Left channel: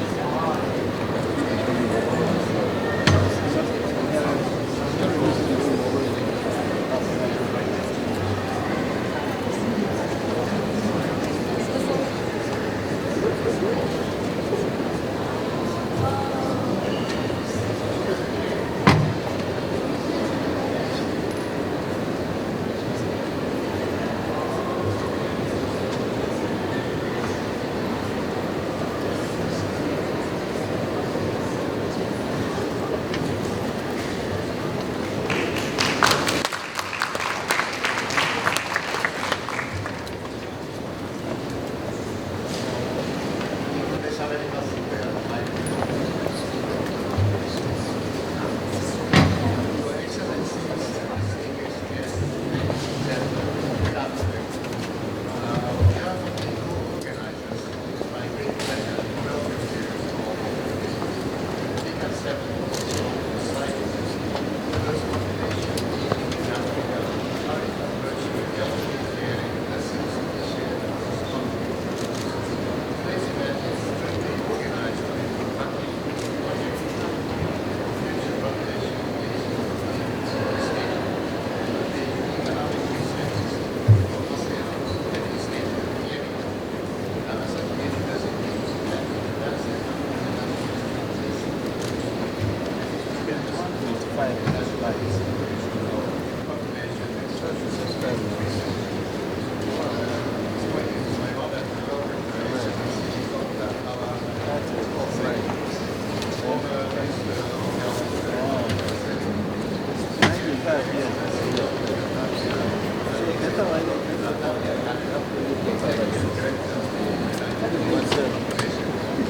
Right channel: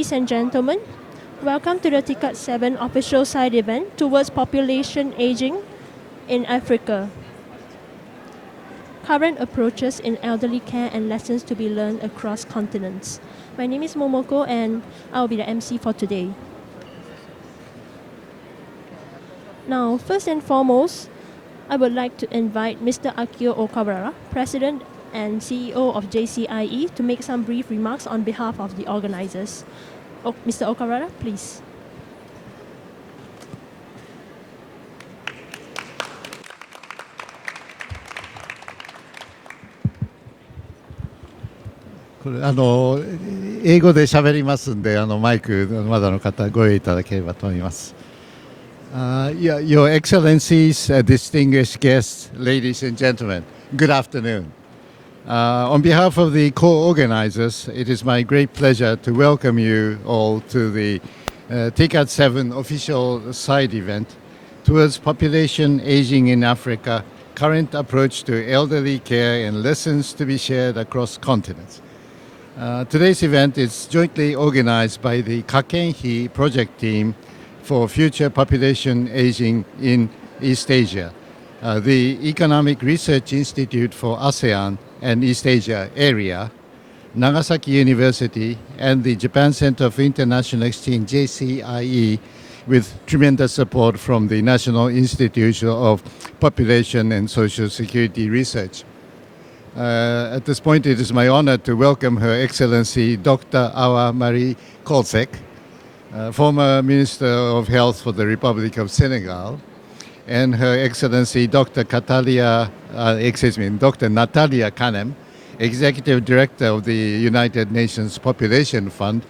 Ladies and gentlemen, welcome to the TICAD7 official side event towards population aging in Africa. Current approaches in elderly care and lessons to be learned across continents. My name is Momoko and I'll be the MC for today. Now, first and foremost, I would like to invite Mr. Akio Okawara, President and CEO of JCIE, to make some brief remarks on behalf of the organizers. Mr. Okawara, please.英語で喋りますんで、マイクまだの方ご用意いただければと思います。Your Excellencies, distinguished guests, ladies and gentlemen, good afternoon. On behalf of the co-organizers, it is my great pleasure to welcome you all to the TICAD7 official side event towards population aging in Africa, current approach to elderly care and lessons to be shared across continents. Today's event is jointly organized by the Kakenhi project team for future population aging in East Asia, the Economic Research Institute for ASEAN and East Asia area, Nagasaki University, and the Japan Center for International Exchange, JCIE, with tremendous support from the National Institute of Population and Social Security Research. At this point, it is my honor to welcome Her Excellency Dr. Awa Marie Kolsek, former Minister of Health for the Republic of Senegal, and Her Excellency Dr. Natalia Kanem, Executive Director of the United Nations Population Fund,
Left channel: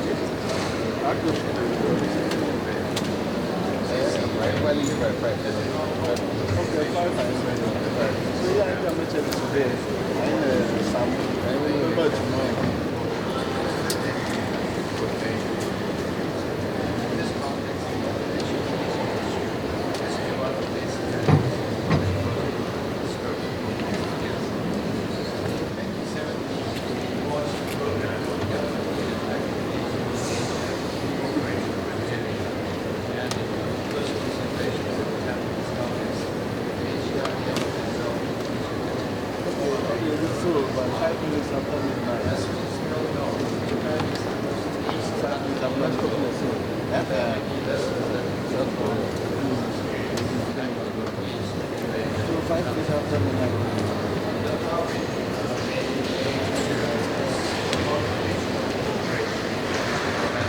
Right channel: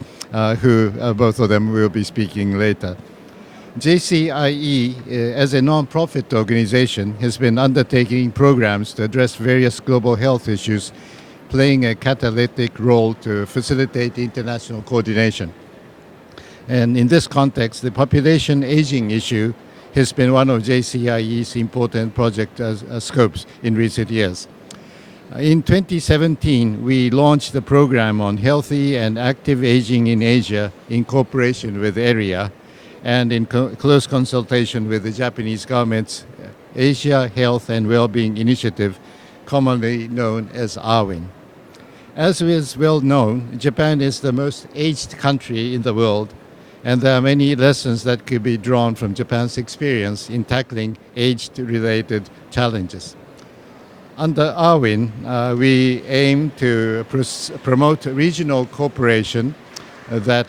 who both of them will be speaking later. JCIE, as a non-profit organization, has been undertaking programs to address various global health issues, playing a catalytic role to facilitate international coordination. And in this context, the population aging issue has been one of JCIE's important project scopes in recent years. In 2017, we launched the program on healthy and active aging in Asia in cooperation with AREA and in close consultation with the Japanese government's Asia Health and Wellbeing Initiative, commonly known as AHWIN. As is well known, Japan is the most aged country in the world, and there are many lessons that could be drawn from Japan's experience in tackling age-related challenges. Under AHWIN, we aim to promote regional cooperation that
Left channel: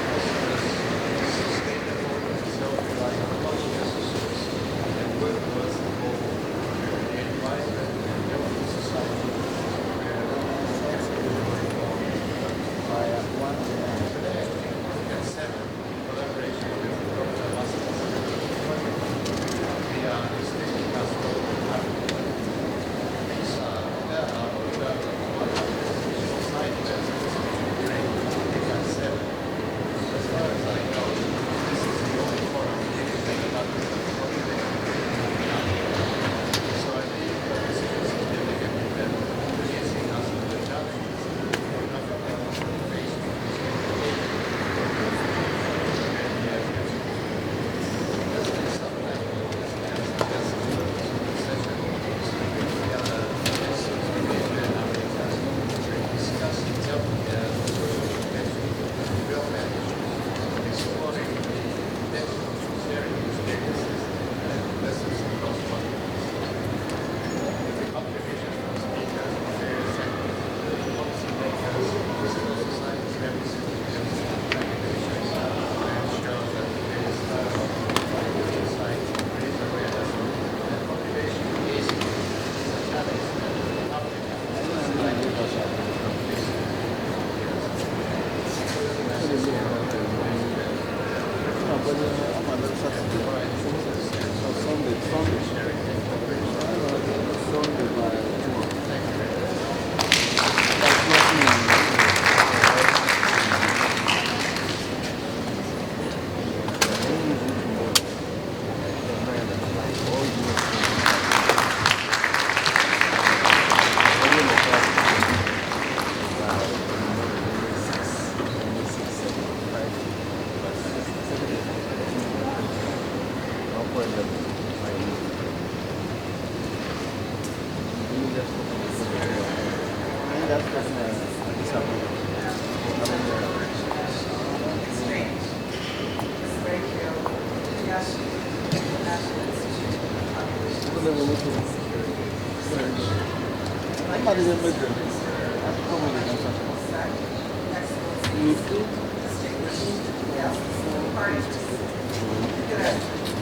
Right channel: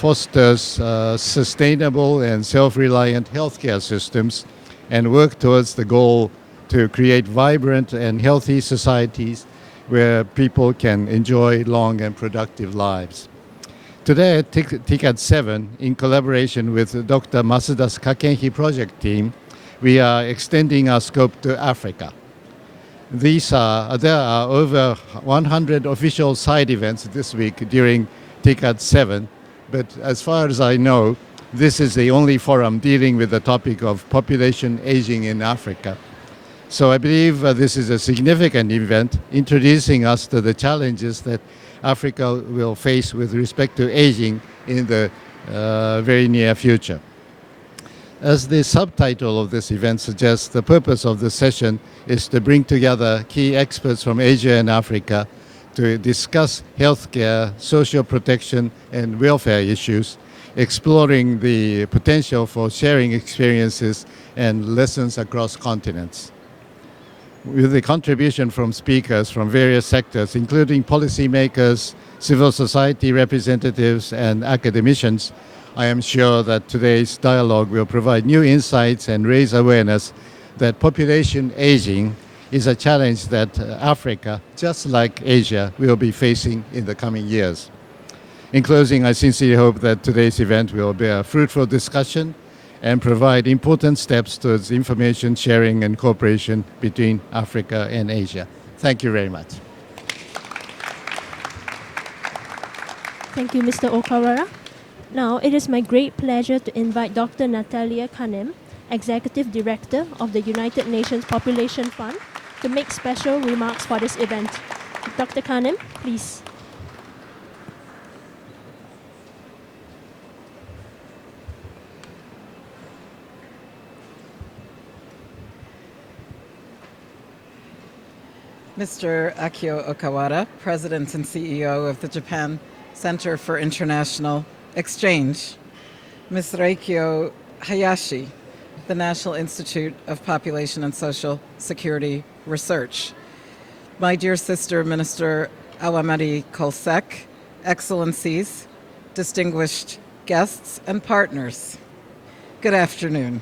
fosters sustainable and self-reliant healthcare systems and work towards the goal to create vibrant and healthy societies where people can enjoy long and productive lives. Today at TICAD7, in collaboration with Dr. Masuda's Kakenhi project team, we are extending our scope to Africa. There are over 100 official side events this week during TICAD7, but as far as I know, this is the only forum dealing with the topic of population aging in Africa. So I believe this is a significant event introducing us to the challenges that Africa will face with respect to aging in the very near future. As the subtitle of this event suggests, the purpose of this session is to bring together key experts from Asia and Africa to discuss healthcare, social protection, and welfare issues, exploring the potential for sharing experiences and lessons across continents. With the contribution from speakers from various sectors, including policymakers, civil society representatives, and academicians, I am sure that today's dialogue will provide new insights and raise awareness that population aging is a challenge that Africa, just like Asia, will be facing in the coming years. In closing, I sincerely hope that today's event will bear fruitful discussion and provide important steps towards information sharing and cooperation between Africa and Asia. Thank you very much. Thank you, Mr. Okawara. Now, it is my great pleasure to invite Dr. Natalia Kanem, Executive Director of the United Nations Population Fund, to make special remarks for this event. Dr. Kanem, please. Mr. Akio Okawara, President and CEO of the Japan Center for International Exchange. Ms. Reikyo Hayashi, the National Institute of Population and Social Security Research. My dear sister, Minister Awamari Kolsek, Excellencies, distinguished guests and partners, good afternoon.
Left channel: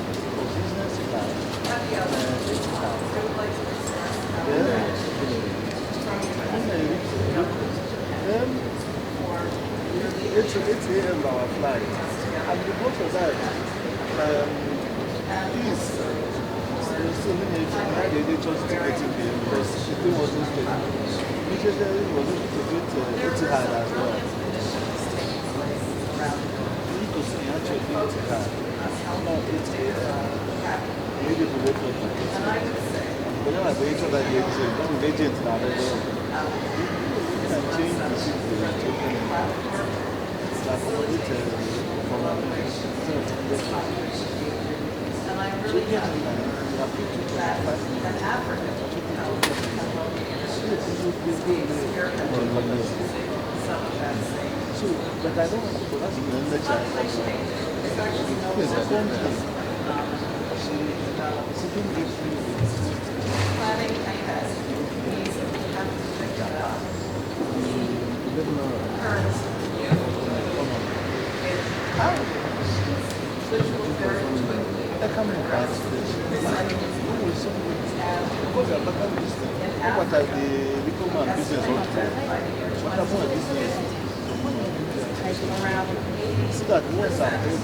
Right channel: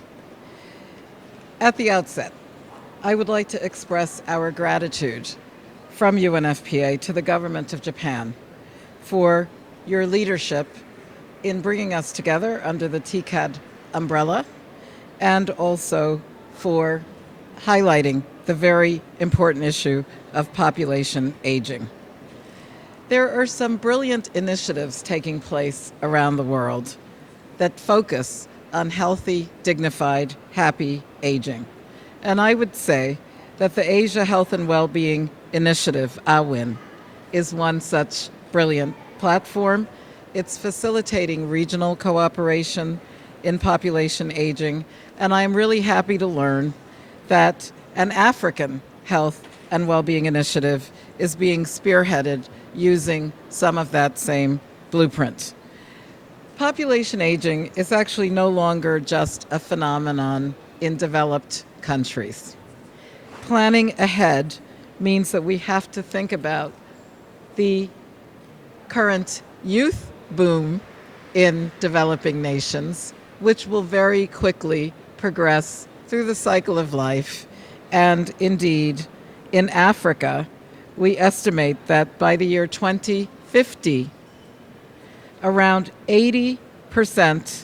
At the outset, I would like to express our gratitude from UNFPA to the government of Japan for your leadership in bringing us together under the TICAD umbrella, and also for highlighting the very important issue of population aging. There are some brilliant initiatives taking place around the world that focus on healthy, dignified, happy aging. And I would say that the Asia Health and Wellbeing Initiative, AHWIN, is one such brilliant platform. It's facilitating regional cooperation in population aging, and I'm really happy to learn that an African Health and Wellbeing Initiative is being spearheaded using some of that same blueprint. Population aging is actually no longer just a phenomenon in developed countries. Planning ahead means that we have to think about the current youth boom in developing nations, which will very quickly progress through the cycle of life. And indeed, in Africa, we estimate that by the year 2050, around 80%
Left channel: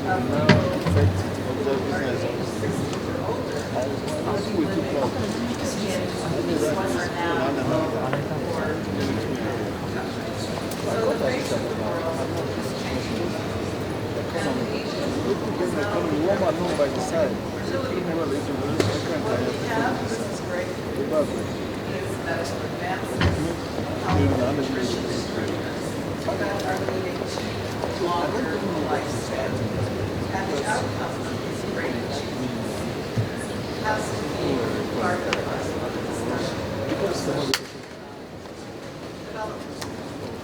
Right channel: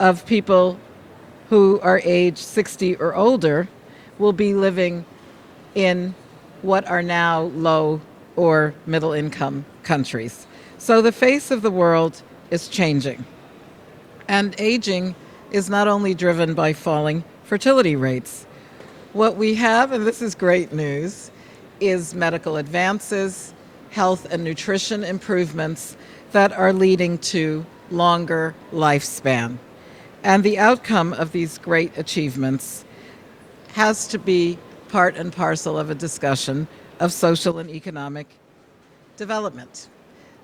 of people who are age 60 or older will be living in what are now low or middle income countries. So the face of the world is changing. And aging is not only driven by falling fertility rates. What we have, and this is great news, is medical advances, health and nutrition improvements that are leading to longer lifespan. And the outcome of these great achievements has to be part and parcel of a discussion of social and economic development,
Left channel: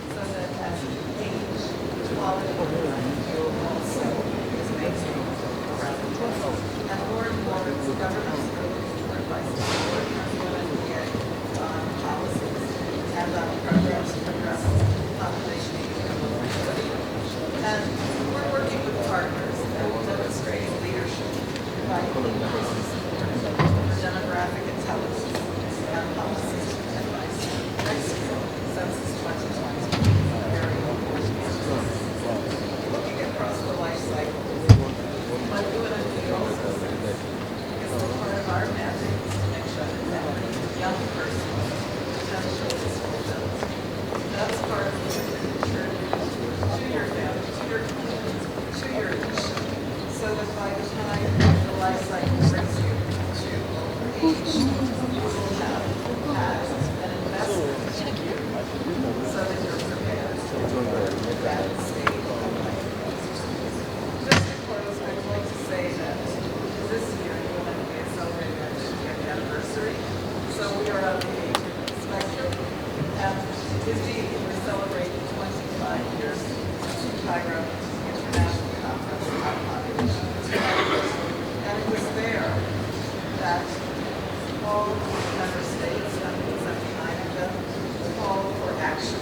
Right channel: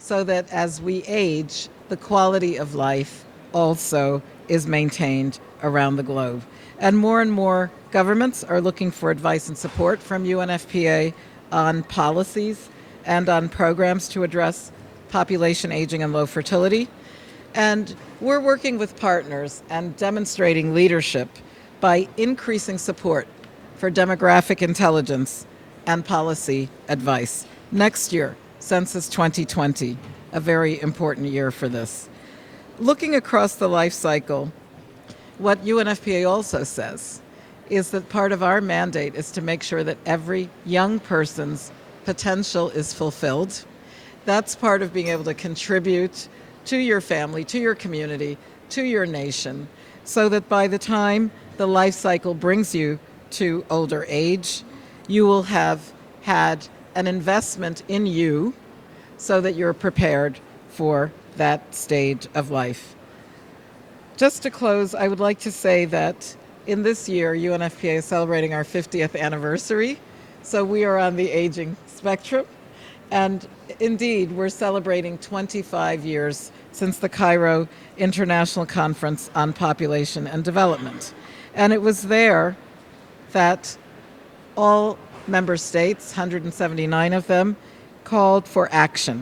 so that as we age, the quality of life also is maintained around the globe. And more governments are looking for advice and support from UNFPA on policies and on programs to address population aging and low fertility. And we're working with partners and demonstrating leadership by increasing support for demographic intelligence and policy advice. Next year, Census 2020, a very important year for this. Looking across the life cycle, what UNFPA also says is that part of our mandate is to make sure that every young person's potential is fulfilled. That's part of being able to contribute to your family, to your community, to your nation, so that by the time the life cycle brings you to older age, you will have had an investment in you so that you're prepared for that stage of life. Just to close, I would like to say that in this year, UNFPA is celebrating our 50th anniversary, so we are on the aging spectrum. And indeed, we're celebrating 25 years since the Cairo International Conference on Population and Development. And it was there that all member states, 179 of them, called for action.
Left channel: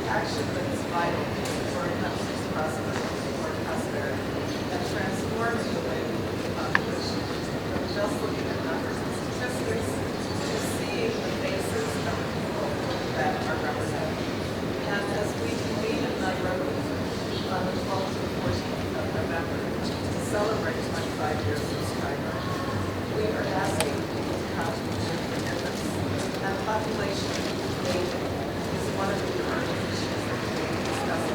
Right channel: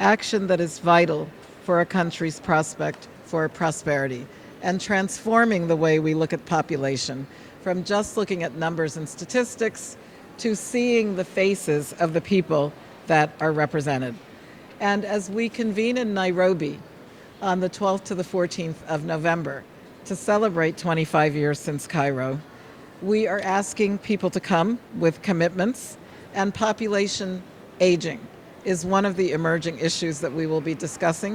Action that is vital for a country's prospect for prosperity, and transforming the way we look at population from just looking at numbers and statistics to seeing the faces of the people that are represented. And as we convene in Nairobi on the 12th to the 14th of November to celebrate 25 years since Cairo, we are asking people to come with commitments, and population aging is one of the emerging issues that we will be discussing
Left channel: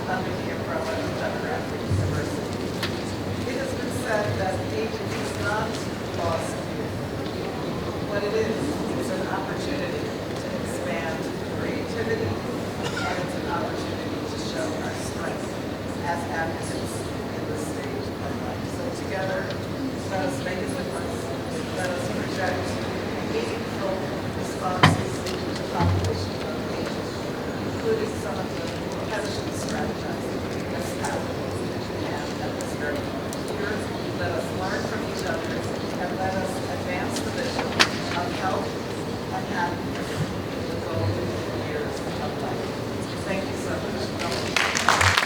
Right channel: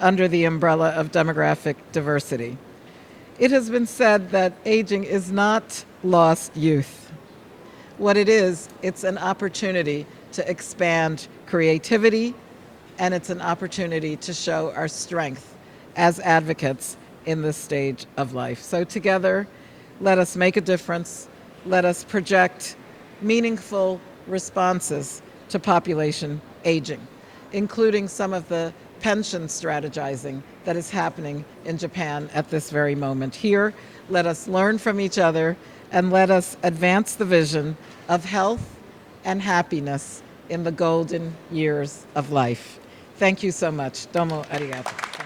under the umbrella of demographic diversity. It has been said that aging is not lost youth. What it is, it's an opportunity to expand creativity, and it's an opportunity to show our strength as advocates in this stage of life. So together, Let us make a difference. Let us project meaningful responses to population aging, including some of the pension strategizing that is happening in Japan at this very moment. Here, let us learn from each other and let us advance the vision of health and happiness in the golden years of life. Thank you so much. Domo arigato.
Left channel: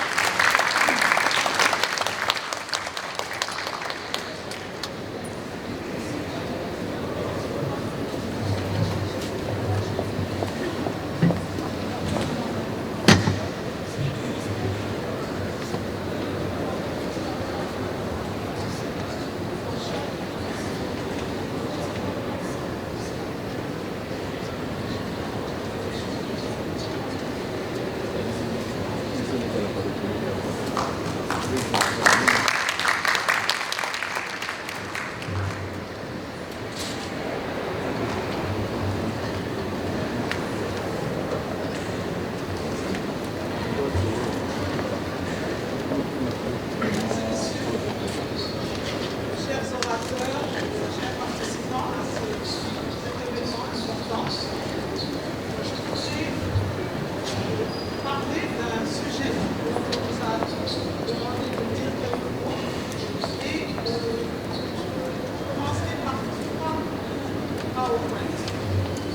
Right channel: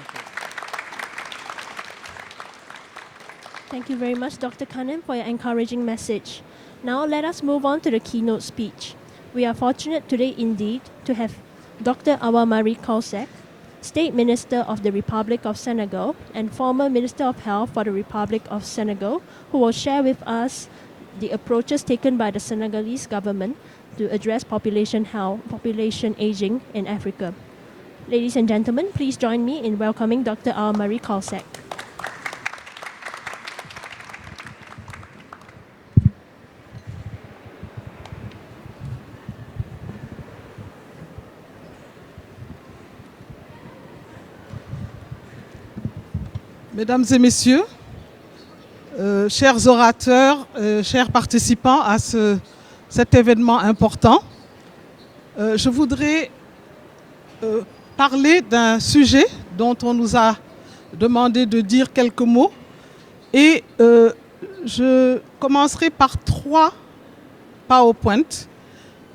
Thank you very much, Dr. Kannan, for your encouraging message. Now let us move on to the keynote speech. We are fortunate today indeed to have Dr. Awa Marie Kausa, State Minister of the Republic of Senegal and former Minister of Health for the Republic of Senegal, who will share with us the approaches taken by the Senegalese government to address population health, population aging in Africa. Ladies and gentlemen, please join me in welcoming Dr. Awa Marie Kausa. Mesdames et messieurs, chers orateurs, chers participants à cet événement important, je voudrais parler d'un sujet dont on nous a demandé de dire quelques mots et je commencerai par 3 PowerPoint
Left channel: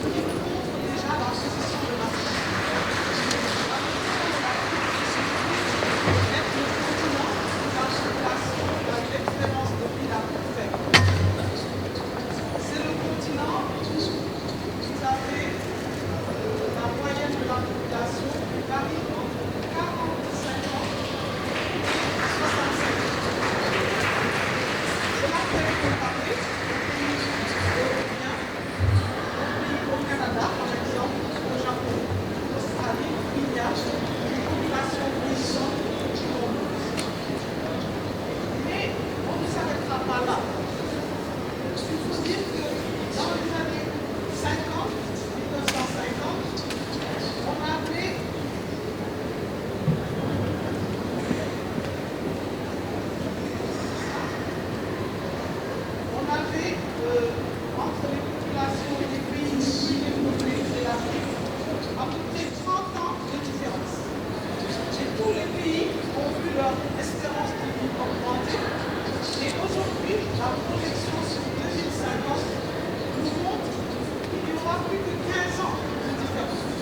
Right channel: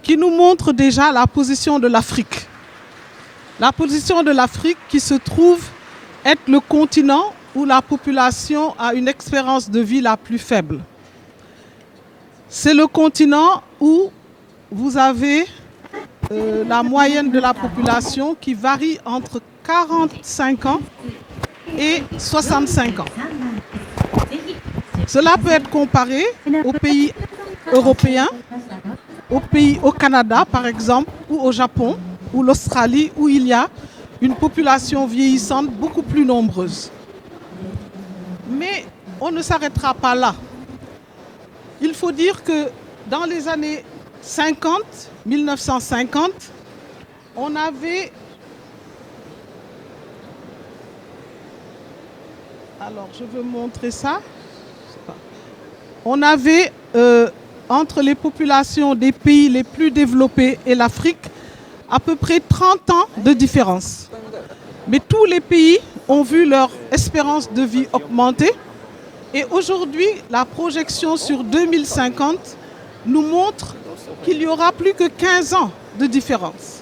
qui nous montrent déjà la position de l'Afrique. La position de l'Afrique qui se trouve être le continent où la population a une espérance de vie la plus faible. C'est le continent où vous avez la moyenne de la population qui varie entre 45 ans et 65 ans. Cela peut être comparé aux pays européens, au Canada par exemple, ou au Japon, ou l'Australie, où il y a une population vieillissante beaucoup plus nombreuse. Mais on ne s'arrêtera pas là. Il faut dire que dans les années 50, 1950, on avait... Alors, je vais vous montrer ça. On avait, entre les populations des pays les plus développés et l'Afrique, à peu près 30 ans de différence. Mais tous les pays ont vu leur espérance de vie augmenter. Et aujourd'hui, la projection sur 2050 nous montre qu'il y aura plus que 15 ans de différence.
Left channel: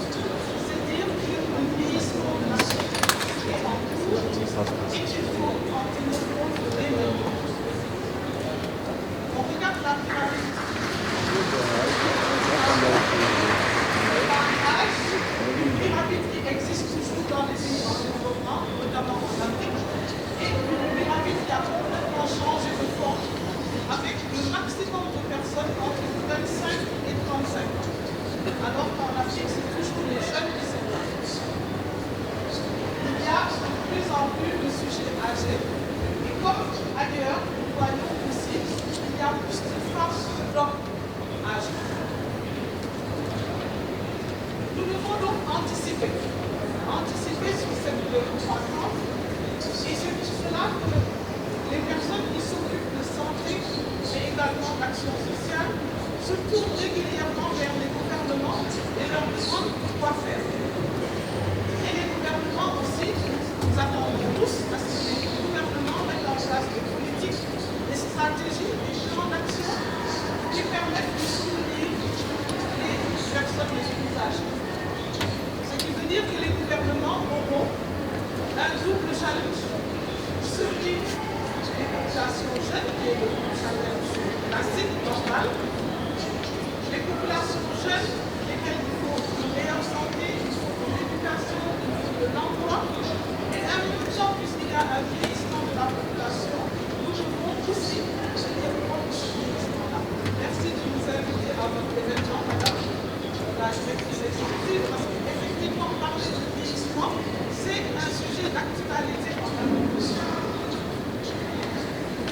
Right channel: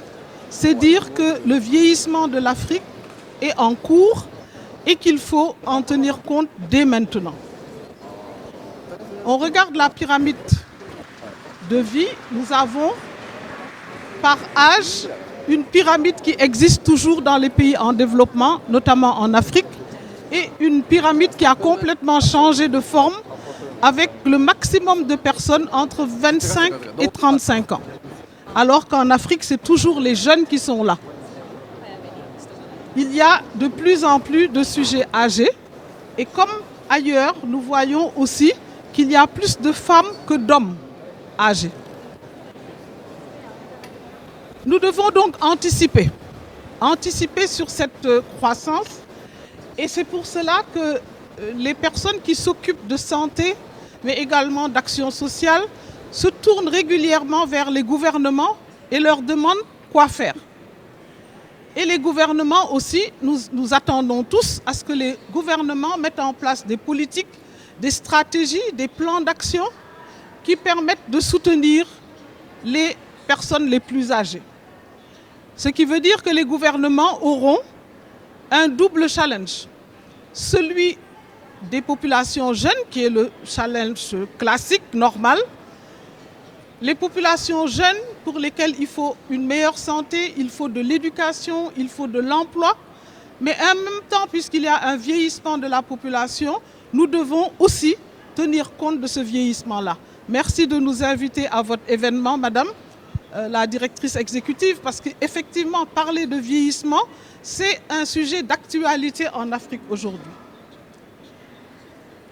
C'est dire que le vieillissement de l'Afrique est en cours et qu'il faut en tenir compte dès maintenant. On regarde la pyramide de vie. Nous avons par âge une pyramide qui existe toujours dans les pays en développement, notamment en Afrique, et une pyramide qui a complètement changé de forme avec le maximum de personnes entre 25 et 35 ans. Alors qu'en Afrique, c'est toujours les jeunes qui sont là. Il y a de plus en plus de sujets âgés et comme ailleurs, nous voyons aussi qu'il y a plus de femmes que d'hommes âgés. Nous devons donc anticiper sur cette croissance et c'est pour cela que les personnes qui s'occupent de santé, mais également d'action sociale, se tournent régulièrement vers les gouvernements et leur demandent quoi faire. Et les gouvernements aussi, nous attendons tous à ce que les gouvernements mettent en place des politiques, des stratégies, des plans d'action qui permettent de soutenir les personnes les plus âgées. Ce qui veut dire que les gouvernements auront un double challenge. Celui des populations jeunes, qui est le challenge classique, normal. Les populations jeunes pour lesquelles il faut une meilleure santé, il faut de l'éducation, il faut de l'emploi. Mais en même temps, puisqu'il y a un vieillissement de la population, nous devons aussi tenir compte de ce vieillissement-là. Merci de nous inviter à votre événement, Madame la directrice exécutive, parce qu'effectivement, parler de vieillissement, c'est un sujet d'actualité en Afrique aujourd'hui.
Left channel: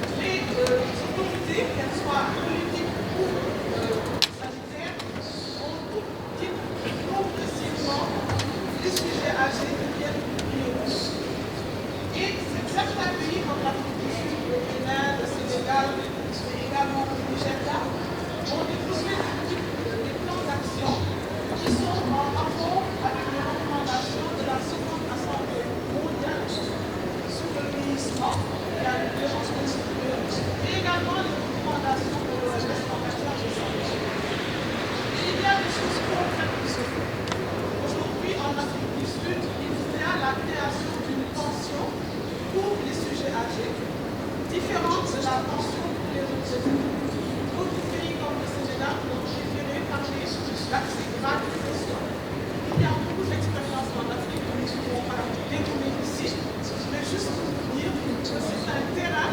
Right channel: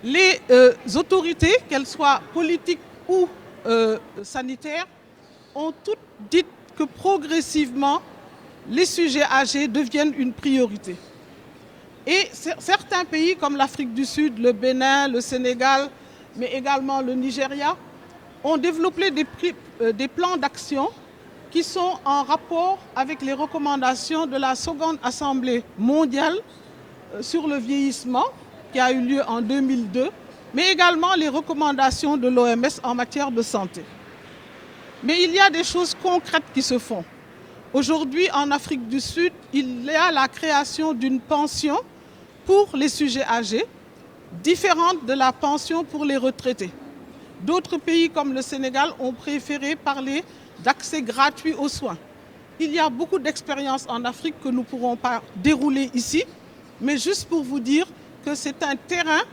Les autorités, qu'elles soient politiques ou sanitaires, ont toutes dit que progressivement, les sujets âgés deviennent une priorité. Et certains pays comme l'Afrique du Sud, le Bénin, le Sénégal, mais également le Nigeria, ont développé des plans d'action qui sont en rapport avec les recommandations de la seconde Assemblée mondiale sur le vieillissement qui a eu lieu en 2002, mais également les recommandations de l'OMS en matière de santé. Mais il y a des choses concrètes qui se font. Aujourd'hui, en Afrique du Sud, il y a la création d'une pension pour les sujets âgés, différente de la pension pour les retraités. D'autres pays comme le Sénégal ont préféré parler d'accès gratuit aux soins. Il y a beaucoup d'expériences en Afrique que nous ne pourrons pas dérouler ici, mais juste pour vous dire que c'est un terrain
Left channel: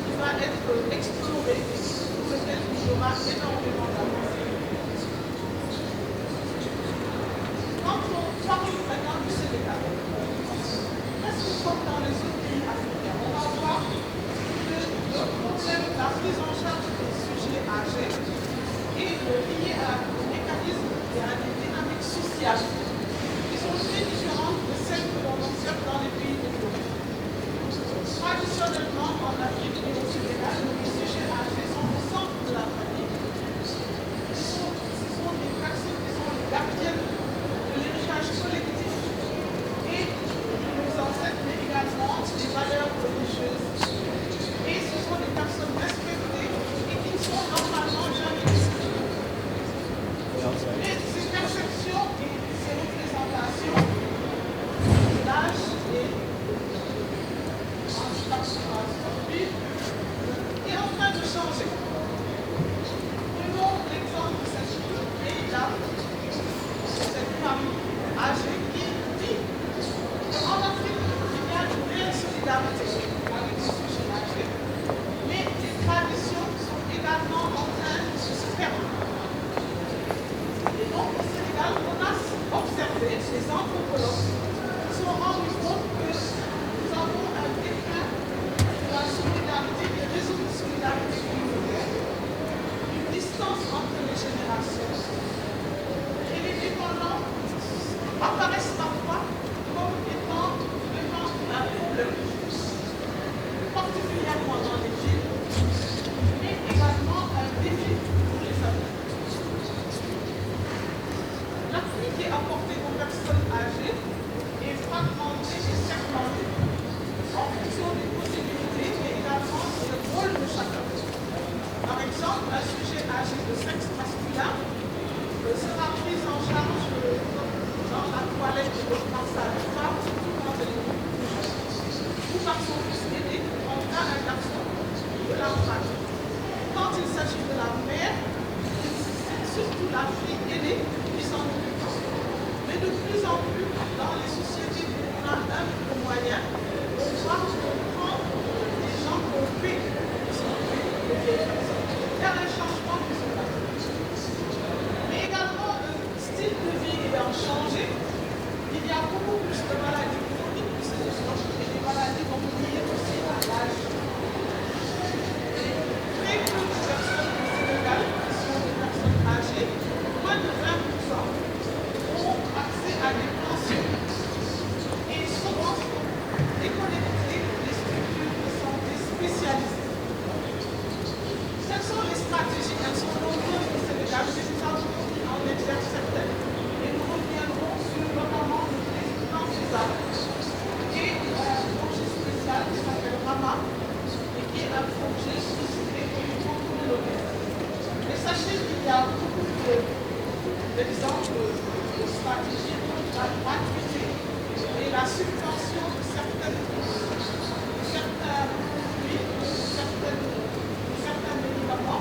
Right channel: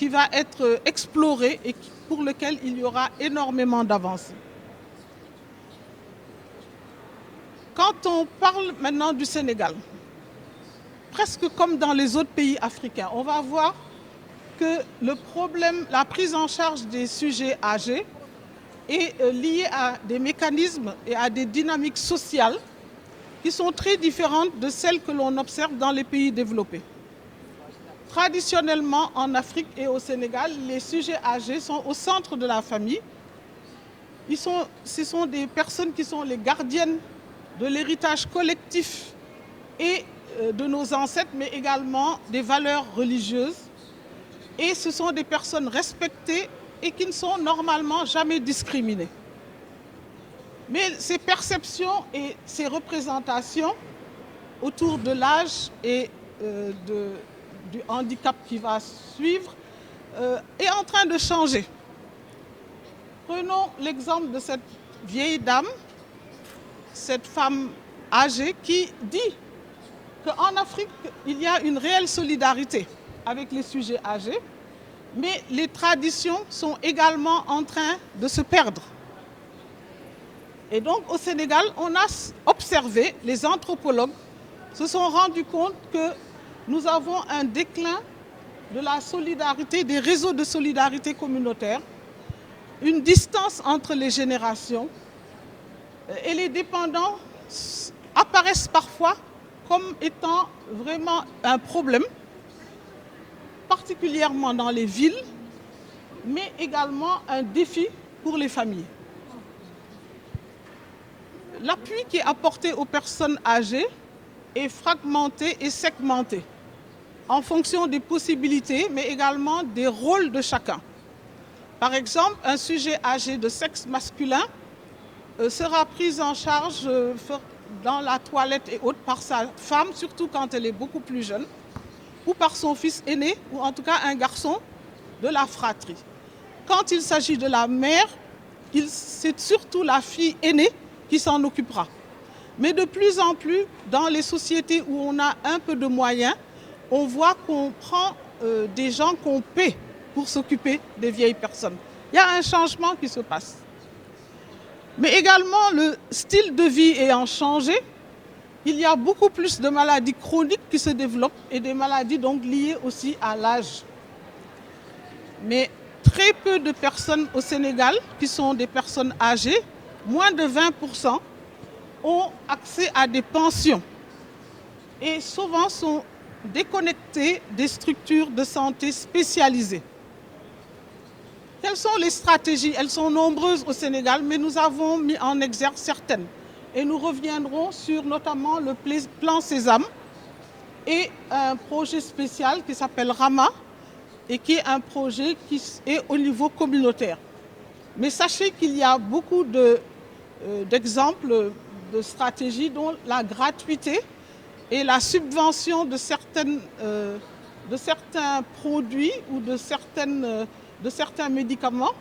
qui va être exploré et pour lequel il y aura énormément d'avance. Quand on parle maintenant du Sénégal, presque comme dans les autres pays africains, on va voir que le problème, la prise en charge des sujets âgés est lié à des mécanismes et à des dynamiques sociales qui sont très différentes de celles que l'on observe dans les pays développés. Traditionnellement, en Afrique et au Sénégal, les sujets âgés sont au centre de la famille. Ce sont des personnes qui sont les gardiennes de l'héritage collectif et de nos ancêtres, mais également des valeurs religieuses. Et ce sont des personnes respectées et qui ne sont normalement jamais discriminées. Mais ces perceptions et ces représentations autour de l'âge et du handicap qui va suivre est en train de changer. Prenons l'exemple de cette vieille dame, cette femme âgée qui dit qu'en Afrique, il y a une réelle solidarité avec les sujets âgés, mais les traditions sont également en train de se perdre. Et donc au Sénégal, on a observé, les anthropologues se sont rendus compte que nous avons un déclin de la solidarité, des réseaux de solidarité communautaire, une distance entre les générations, et les dépendants apparaissent parfois comme étant vraiment un problème, particulièrement dans les villes, mais également un défi pour les familles. L'appui qui est apporté aux personnes âgées est fragmenté et segmenté en fonction des possibilités, mais également des rôles de chacun. Par exemple, un sujet âgé de sexe masculin sera pris en charge dans la toilette et autres par sa femme, surtout quand elle est beaucoup plus jeune, ou par son fils aîné, ou en tout cas un garçon de la fratrie. Quand il s'agit de la mère, c'est surtout la fille aînée qui s'en occupera. Mais de plus en plus, dans les sociétés où on a un peu de moyens, on voit qu'on prend des gens qu'on paie pour s'occuper des vieilles personnes. Il y a un changement qui se passe. Mais également, le style de vie ayant changé, il y a beaucoup plus de maladies chroniques qui se développent et des maladies donc liées aussi à l'âge. Mais très peu de personnes au Sénégal qui sont des personnes âgées, moins de 20%, ont accès à des pensions et souvent sont déconnectés des structures de santé spécialisées. Quelles sont les stratégies? Elles sont nombreuses au Sénégal, mais nous avons mis en exergue certaines. Et nous reviendrons sur notamment le plan Sésame et un projet spécial qui s'appelle RAMA et qui est un projet qui est au niveau communautaire. Mais sachez qu'il y a beaucoup d'exemples de stratégies dont la gratuité et la subvention de certains produits ou de certains médicaments,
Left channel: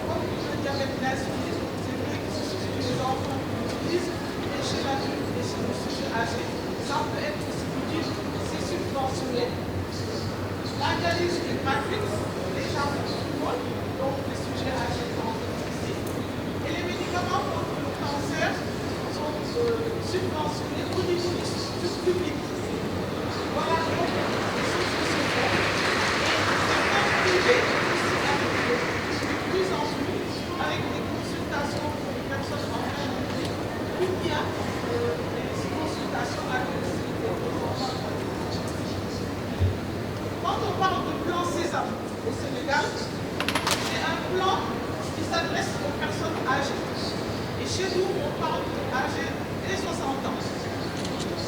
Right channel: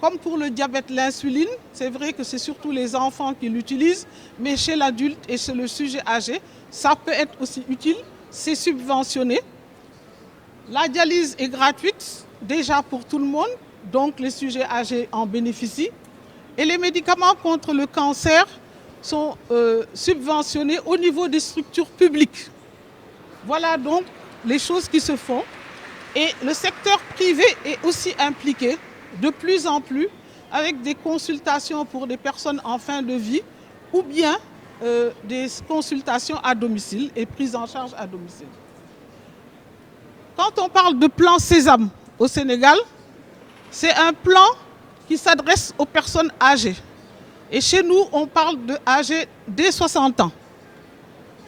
comme pour le diabète, l'insuline. C'est vrai que c'est surtout les enfants qui l'utilisent, mais chez l'adulte et chez le sujet âgé, ça peut être aussi utile, c'est subventionné. La dialyse est gratuite déjà pour tout le monde, donc les sujets âgés en bénéficient. Et les médicaments contre le cancer sont subventionnés au niveau des structures publiques. Voilà donc les choses qui se font. Et le secteur privé est aussi impliqué de plus en plus avec des consultations pour des personnes en fin de vie ou bien des consultations à domicile et prises en charge à domicile. Quand on parle de plan Sésame au Sénégal, C'est un plan qui s'adresse aux personnes âgées. Et chez nous, on parle de âgés dès 60 ans.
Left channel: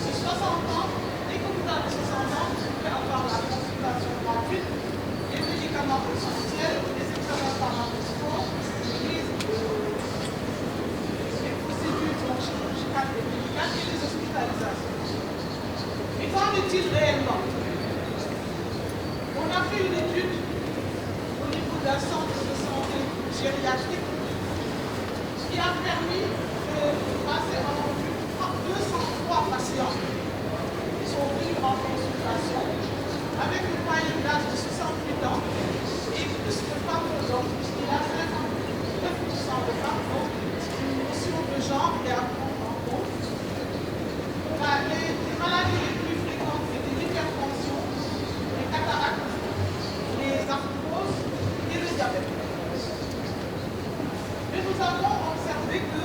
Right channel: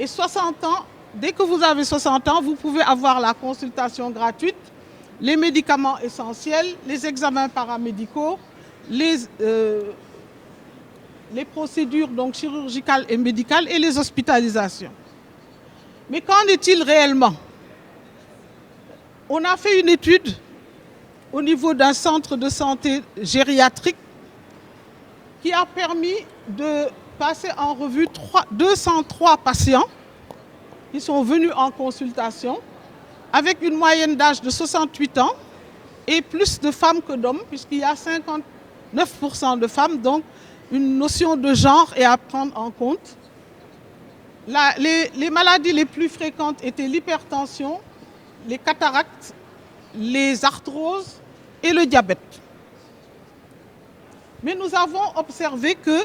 Et 60 ans, dès que vous avez 60 ans, vous pouvez avoir la consultation gratuite, les médicaments essentiels, les examens paramédicaux, les procédures donc, chirurgicales et médicales et les hospitalisations. Mais qu'en est-il réellement? On a fait une étude au niveau d'un centre de santé gériatrique qui a permis de passer en revue 203 patients qui sont venus en consultation avec une moyenne d'âge de 68 ans et plus de femmes que d'hommes puisqu'il y a 59% de femmes, donc une notion de genre est à prendre en compte. Les maladies les plus fréquentes étaient l'hypertension, les cataractes, les arthroses et le diabète. Mais nous avons observé que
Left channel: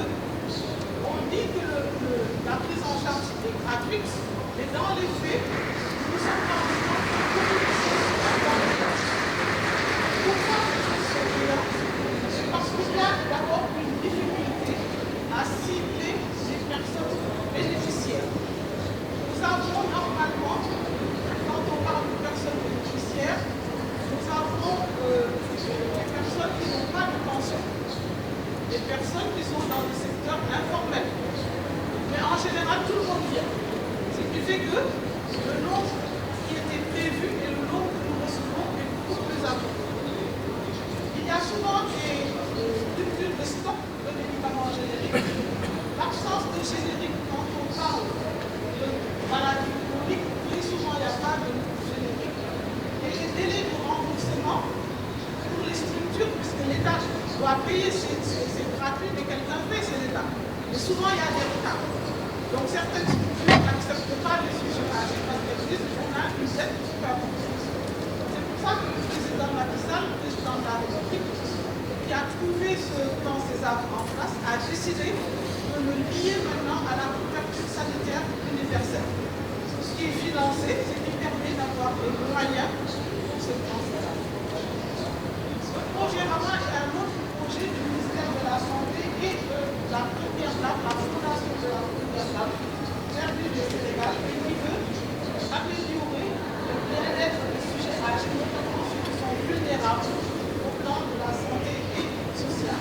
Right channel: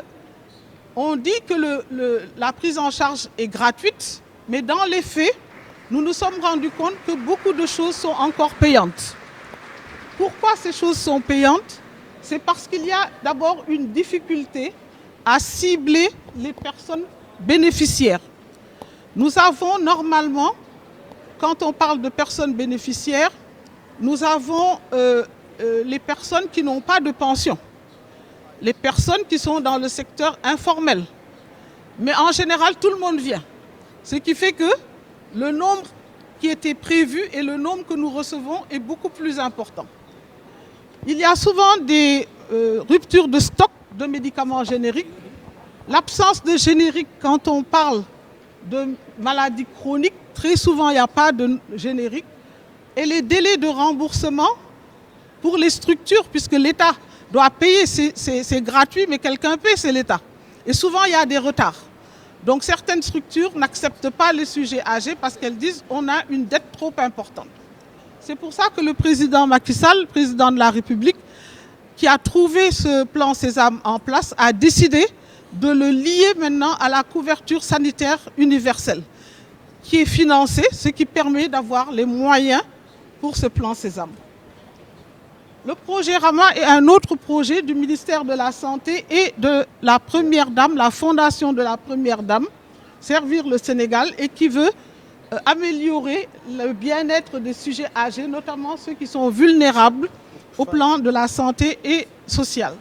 on dit que la prise en charge est gratuite, mais dans les faits, nous nous sommes rendus compte que beaucoup de choses sont encore payantes. Pourquoi ces choses sont payantes? C'est parce qu'il y a d'abord une difficulté à cibler les personnes bénéficiaires. Nous avons normalement, quand on parle de personnes bénéficiaires, nous avons les personnes qui n'ont pas de pension, les personnes qui sont dans le secteur informel. Mais en général, tout le monde vient. Ce qui fait que le nombre qui était prévu et le nombre que nous recevons est beaucoup plus important. Il y a souvent des ruptures de stock de médicaments génériques. L'absence de générique, quand on parle de maladies chroniques, très souvent il n'y a pas de générique. Et les délais de remboursement pour les structures, puisque l'État doit payer, c'est gratuit, mais quelqu'un paie, c'est l'État. Et souvent il y a des retards. Donc certaines structures n'acceptent pas les sujets âgés parce qu'elles disent qu'on a une dette trop importante. C'est pour ça que le président Macky Sall, président de la République, qui a trouvé ce plan Sésame en place, a décidé de le lier maintenant à la couverture sanitaire universelle, qui est financée, ce qui permet d'avoir les moyens pour ce plan Sésame. Le projet Rama est un autre projet du ministère de la Santé et de la Première Dame, la fondation de la Première Dame, Servir le Sénégal, et qui veut améliorer le bien-être des sujets âgés, notamment ceux qui sont vulnérables au plan de la santé et sociale.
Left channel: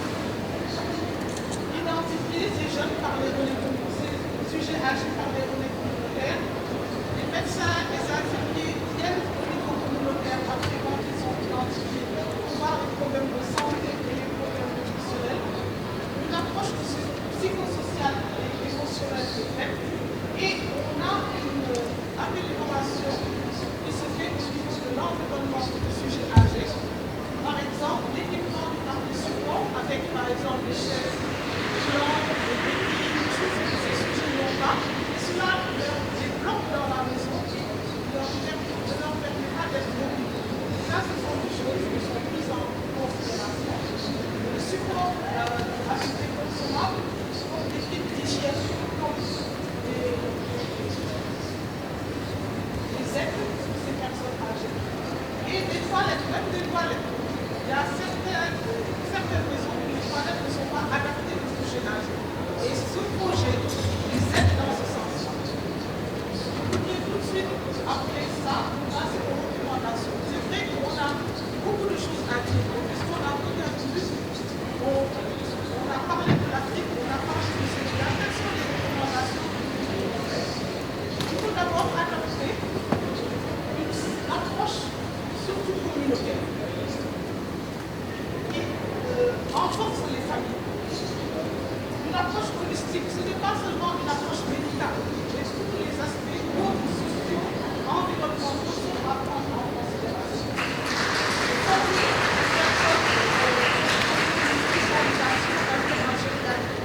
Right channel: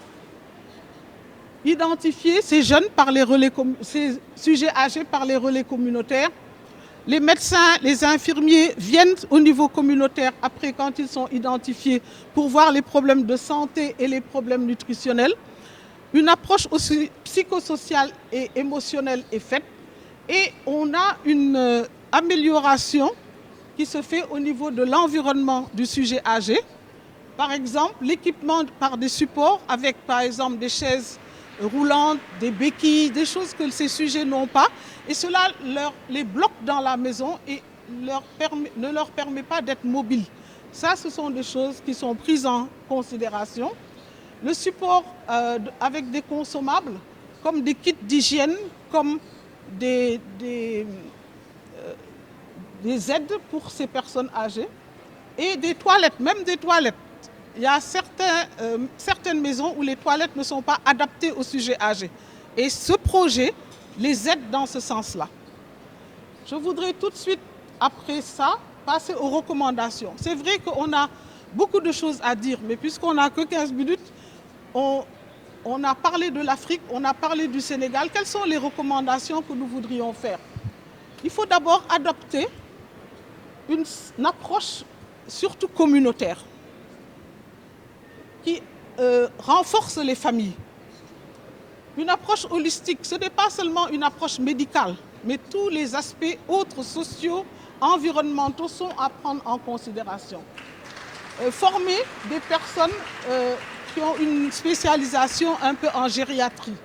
Identifier ces jeunes par les relais, ces sujets âgés par les relais communautaires. Les médecins, les infirmiers viennent au niveau communautaire après quand ils sont identifiés pour voir les problèmes de santé et les problèmes nutritionnels. Une approche aussi psychosociale et émotionnelle est faite et on a une amélioration qui se fait au niveau de l'environnement du sujet âgé. Par exemple, l'équipement par des supports avec par exemple des chaises roulantes, des béquilles, des choses que ces sujets n'ont pas. Et cela les bloque dans la maison et ne leur permet pas d'être mobiles. Ça, ce sont des choses qui sont prises en considération. Le support avec des consommables, comme des kits d'hygiène, comme des aides pour ces personnes âgées, et des toilettes, même des toilettes. Il y a certaines maisons où les toilettes ne sont pas adaptées au sujet âgé. Et ce projet les aide dans ce sens-là. Je voudrais tout de suite, après ça, passer aux recommandations. C'est vrai qu'on a beaucoup de choses à dire, mais puisqu'on n'a que 15 minutes, on a parlé de l'Afrique, on a parlé du Sénégal. Quelles sont les recommandations que nous voudrions faire? Il faut d'abord adopter une approche surtout communautaire qui renforce les familles. Une approche holistique, ce n'est pas seulement une approche médicale, mais tous les aspects autres, sociaux, environnementaux sont à prendre en considération. Former des personnes qui ont une spécialisation un peu en gériatrie.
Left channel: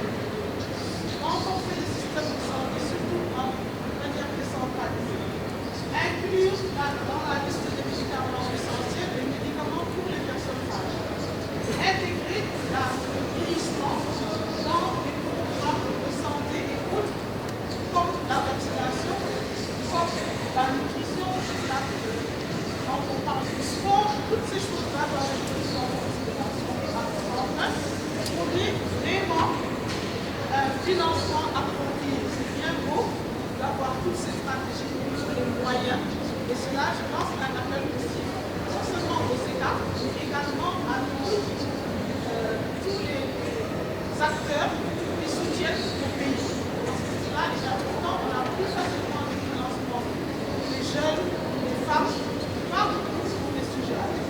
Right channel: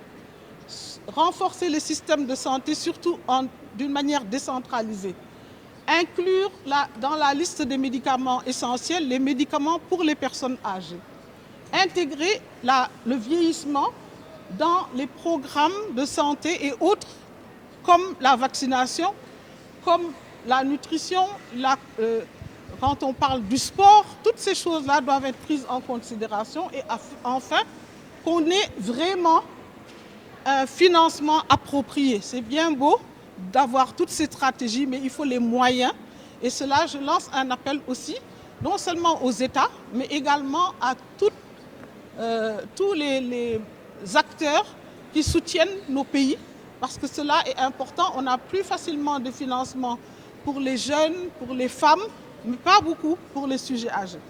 Renforcer les systèmes de santé, surtout d'une manière décentralisée. Inclure dans la liste des médicaments essentiels les médicaments pour les personnes âgées. Intégrer le vieillissement dans les programmes de santé et autres, comme la vaccination, comme la nutrition, quand on parle du sport, toutes ces choses-là doivent être prises en considération. Et enfin, qu'on ait vraiment un financement approprié. C'est bien beau d'avoir toutes ces stratégies, mais il faut les moyens. Et cela, je lance un appel aussi, non seulement aux États, mais également à tous les acteurs qui soutiennent nos pays, parce que cela est important. On a plus facilement de financement pour les jeunes, pour les femmes, mais pas beaucoup pour les sujets âgés.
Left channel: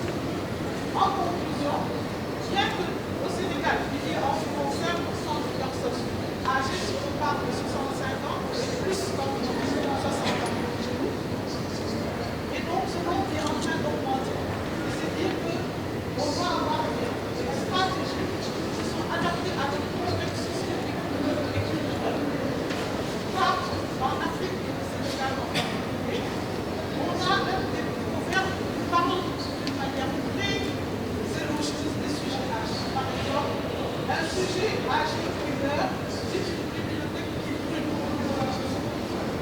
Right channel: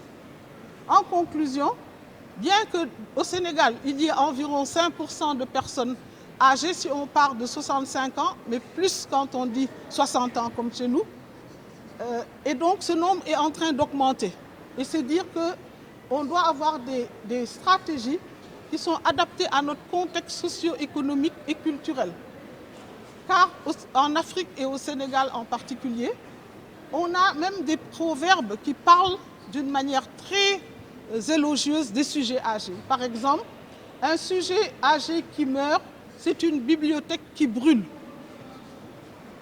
En conclusion, bien qu'au Sénégal, il y ait environ 5% de personnes âgées, si on parle de 65 ans, mais plus quand on dit 60 ans comme chez nous, et donc ce nombre est en train d'augmenter. Et c'est dire qu'on doit avoir des stratégies qui sont adaptées à notre contexte socio-économique et culturel. Car en Afrique et au Sénégal en particulier, on a même des proverbes qui parlent d'une manière très élogieuse des sujets âgés. Par exemple, un sujet âgé qui meurt, c'est une bibliothèque qui brûle.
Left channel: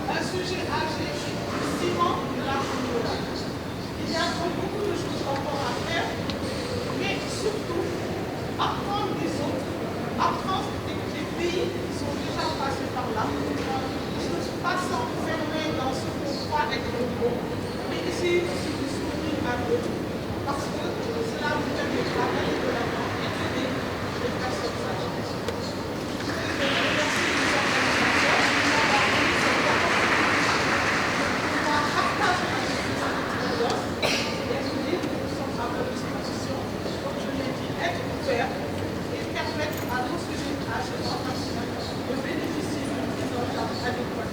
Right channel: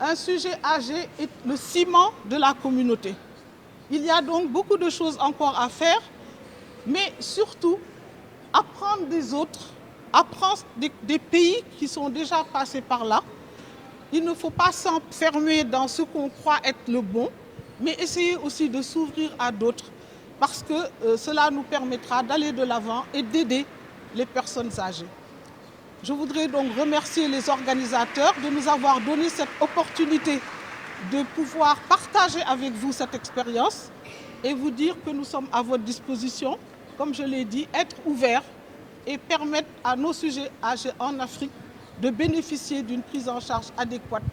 Un sujet âgé est le ciment de la communauté. Il y a donc beaucoup de choses encore à faire, mais surtout apprendre des autres, apprendre des pays qui sont déjà passés par là. Il ne faut pas s'enfermer dans ce qu'on croit être le bon, mais essayer aussi de s'ouvrir à d'autres, parce que cela nous permettra d'aller de l'avant et d'aider les personnes âgées. Je voudrais donc remercier les organisateurs de nous avoir donné cette opportunité de pouvoir partager avec vous cette expérience et vous dire que nous sommes à votre disposition, comme je l'ai dit, être ouverts et permettre à nos sujets âgés en Afrique de bénéficier d'une prise en charge adéquate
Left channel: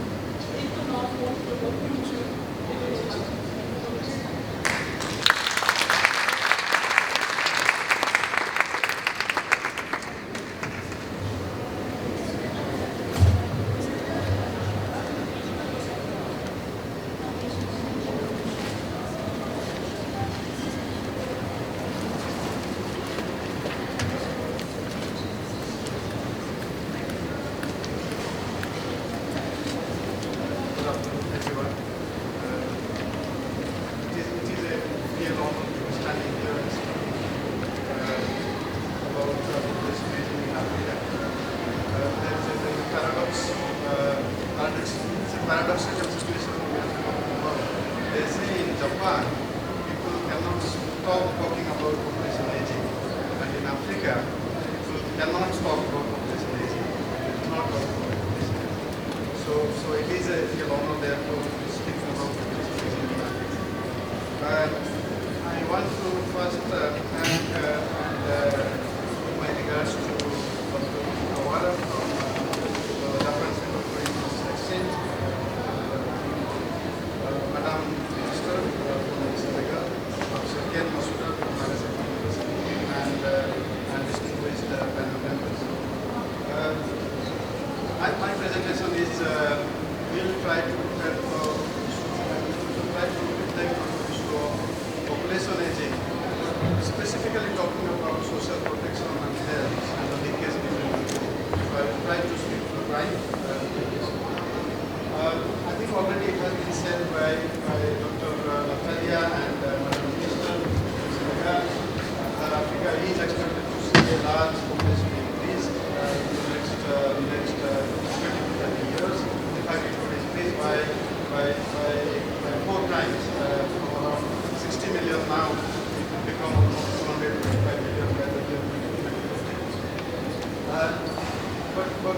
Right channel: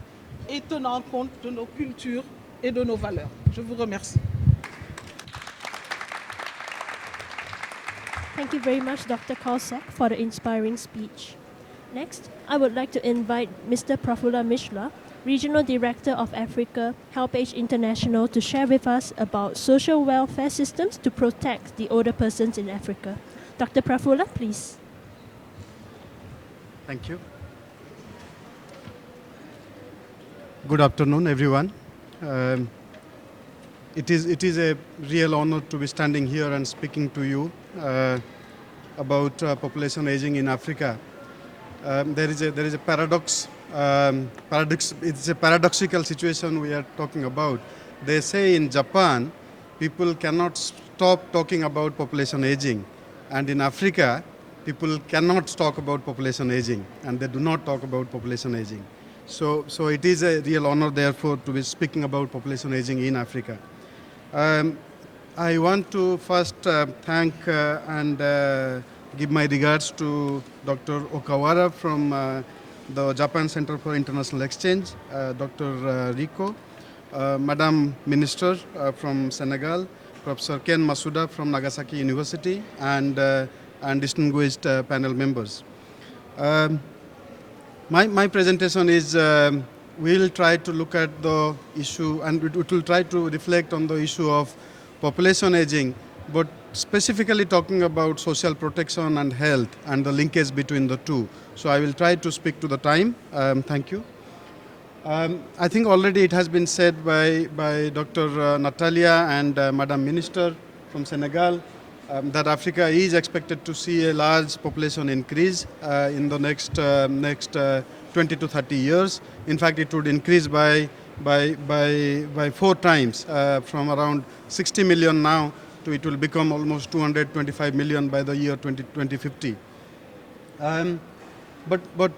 et tenant compte de nos cultures et de nos valeurs. Je vous remercie. Thank you very much, Dr. Khalsa, for the inspiring speech. Next, I would like to invite Mr. Prafula Mishra, Regional Director of Africa, HelpAge International, to share with us about social welfare systems to protect the older persons in Africa. Dr. Prafula, please. Good afternoon, everyone. It is a real honor to be standing here and speaking to you about population aging in Africa. There is a paradox. It's a paradoxical situation we are talking about. They say in Japan, people cannot stop talking about population aging, and in Africa, people cannot talk about population aging, and they do not talk about population aging. So it is a real honor, therefore, to be speaking about population aging in Africa. I want to first thank and give my regards to Dr. Okawara from the Japan Center for International Exchange, Dr. Rico, Madam Minister from Senegal, Professor Ken Masuda from Nagasaki University, and distinguished panel members. My presentation is, we will try to look at the issue, and we will try to reflect on the issue of population aging, but specifically talking about social protection and health and the linkage between the two. So I will try to speak to the time. Thank you. I think already it has been said by Dr. Natalia and Madam Minister in Senegal that Africa is expected to see a large population increase in the next 20 to 30 years. In fact, it would increase by 4 times, from around 60 million now, it will become almost 225 million by the year 2050. But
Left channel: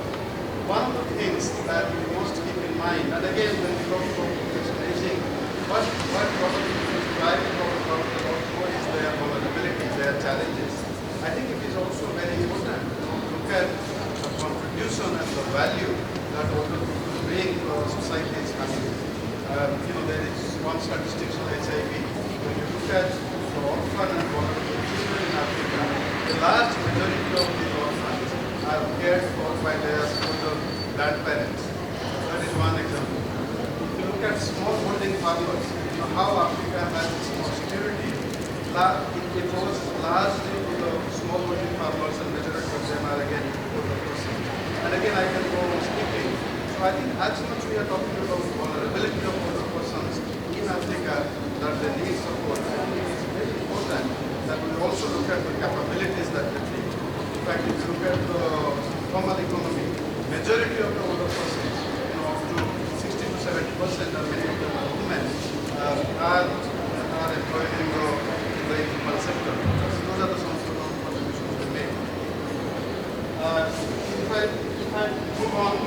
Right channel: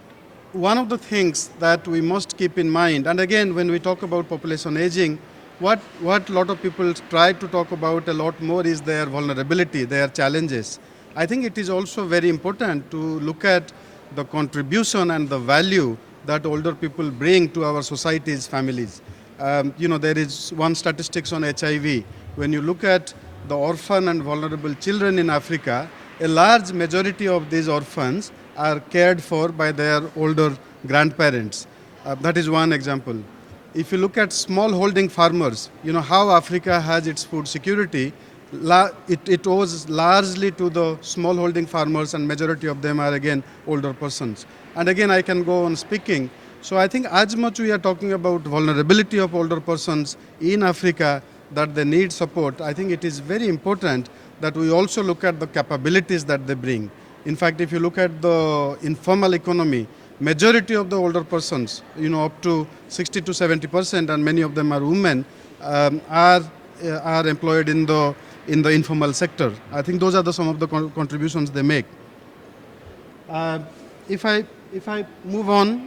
one of the things that we must keep in mind, and again, when we talk about population aging, what a lot of people try to talk about a lot more is their vulnerability, their challenges. I think it is also very important to look at the contribution and the value that older people bring to our societies, families. There is one statistics on HIV. When you look at the orphan and vulnerable children in Africa, a large majority of these orphans are cared for by their older grandparents. That is one example. If you look at smallholding farmers, how Africa has its food security, it owes largely to the smallholding farmers, and majority of them are again older persons. And again, I can go on speaking. So I think as much we are talking about vulnerability of older persons in Africa, that they need support, I think it is very important that we also look at the capabilities that they bring. In fact, if you look at the informal economy, majority of the older persons, up to 60 to 70%, and many of them are women, are employed in the informal sector. I think those are some of the contributions they make. If I move on,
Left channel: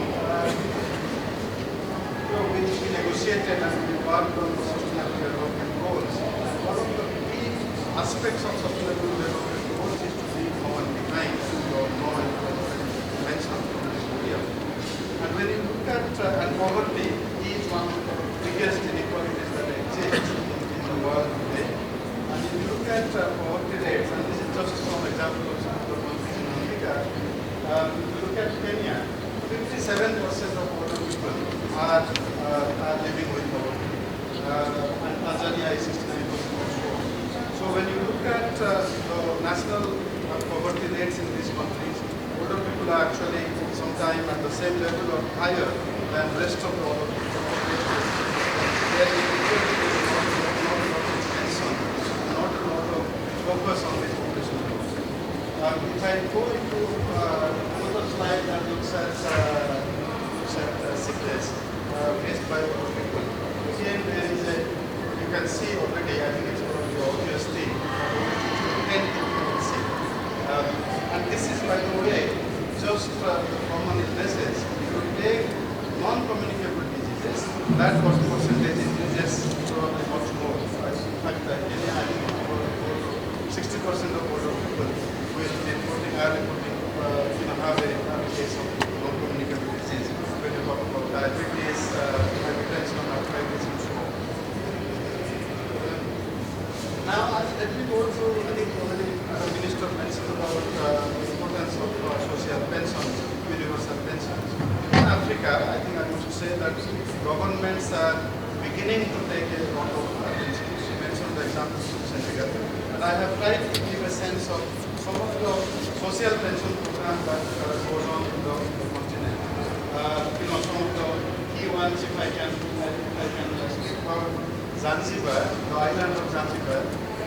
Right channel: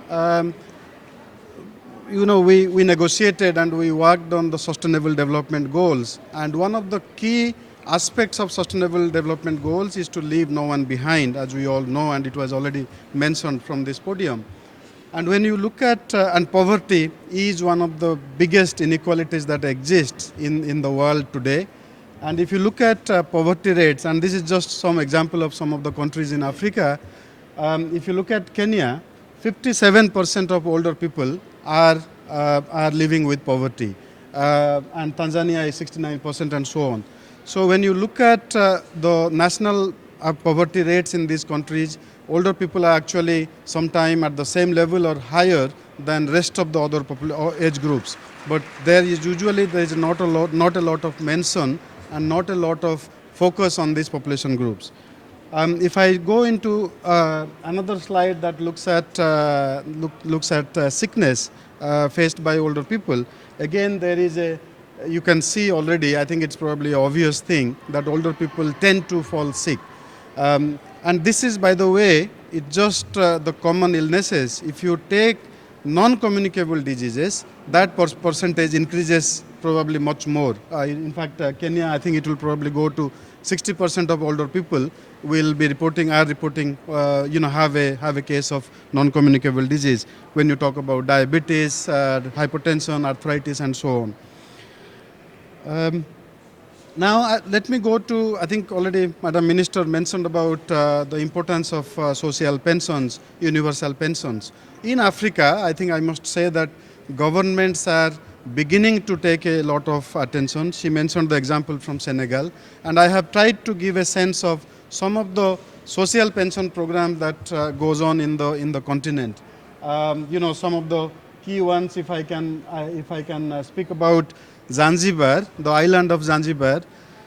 we negotiated and we worked on the Sustainable Development Goals, and one of the key aspects of Sustainable Development Goals is to leave no one behind, as we all know, and it was already mentioned from this podium. And when you look at, and poverty is one of the biggest inequalities that exists in the world today. And if you look at poverty rates, and this is just some example of some of the countries in Africa, if you look at Kenya, 57% of older people are living with poverty, and Tanzania is 69%, and so on. So when you look at the national poverty rates in these countries, older people are actually sometime at the same level or higher than rest of the other age groups. But there is not a lot of mention and not a lot of focus on these population groups. If I go into another slide that looks at sickness faced by older people, again there is you can see already, I think it's probably an obvious thing, that older people tend to fall sick. And this is, by the way, just the common illnesses. If you take non-communicable diseases, that percentage increases probably much more. In fact, Kenya, I think it will probably go to 60% of older people will be have a case of non-communicable disease when you talk about diabetes, hypertension, arthritis, and so on. Now, let me go to, I think already Madam Minister mentioned about the importance of social pensions, universal pensions. In Africa, I think I must say that governments are beginning to take a lot of attention. She mentioned the example from Senegal, and I have tried to give a sense of some of the social pension program that goes on in the continent. Some of the key ones, if I can speak about Zanzibar, the island of Zanzibar,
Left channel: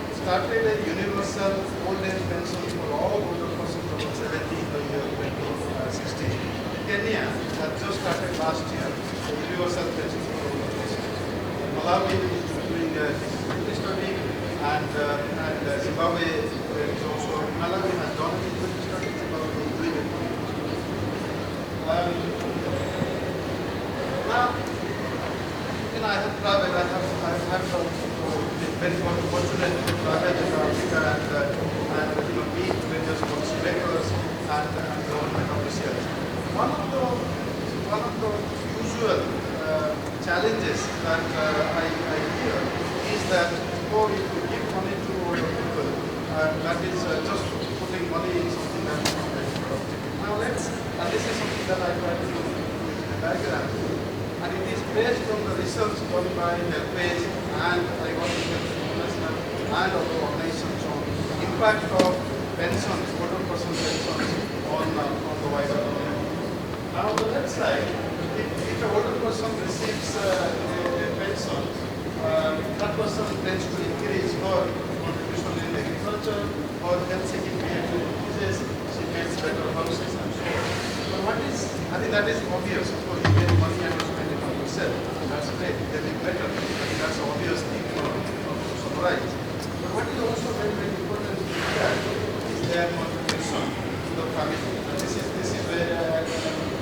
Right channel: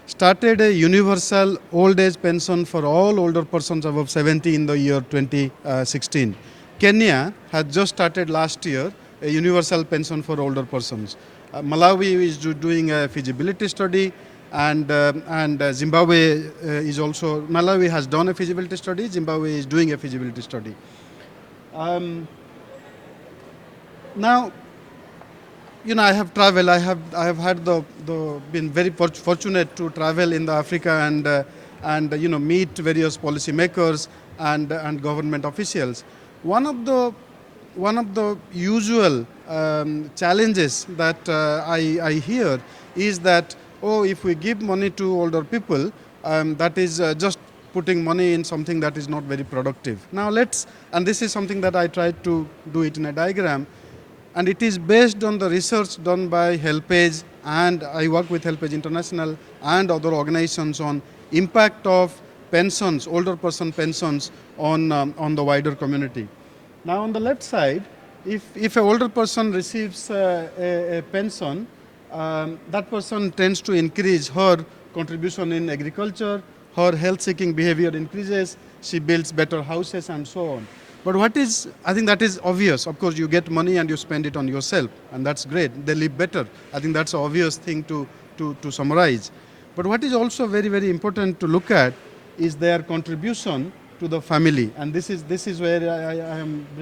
started a universal old age pension for all older persons above 70 in the year 2016. Kenya has just started last year a universal pension for older persons. Malawi is doing a feasibility study, and Zimbabwe is also, Malawi has done a feasibility study, Zimbabwe is doing a feasibility study. Now, I have traveled. I have had been very fortunate to travel in Africa and meet various policymakers and government officials. One of the usual challenges that I hear is that if we give money to older people, that is just putting money in something that is not very productive. Now and this is something that I tried to do it in a diagram. And it is based on the research done by HelpAge, and I work with HelpAge International and other organizations on impact of pensions, older person pensions on the wider community. Now on the left side, if an older person receives a pension, that person tends to increase her contribution in agriculture, her health-seeking behavior increases, she builds better houses and so on. But I think that is obvious. Of course, you get money and you spend it on yourself, and that's great. They live better. I think that's an obvious thing to summarize. But what is also very, very important to look at is their contribution to the family. And this is where I'm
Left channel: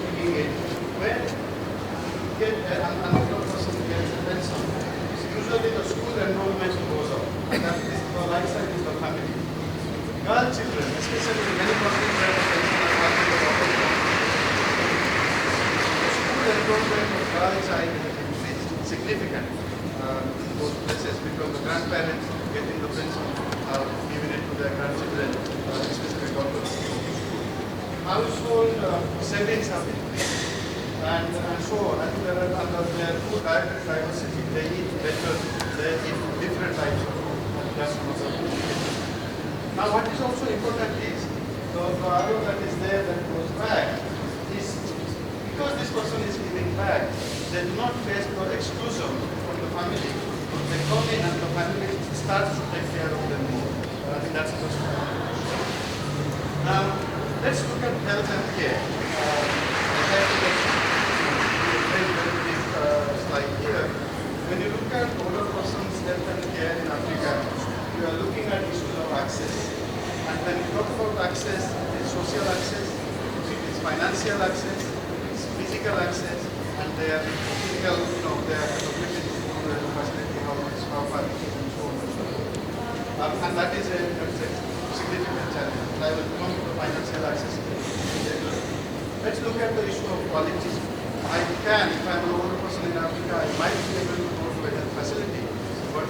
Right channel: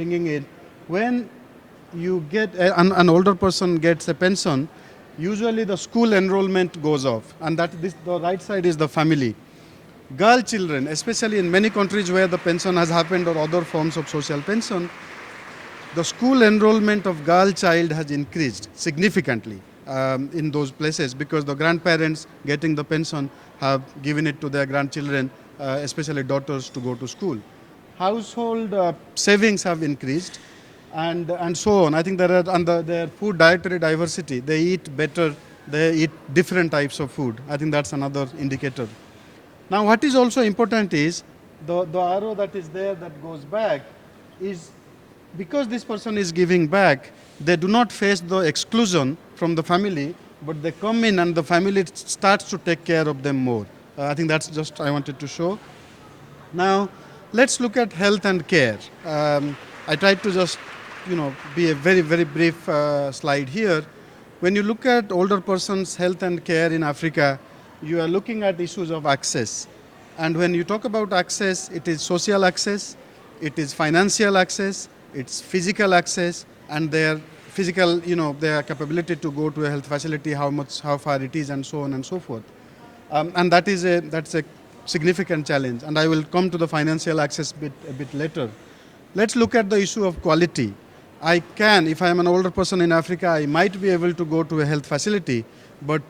bringing it. When you get an older person gets a pension, usually the school enrollment goes up, and the right side is the family. Girl children, especially in many countries where the pension has happened or other forms of social pension, the school enrollment of girl child has increased significantly in those places because the grandparents getting the pension have given it to their grandchildren, especially daughters, to go to school. Household savings have increased, and so on. I think there are food dietary diversity. They eat better, they eat different types of food. I think that's another indicator. Now, what is also important is the arrow that is there that goes back is because this person is giving back, they do not face the exclusion from the family. but they come in and the family starts to take care of them more. I think that's just I wanted to show. Now, let's look at health and care. I tried to just be a very, very brief slide here. When you look at older persons' health and care in Africa, you are looking at issues of access. And when you talk about access, it is social access, it is financial access, it's physical access, and their physical, their capability to go to a health facility, how far it is, and so on and so forth. And that's a significant challenge. And I will come to the financial access a bit later. Let's look at the issue of quality. If I'm an older person in Africa, I might be able to go to a health facility, but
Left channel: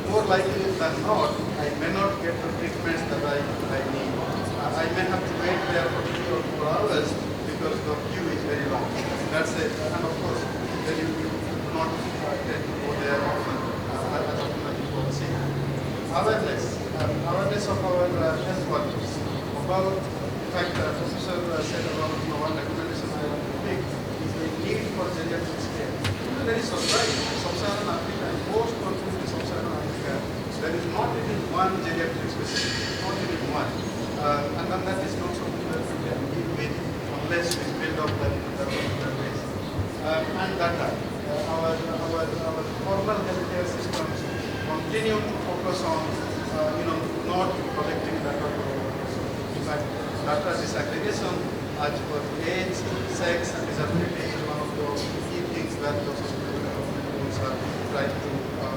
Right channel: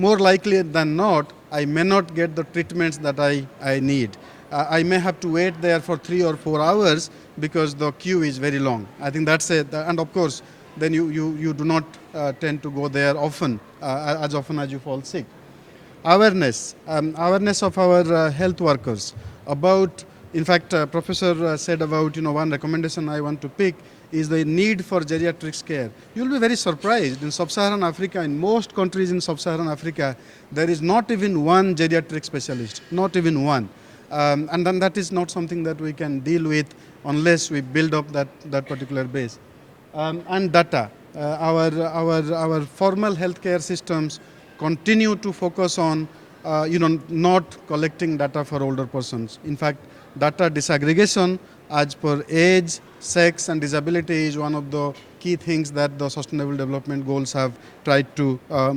more likely than not, I may not get the treatments that I need. I may have to wait there for 3 or 4 hours because the queue is very long. I think that's it. And of course, then you do not tend to go there often, as often as you fall sick. Awareness of our health workers about, in fact, Professor said about, one recommendation I want to pick is the need for geriatrics care. You will be very surprised. In Sub-Saharan Africa, in most countries in Sub-Saharan Africa, there is not even one geriatric specialist, not even one. And then that is not something that we can deal with unless we build up that particular base. And data. Our formal healthcare systems continue to focus on, not collecting data for older persons. In fact, data disaggregation as per age, sex, and disability is one of the key things that the Sustainable Development Goals have tried to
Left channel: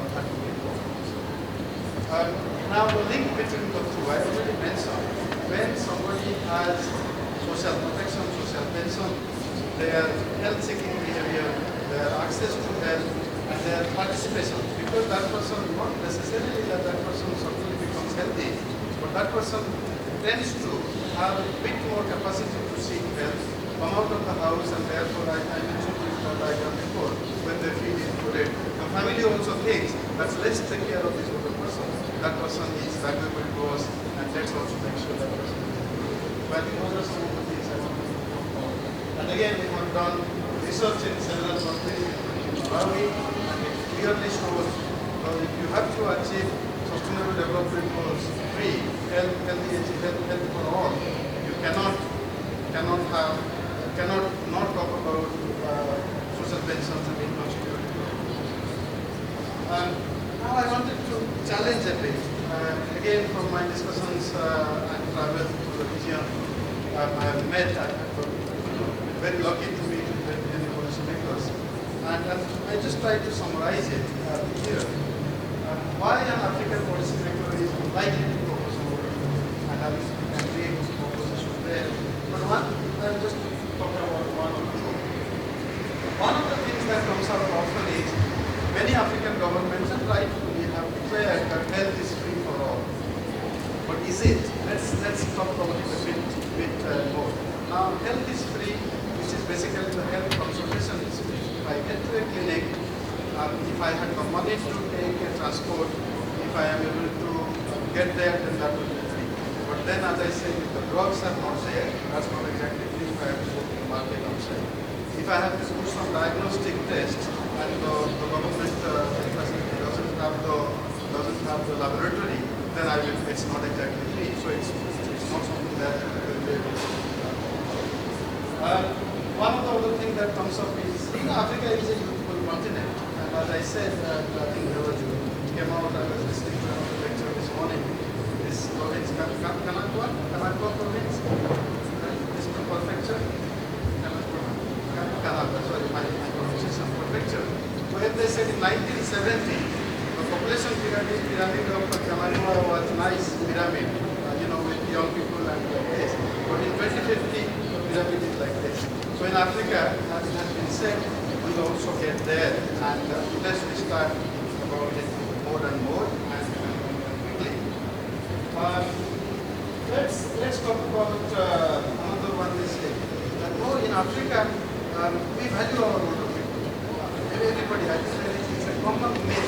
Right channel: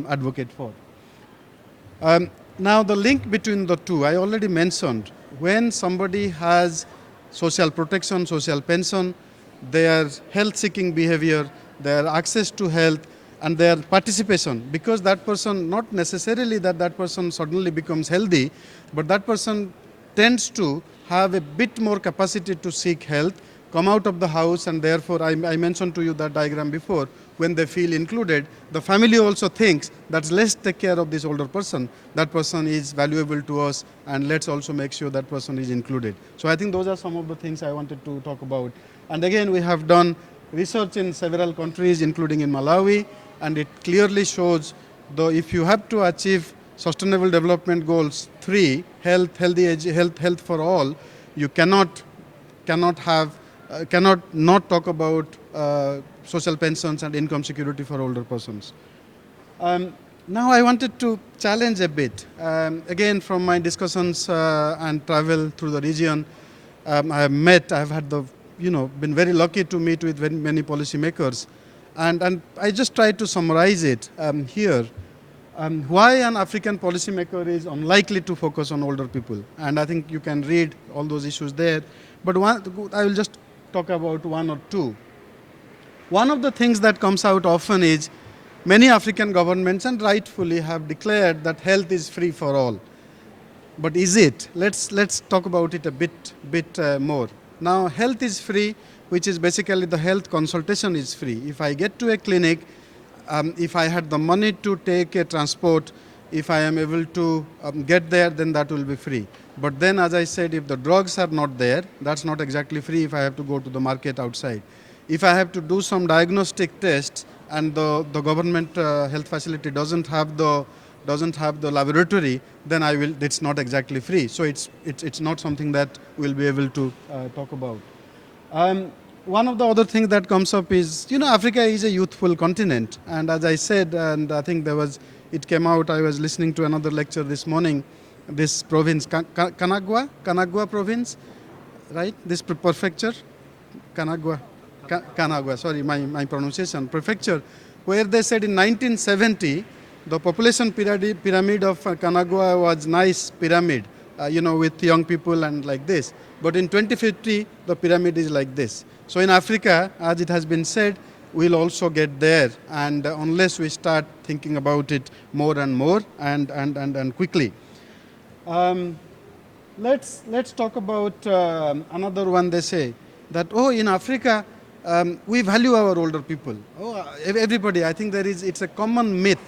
advocate for. Now, the link between the two, I already mentioned, when somebody has social protection, social pension, their health-seeking behavior, their access to health, and their participation, because that person, not necessarily that person suddenly becomes healthy, but that person tends to have a bit more capacity to seek help, come out of the house, and therefore I mentioned to you that diagram before, when they feel included, the family also thinks that let's take care of this older person, that person is valuable to us, and let's also make sure that person is included. So I think those are some of the things I wanted to talk about. And again, we have done research in several countries, including in Malawi, and it clearly shows, though, if you have to achieve Sustainable Development Goals 3, healthy age, health for all, you cannot not talk about social pensions and income security for older persons. Now I wanted to challenge a bit. Again, from my discussions and travel through the region, I've been very lucky to meet with very many policymakers. And I just tried to summarize it here. Why an African policymaker is unlikely to focus on older people. And I think you can read all those issues there. But I will just talk about one or two. One of the things that comes out often is many African governments, and rightfully, have declared that health is free for all. But is it? Let's talk about it a bit more. Now, health is free, which is basically the health consultation is free. If I get to a clinic, if I had the money to take a transport, if I am able to get there, then that will be free. But then, as I said, if the drugs are not there, that's not exactly free if I have to go to the market outside. If I have to do some diagnostic tests and the government health facility doesn't have the laboratory, then it's not exactly free. So it's not something that we'll be able to talk about. One of the other things that comes up is, Africa is a youthful continent. And as I said, and I think it came out, I was listening to another lecture this morning, this province, Kanagwa province, right? This prefecture, Kanagwa, sorry, my pronunciation, prefecture, where they said in 1970, the population pyramid of Kanagwa was nice pyramid, with young people and like this. But in 2050, the pyramid is like this. So in Africa, as it has been said, we'll also get there, and unless we start thinking about it more and more and quickly. Let's talk about another one. They say that, in Africa, we value our older people. Everybody, I think it's a common myth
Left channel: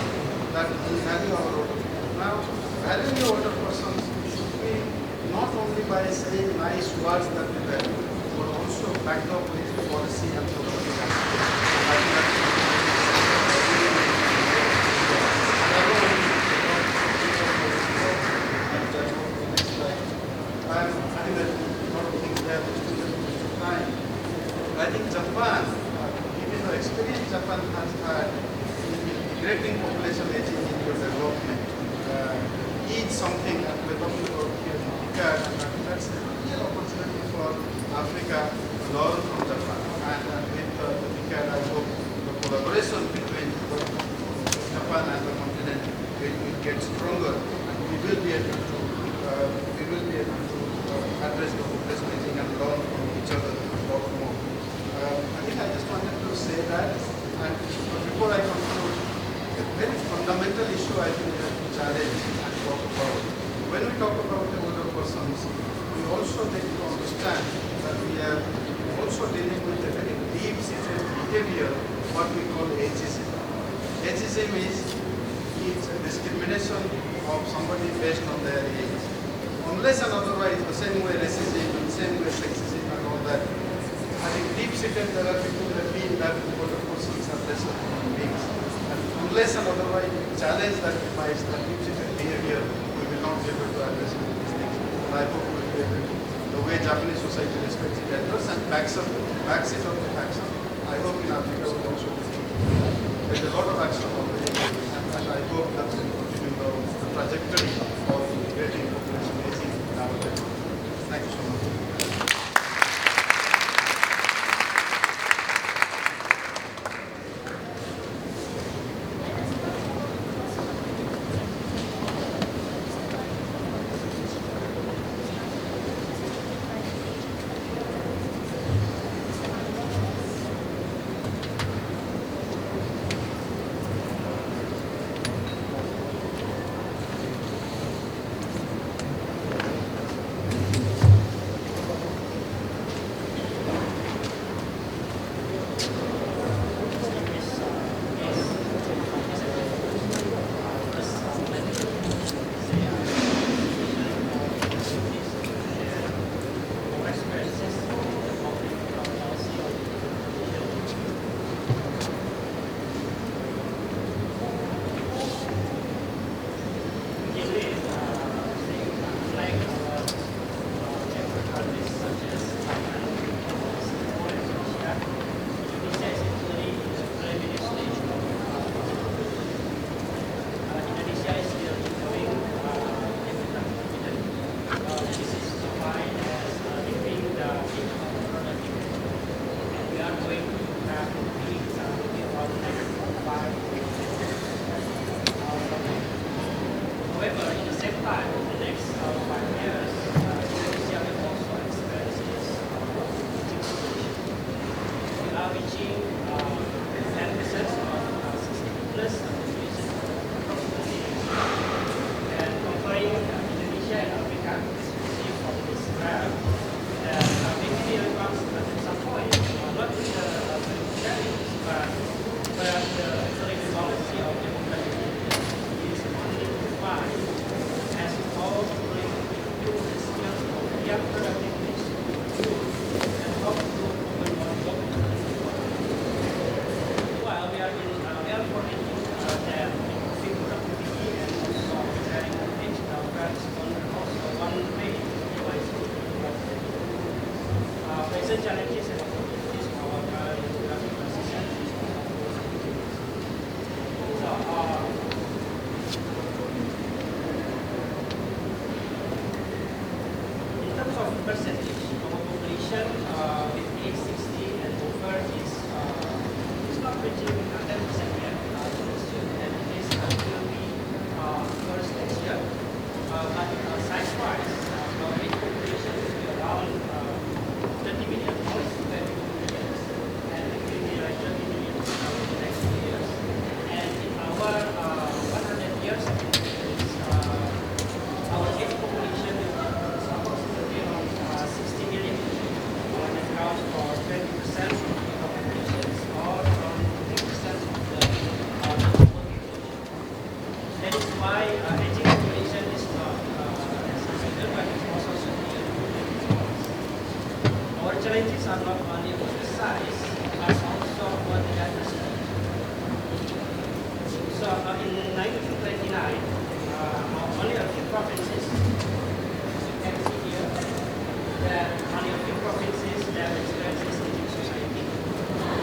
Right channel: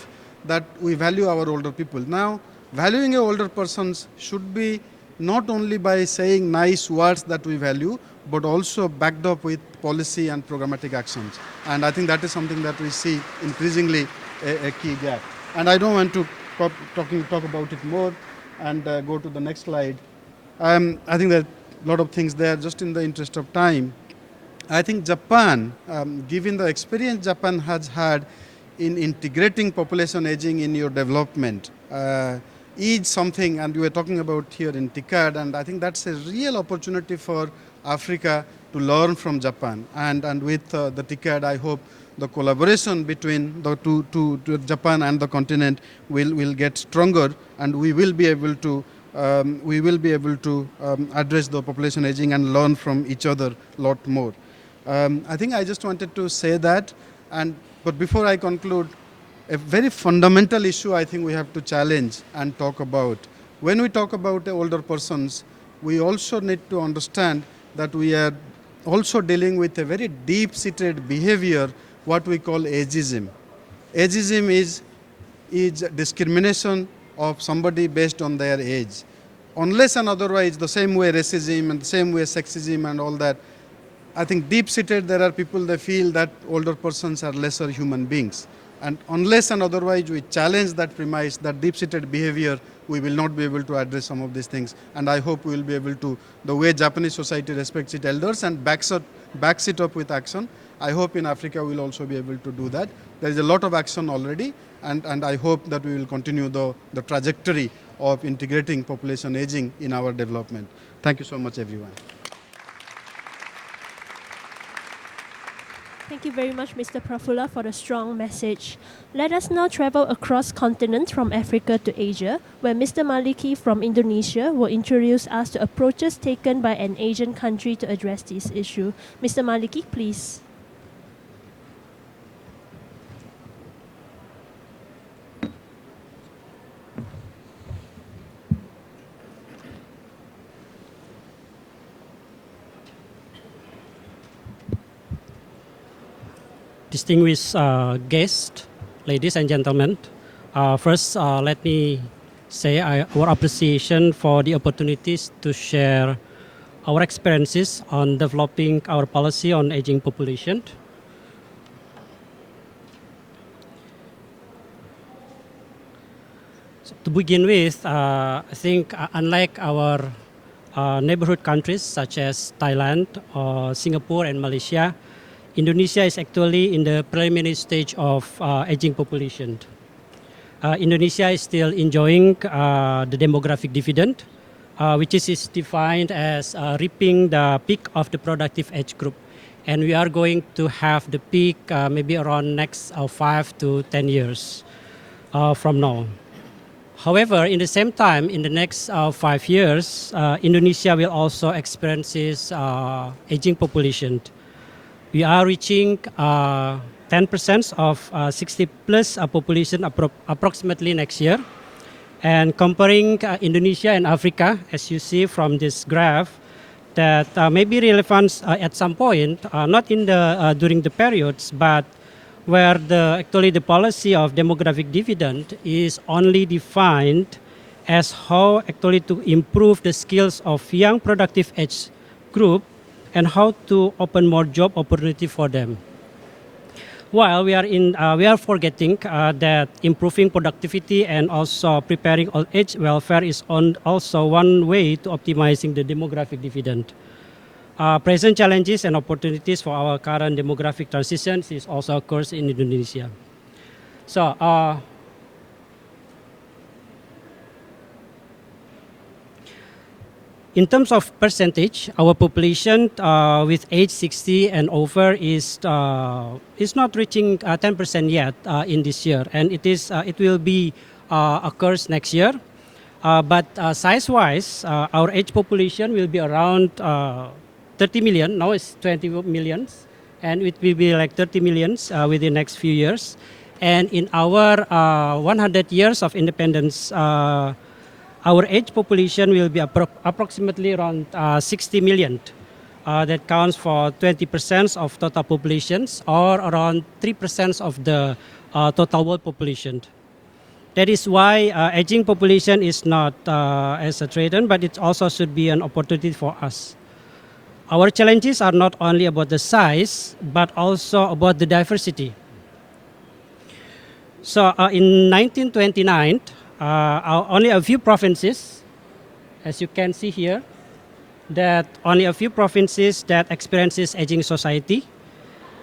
that we value our older people. Now, valuing your older persons should be not only by saying nice words that we value, but also backed up with policy and programmatic action. And I think that is something that we see increasingly key job. And I don't want to talk about it more and go to the next slide. I think there are a lot of things there. Just in the interest of time, I think Japan, given the experience Japan has had in integrating population aging in your development, is something, and we were talking about here in TICAD, and I think that's a real opportunity for Africa to learn from Japan. And with the TICAD, I hope the collaboration between the two Japan and the continent will get stronger, and we will be able to address the population aging and learn from each other a lot more. I think I just wanted to say that, but before I conclude, a very fundamental issue I think we have to challenge and talk about. When we talk about older persons, we also need to understand that we are also dealing with a very deep-seated behavior, what we call ageism. Ageism is discrimination of somebody based on their age. Unless and otherwise, the same way racism and same way sexism and all that, I think deep-seated there are people that feel that older persons are lesser human beings. And unless and otherwise we challenge that premise, that deep-seated behavior, we will not be able to address some of these things. And I hope we will be able to, the way Japanese society respects its elders and backs it up with action, I hope in Africa we will also be able to do that. There is a lot of action already, and I hope that we will continue the trajectory of integrating population aging in our development. Thank you so much, everyone. Thank you very much, Mr. Prafula, for the strong message. Let us now travel across continents from Africa to Asia, where Mr. Maliki from Indonesia will introduce us to approaches taken by an Asian country to address this issue. Mr. Maliki, please. Distinguished guests, ladies and gentlemen, first let me say our appreciation for the opportunities to share our experiences on developing our policy on aging population. To begin with, I think unlike our neighborhood countries such as Thailand, Singapore and Malaysia, Indonesia is actually in the preliminary stage of aging population. Indonesia is still enjoying the demographic dividend, which is defined as reaping the peak of the productive age group. And we are going to have the peak maybe around next 5 to 10 years from now. However, in the same time, in the next 5 years, Indonesia will also experience aging population. We are reaching 10% of 60 plus population approximately next year. And comparing Indonesia and Africa, as you see from this graph, that may be relevant at some point, not in the during the periods, but where actually the policy of demographic dividend is only defined as how actually to improve the skills of young productive age group and how to open more job opportunity for them. While we are forgetting that improving productivity and also preparing old age welfare is also one way to optimizing the demographic dividend. Present challenges and opportunities for our current demographic transition is also occurs in Indonesia. So, in terms of percentage, our population with age 60 and over is not reaching 10% yet in this year, and it will be occurs next year. But size-wise, our age population will be around 30 million. Now it's 20 million, and it will be like 30 million within the next few years. And in our 100 years of independence, our age population will be approximately around 60 million. That counts for 20% of total populations, or around 3% of the total world population. That is why aging population is not as a threat, but it also should be an opportunity for us. Our challenges are not only about the size, but also about the diversity. So in 1929, only a few provinces, as you can see here, that only a few provinces that experiences aging society,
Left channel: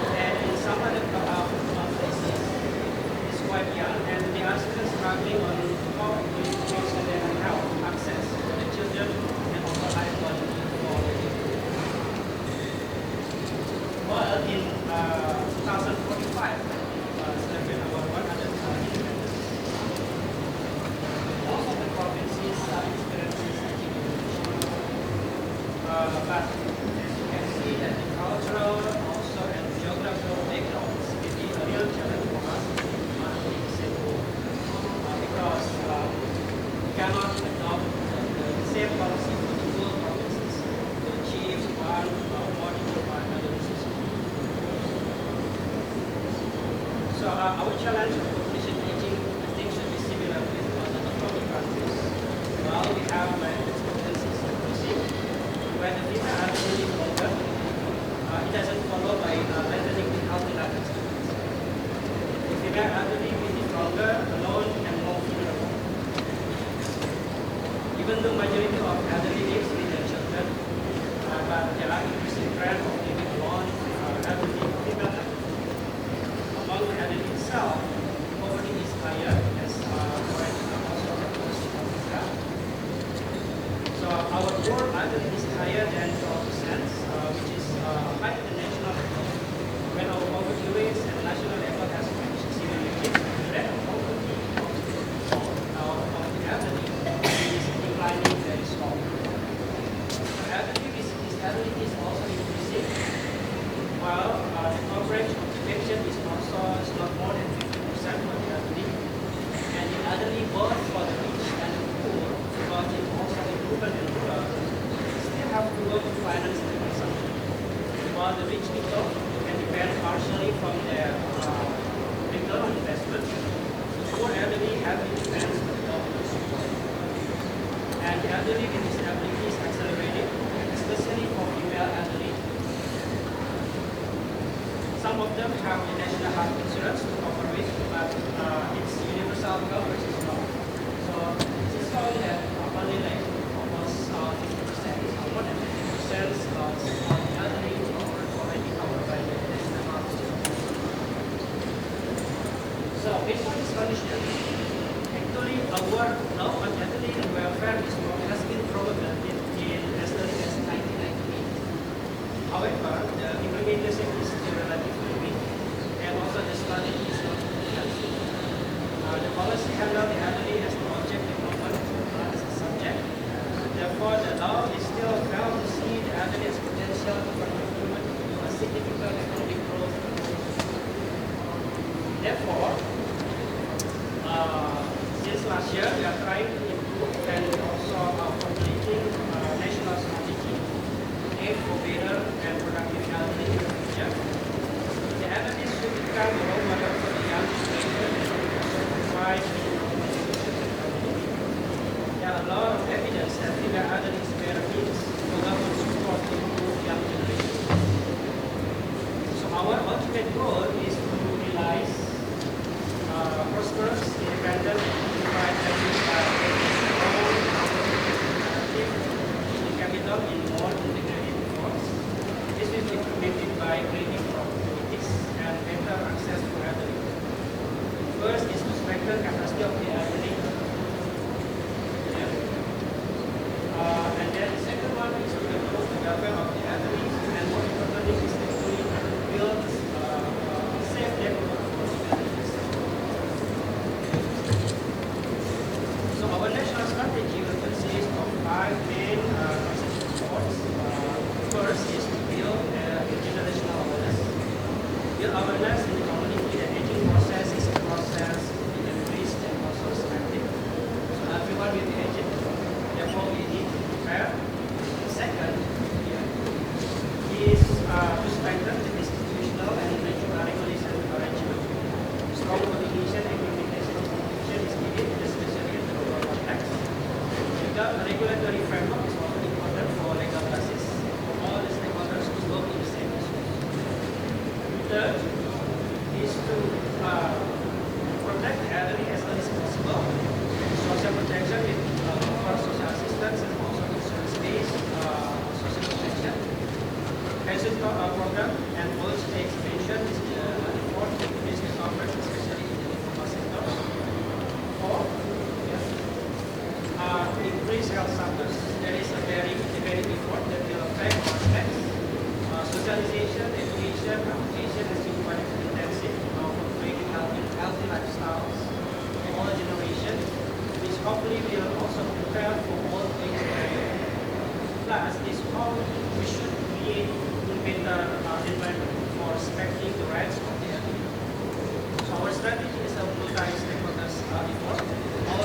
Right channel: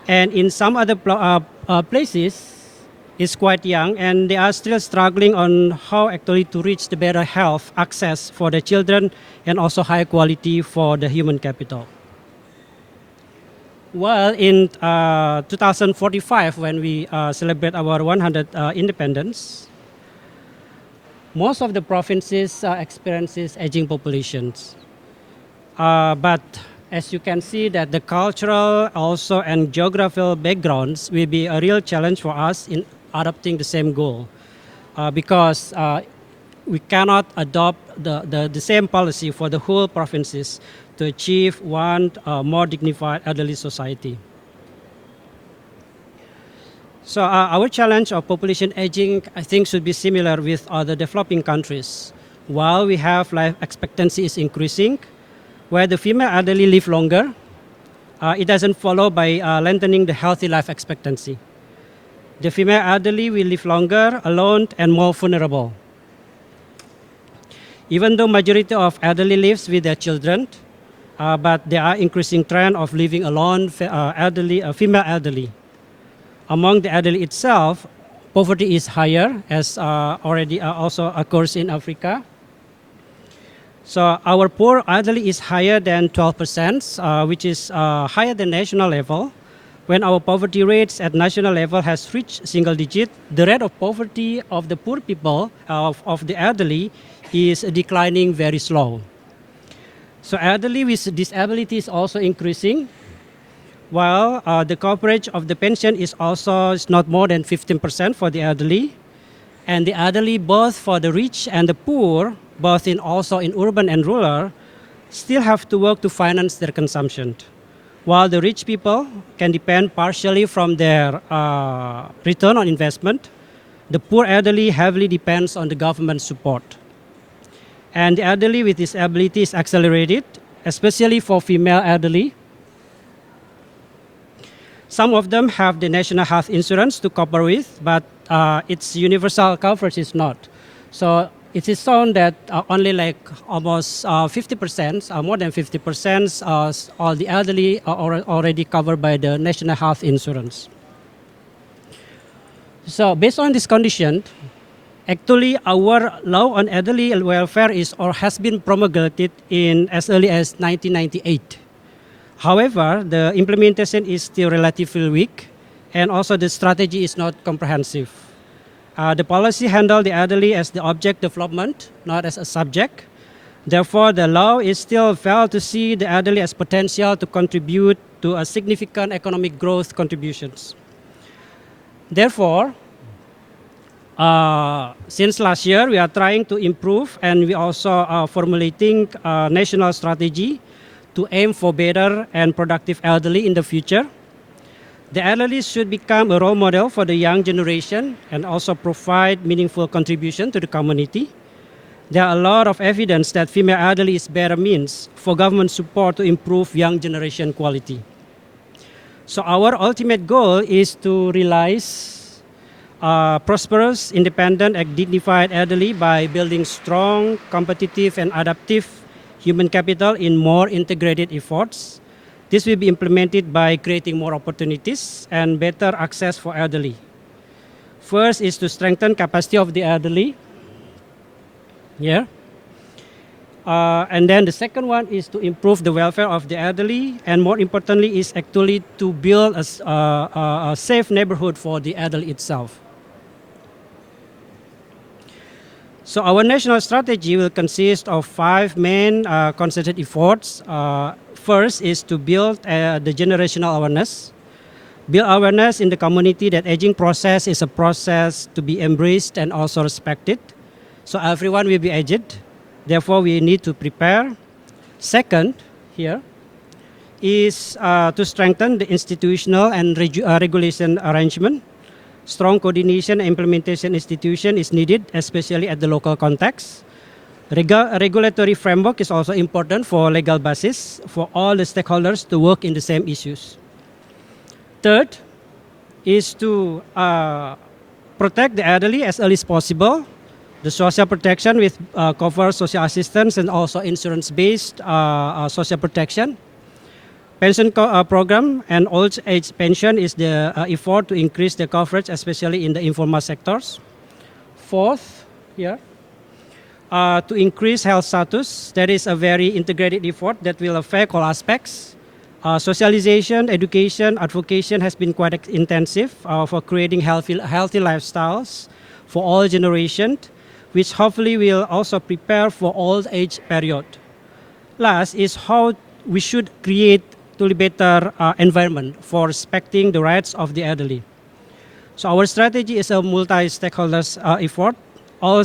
and in some other places, it's quite young, and they are still struggling on how actually to reach the better health access for the children and also high quality for the human capital. Well, in 2045, when we celebrate our 100 independence, most of the provinces experiences aging populations. But as you can see that the cultural also and geographical backgrounds will be a real challenge for us in adopting the same goal. Because we cannot adopt the same policy for the whole provinces to achieve one more dignified elderly society. So our challenge of population aging, I think, should be similar with other developing countries. While we have life expectancy is increasing, where the female elderly live longer, it doesn't follow by lengthening the healthy life expectancy. The female elderly will live longer, alone, and more vulnerable. Even though majority of elderly lives with their children, but there are increasing trend of living alone, female elderly. Among the elderly itself, poverty is higher, as already also occurs in Africa. So our poor elderly is higher than 12%, which is higher than national level. When our poverty rates at national level has reached single digit, the rate of poverty of the poor people, of the elderly, is declining very slow. So elderly with disability is also increasing, while the coverage of the pension is not more than 15% for the elderly. And the elderly, both for the rich and the poor, both also in urban and rural, still have to work to finance their consumption. While the rich people can depend partially from their return on investment, the poor elderly heavily depends on the government support. And the elderly with disability is accelerated, especially for female elderly. Some of them have the national health insurance to cover with, but its universal coverage is not. So it is shown that only like almost 50%, more than 50% of the elderly are already covered by the national health insurance. So based on this condition, actually our law on elderly welfare has been promulgated in as early as 1998. However, the implementation is still relatively weak, and also the strategy is not comprehensive. The policy handles the elderly as the object development, not as a subject. Therefore, the law is still failed to see the elderly as potential to contribute to a significant economic growth contributions. Therefore, since last year, we are trying to improve, and we also are formulating a national strategy to aim for better and productive elderly in the future. The elderly should become a role model for the young generation and also provide meaningful contribution to the community. There are a lot of evidence that female elderly is better means for government support to improve young generation quality. So our ultimate goal is to realize prosperous, independent, and dignified elderly by building strong, competitive, and adaptive human capital in more integrated efforts. This will be implemented by creating more opportunities and better access for elderly. First is to strengthen capacity of the elderly. Yeah. And then the second one is to improve the welfare of the elderly, and more importantly is actually to build a safe neighborhood for the elderly itself. So our national strategy will consist of 5 main concerted efforts. First is to build the generational awareness. Build awareness in the community that aging process is a process to be embraced and also respected. So everyone will be aged. Therefore, we need to prepare. Second, here, is to strengthen the institutional and regulation arrangement. Strong coordination and implementation institution is needed, especially at the local context. Regulatory framework is also important for legal basis for all the stakeholders to work in the same issues. Third is to protect the elderly as early as possible. The social protection with cover social assistance and also insurance-based social protection. Pension program and old age pension is the effort to increase the coverage, especially in the informal sectors. Fourth, to increase health status, that is a very integrated effort that will affect all aspects. Socialization, education, advocacy has been quite intensive for creating healthy lifestyles for all generations, which hopefully will also prepare for old age period. Last is how we should create a better environment for respecting the rights of the elderly. So our strategy is a multi-stakeholders effort. All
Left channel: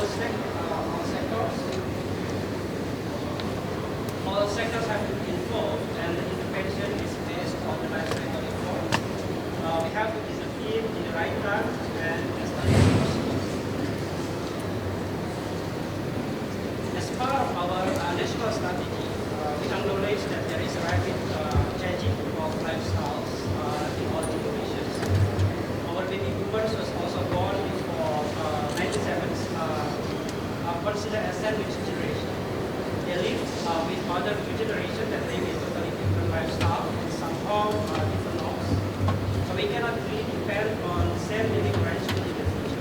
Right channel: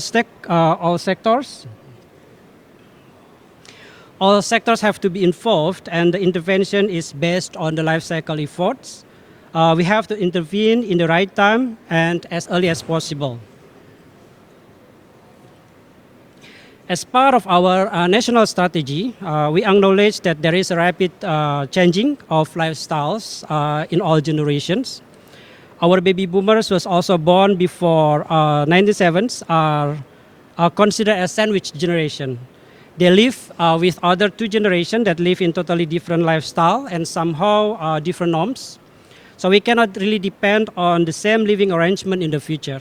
sectors have to be involved, and the intervention is based on the life cycle efforts. We have to intervene in the right time and as early as possible. As part of our national strategy, we acknowledge that there is a rapid changing of lifestyles in all generations. Our baby boomers was also born before 97s are considered a sandwich generation. They live with other two generations that live in totally different lifestyle and somehow different norms. So we cannot really depend on the same living arrangement in the future,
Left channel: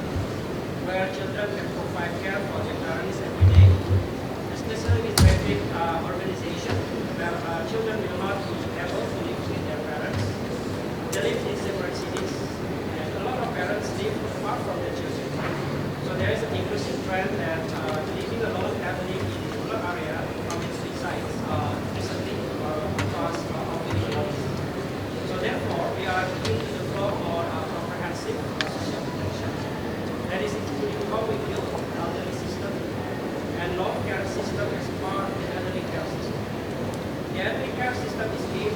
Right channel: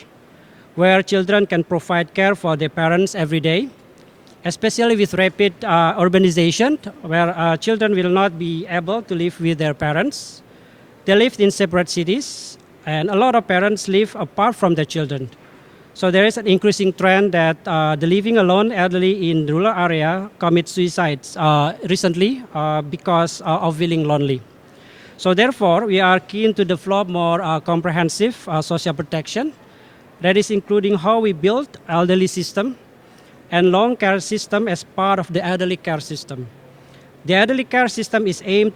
where children can provide care for their parents every day, especially with rapid urbanization, where children will not be able to live with their parents. They live in separate cities, and a lot of parents live apart from their children. So there is an increasing trend that the living alone elderly in the rural area commit suicides recently because of feeling lonely. So therefore, we are keen to develop more comprehensive social protection, that is including how we build elderly system and long care system as part of the elderly care system. The elderly care system is aimed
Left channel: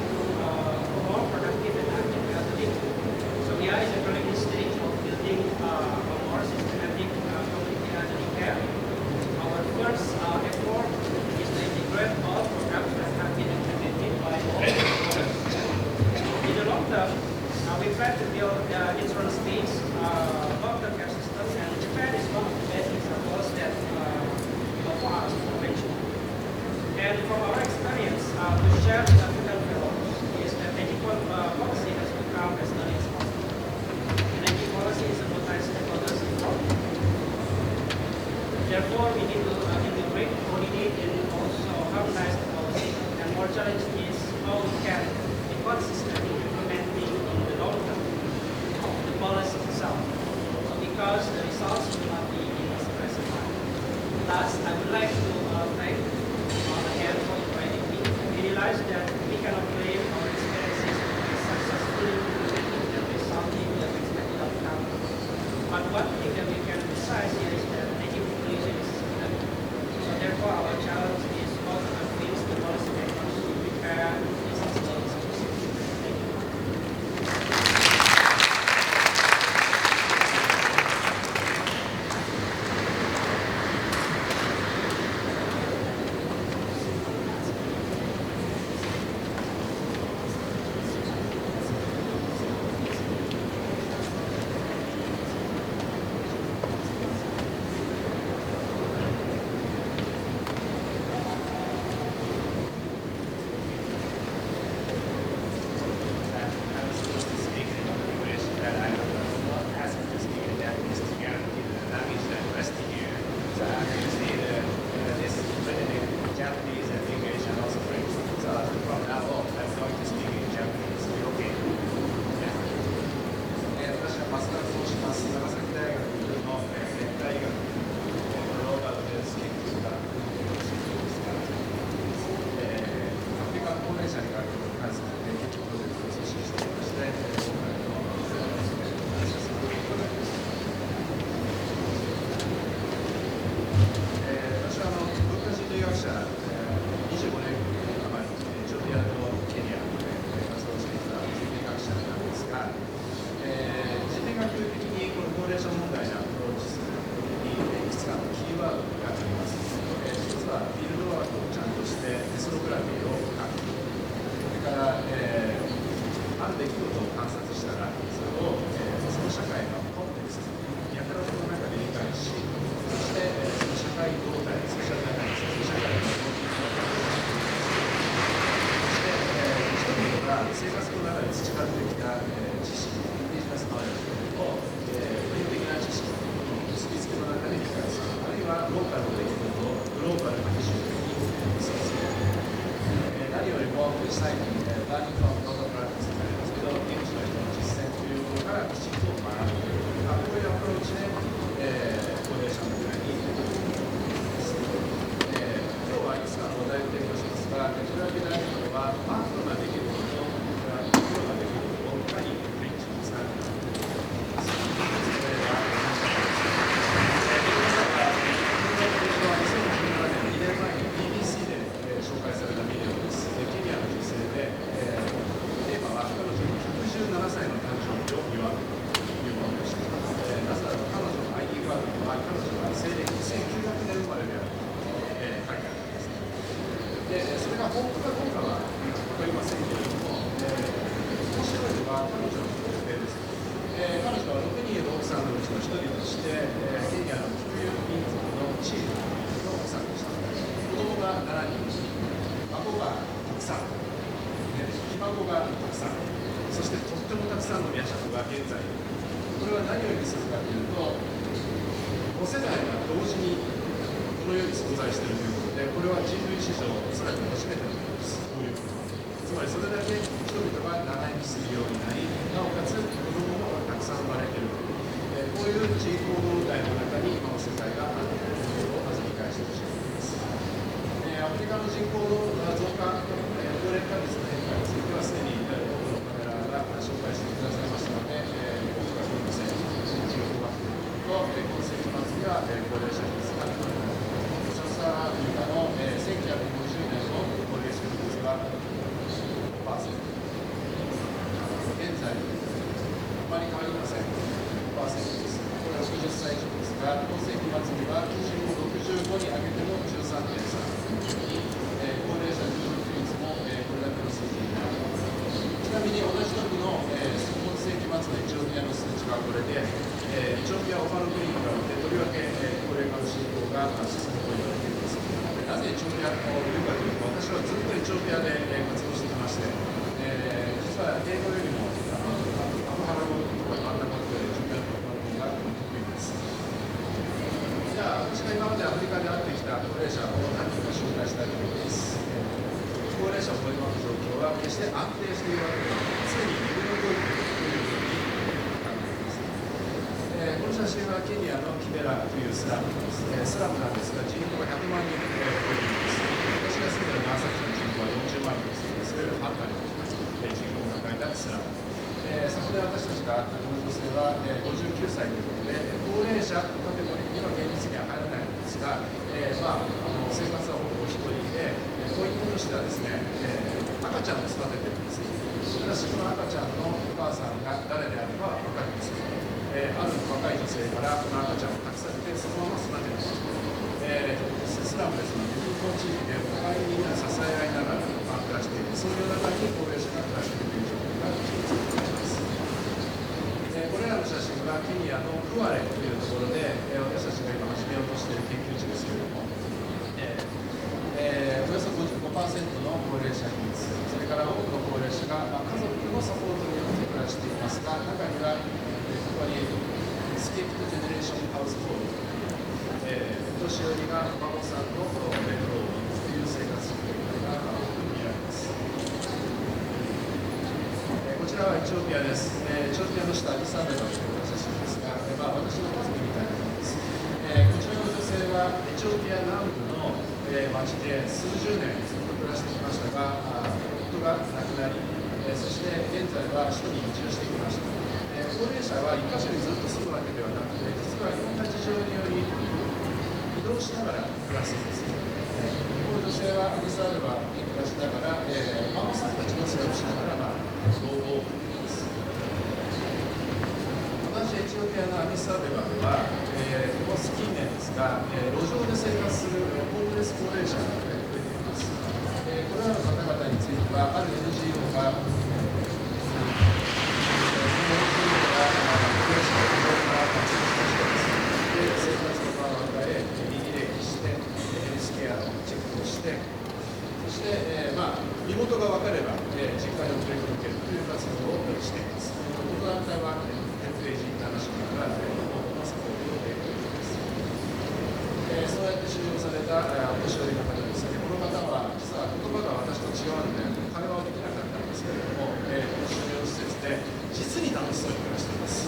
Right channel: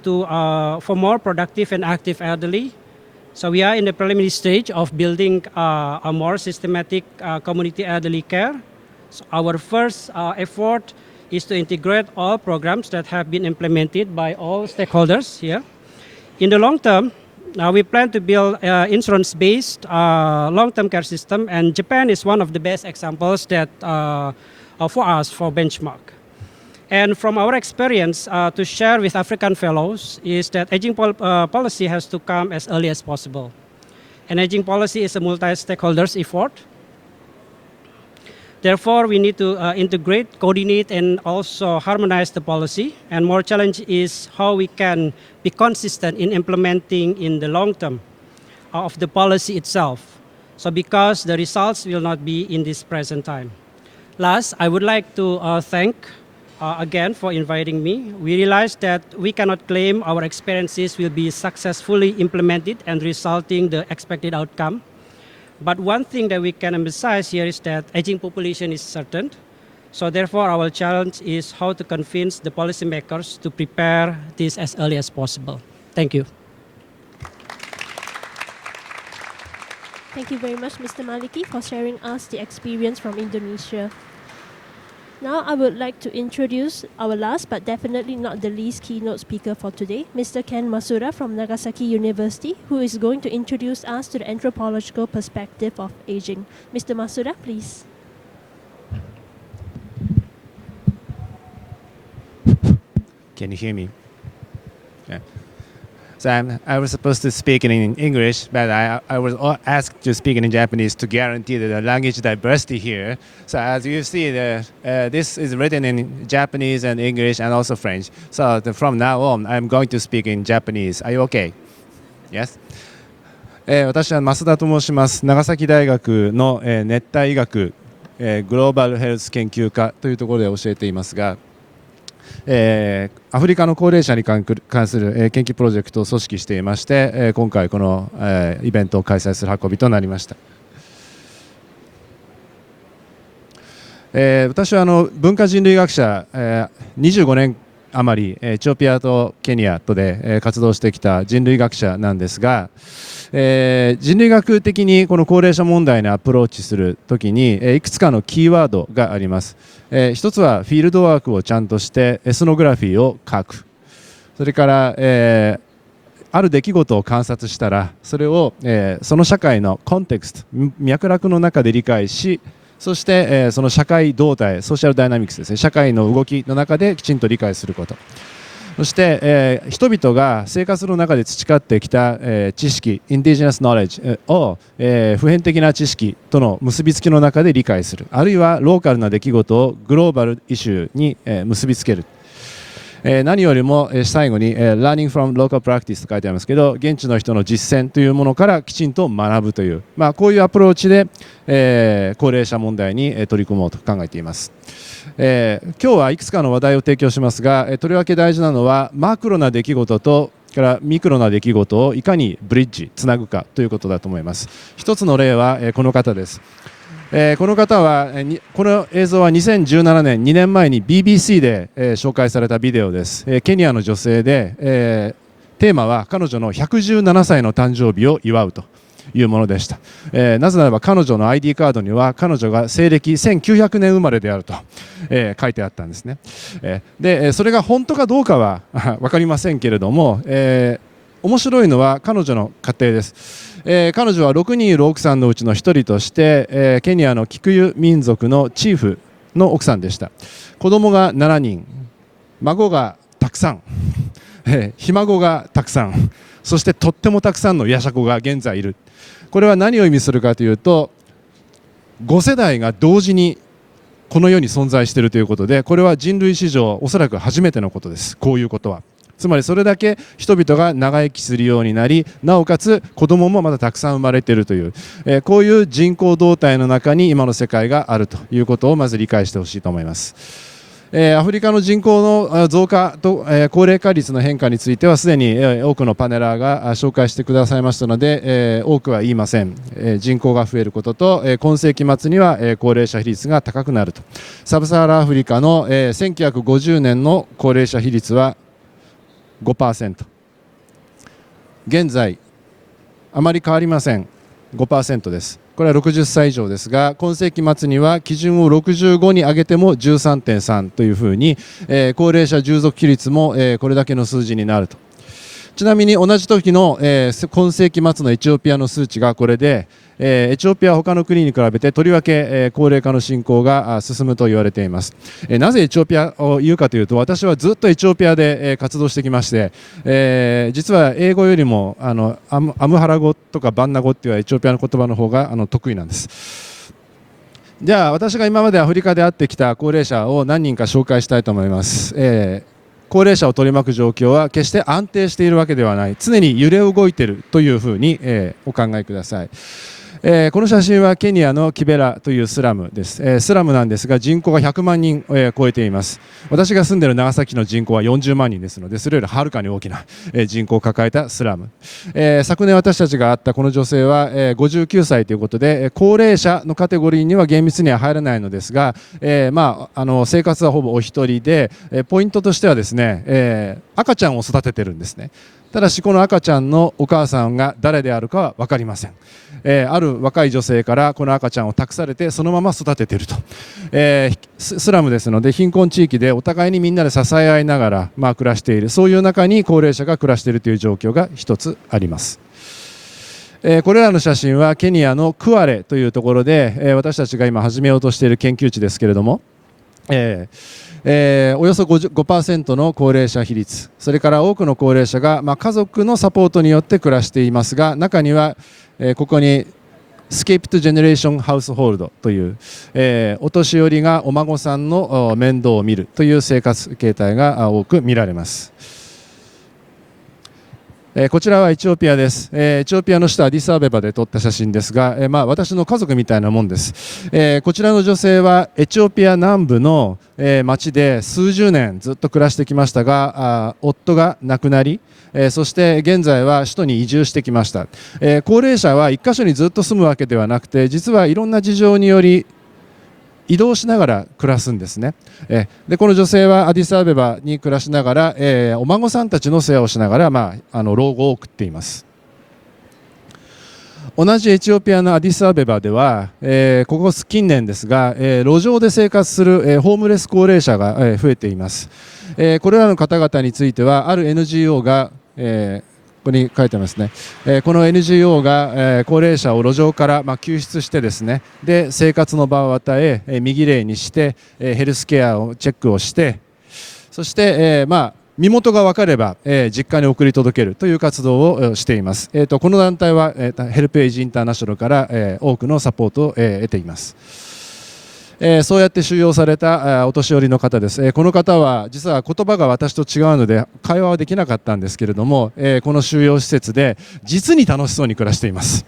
for more productive and active elderly. So we are in the preliminary stage of building a more systematic community elderly care. Our first effort is to integrate all programs that have been implemented by all stakeholders here. In the long term, we plan to build insurance-based long-term care system, and Japan is one of the best examples that for us for benchmark. And from our experience to share with African fellows is that aging policy has to come as early as possible. And aging policy is a multi-stakeholders effort. Therefore, we need to integrate, coordinate, and also harmonize the policy. And more challenge is how we can be consistent in implementing in the long term of the policy itself. So because the results will not be in this present time. Last, I would like to thank again for inviting me. We realize that we cannot claim our experiences will be successfully implemented and resulting the expected outcome. But one thing that we can emphasize here is that aging population is certain. So therefore, our challenge is how to convince the policymakers to prepare this as early as possible. Thank you. Thank you very much, Mr. Maliki, for sharing us the experience from Indonesia. Now I would like to introduce our last but definitely not the least keynote speaker for today, Mr. Ken Masuda from Nagasaki University, who is going to introduce us to the anthropological perspective of aging. Mr. Masuda, please. Can you hear me? Yeah. So I was supposed to speak in English, but I was asked to speak in Japanese to guarantee the language diversity here. So as you see, this is written in Japanese and English and also French. So from now on, I'm going to speak in Japanese. Are you okay? Yes? 私は増田と申します。長崎大学の熱帯医学グローバルヘルス研究科というところで教えていますが、アフリカの高齢者に関する研究プロジェクトを組織していまして、今回このイベントを開催する運びとなりました。私は文化人類学者、25年余りエチオピアとケニアとで活動してきた人類学者なんですが、人類学的にこの高齢者問題にアプローチするときにいくつかのキーワードがあります。一つはフィールドワークをちゃんとしてエスノグラフィーを書く、それから、ある出来事を観察したらそれを、その社会のコンテクスト脈絡の中で理解し、そして、その社会動態ソーシャルダイナミクスですね、社会の動きの中できちんと理解すること、そして、人々が生活の中で培ってきた、知識インディジェナスノレッジを、普遍的な知識との結びつきの中で理解する、あるいはローカルな出来事をグローバルイシューに、結びつける。何よりも最後に Learning from local practice と書いてありますけど、現地の人の実践というものからきちんと学ぶという、こういうアプローチで、高齢者問題に取り組もうと考えています。今日はいくつかの話題を提供しますが、とりわけ大事なのはマクロな出来事とからミクロな出来事をいかにブリッジつなぐかということだと思います。一つの例はこの方です。この方はこの映像は2017年2年前に BBC で紹介されたビデオです。ケニアの女性でテーマは彼女の117歳の誕生日を祝うというものでした。なぜならば彼女の ID カードには彼女が西暦1900年生まれであると書いてあったんですね。でそれが本当かどうかは分かりませんけれども、面白いのは彼女の家庭です。彼女は6人いる奥さんのうちの1人として、ケニアのキクユ民族のチーフの奥さんでした。子供が7人、孫がたくさん、ひ孫がたくさん、そしてとってもたくさんのやしゃ子が現在いる。これは何を意味するかというと、5世代が同時にこの世に存在しているということで、これは人類史上おそらく初めてのことです。こういうことはつまりそれだけ人々が長生きするようになり、なおかつ子供もまだたくさん生まれているという、こういう人口動態の中に今の世界があるということをまず理解してほしいと思います。アフリカの人口の増加と高齢化率の変化についてはすでに多くのパネラーが紹介してくださいましたので、多くは言いません。人口が増えることと今世紀末には高齢者比率が高くなると。サブサハラアフリカの1950年の高齢者比率は5%、現在あまり変わりません。5% です。これは60歳以上ですが、今世紀末には基準を65に上げても 13.3 というふうに、高齢者従属比率も、これだけの数字になると。ちなみに同じ時の、今世紀末のエチオピアの数値がこれで、エチオピアは他の国に比べてとりわけ、高齢化の進行が進むと言われています。なぜエチオピアを言うかというと、私はずっとエチオピアで、活動してきまして、実は英語よりもアムハラ語とかバンナ語っていうエチオピアの言葉の方が得意なんです。じゃあ私が今までアフリカで会ってきた高齢者を何人か紹介したいと思います。高齢者を取り巻く状況は決して安定しているわけではない、常に揺れ動いているというふうに、お考えください。この写真はケニアのキベラというスラムです。スラムなんですが人口が100万人を超えています。私が住んでいる長崎の人口は40万人ですので、それよりはるかに大きな人口を抱えたスラム。昨年私たちが会ったこの女性は59歳ということで、高齢者のカテゴリーには厳密には入らないのですが、生活はほぼお一人で、ポイントとしてはですね、赤ちゃんを育てているんですね。ただしこの赤ちゃんのお母さんが誰であるかは分かりません。ある若い女性からこの赤ちゃんを託されてそのまま育てていると。スラムですので貧困地域でお互いにみんなで支え合いながら、暮らしている、そういう中に高齢者が暮らしているという状況が一つあります。これらの写真はケニアのクアレというところで、私たちが今始めようとしている研究地ですけれども、およそ 5% の高齢者比率、それから多くの高齢者が、家族のサポートによって暮らしていますが、中にはここにスケープトジェネレーションハウスホールドという、お年寄りがお孫さんの面倒を見るという生活形態が多く見られます。こちらはエチオピアです。エチオピアの首都アディスアベバで撮った写真ですが、私の家族みたいなもんです。こちらの女性はエチオピア南部の町で数十年ずっと暮らしてきましたが、夫が亡くなり、そして現在は首都に移住してきました。高齢者は1カ所にずっと住むわけではなくて、実はいろんな事情により移動しながら暮らすんですね。でこの女性はアディスアベバに暮らしながら、お孫さんたちの世話をしながら、老後を送っています。同じエチオピアのアディスアベバでは、ここ近年ですが、路上で生活する、ホームレス高齢者が、増えています。これらの方々についてはある NGO が、ここに書いてますね、この NGO が、高齢者を路上から、救出してですね、で生活の場を与え、身綺麗にして、ヘルスケアをチェックをして、そして、身元が分かれば、実家に送り届けるという活動をしています。この団体は、ヘルプエイジインターナショナルから、多くのサポートを、得ています。そうやって収容されたお年寄りの方です。この方は実は言葉が私と違うので会話はできなかったんですけれども、この収容施設で実に楽しそうに暮らしています。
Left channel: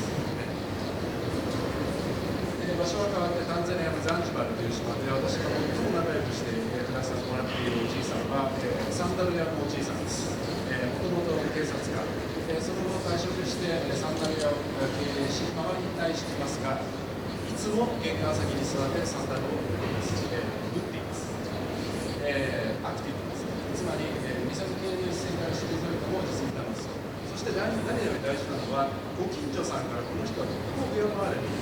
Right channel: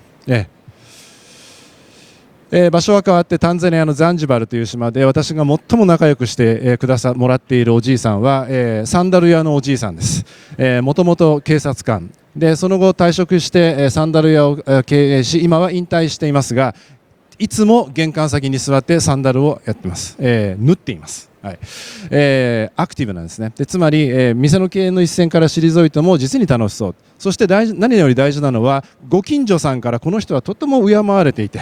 場所は変わってタンザニアのザンジバルという島で私が最も仲良くしてもらっているおじいさんは、サンダル屋のおじいさんです。もともと警察官で、その後退職してサンダル屋を経営し、今は引退していますが、いつも玄関先に座ってサンダルをやっています。縫っています。はい、アクティブなんですね。でつまり、店の経営の一線から退いても実に楽しそう。そして何より大事なのは、ご近所さんからこの人はとても敬われていて、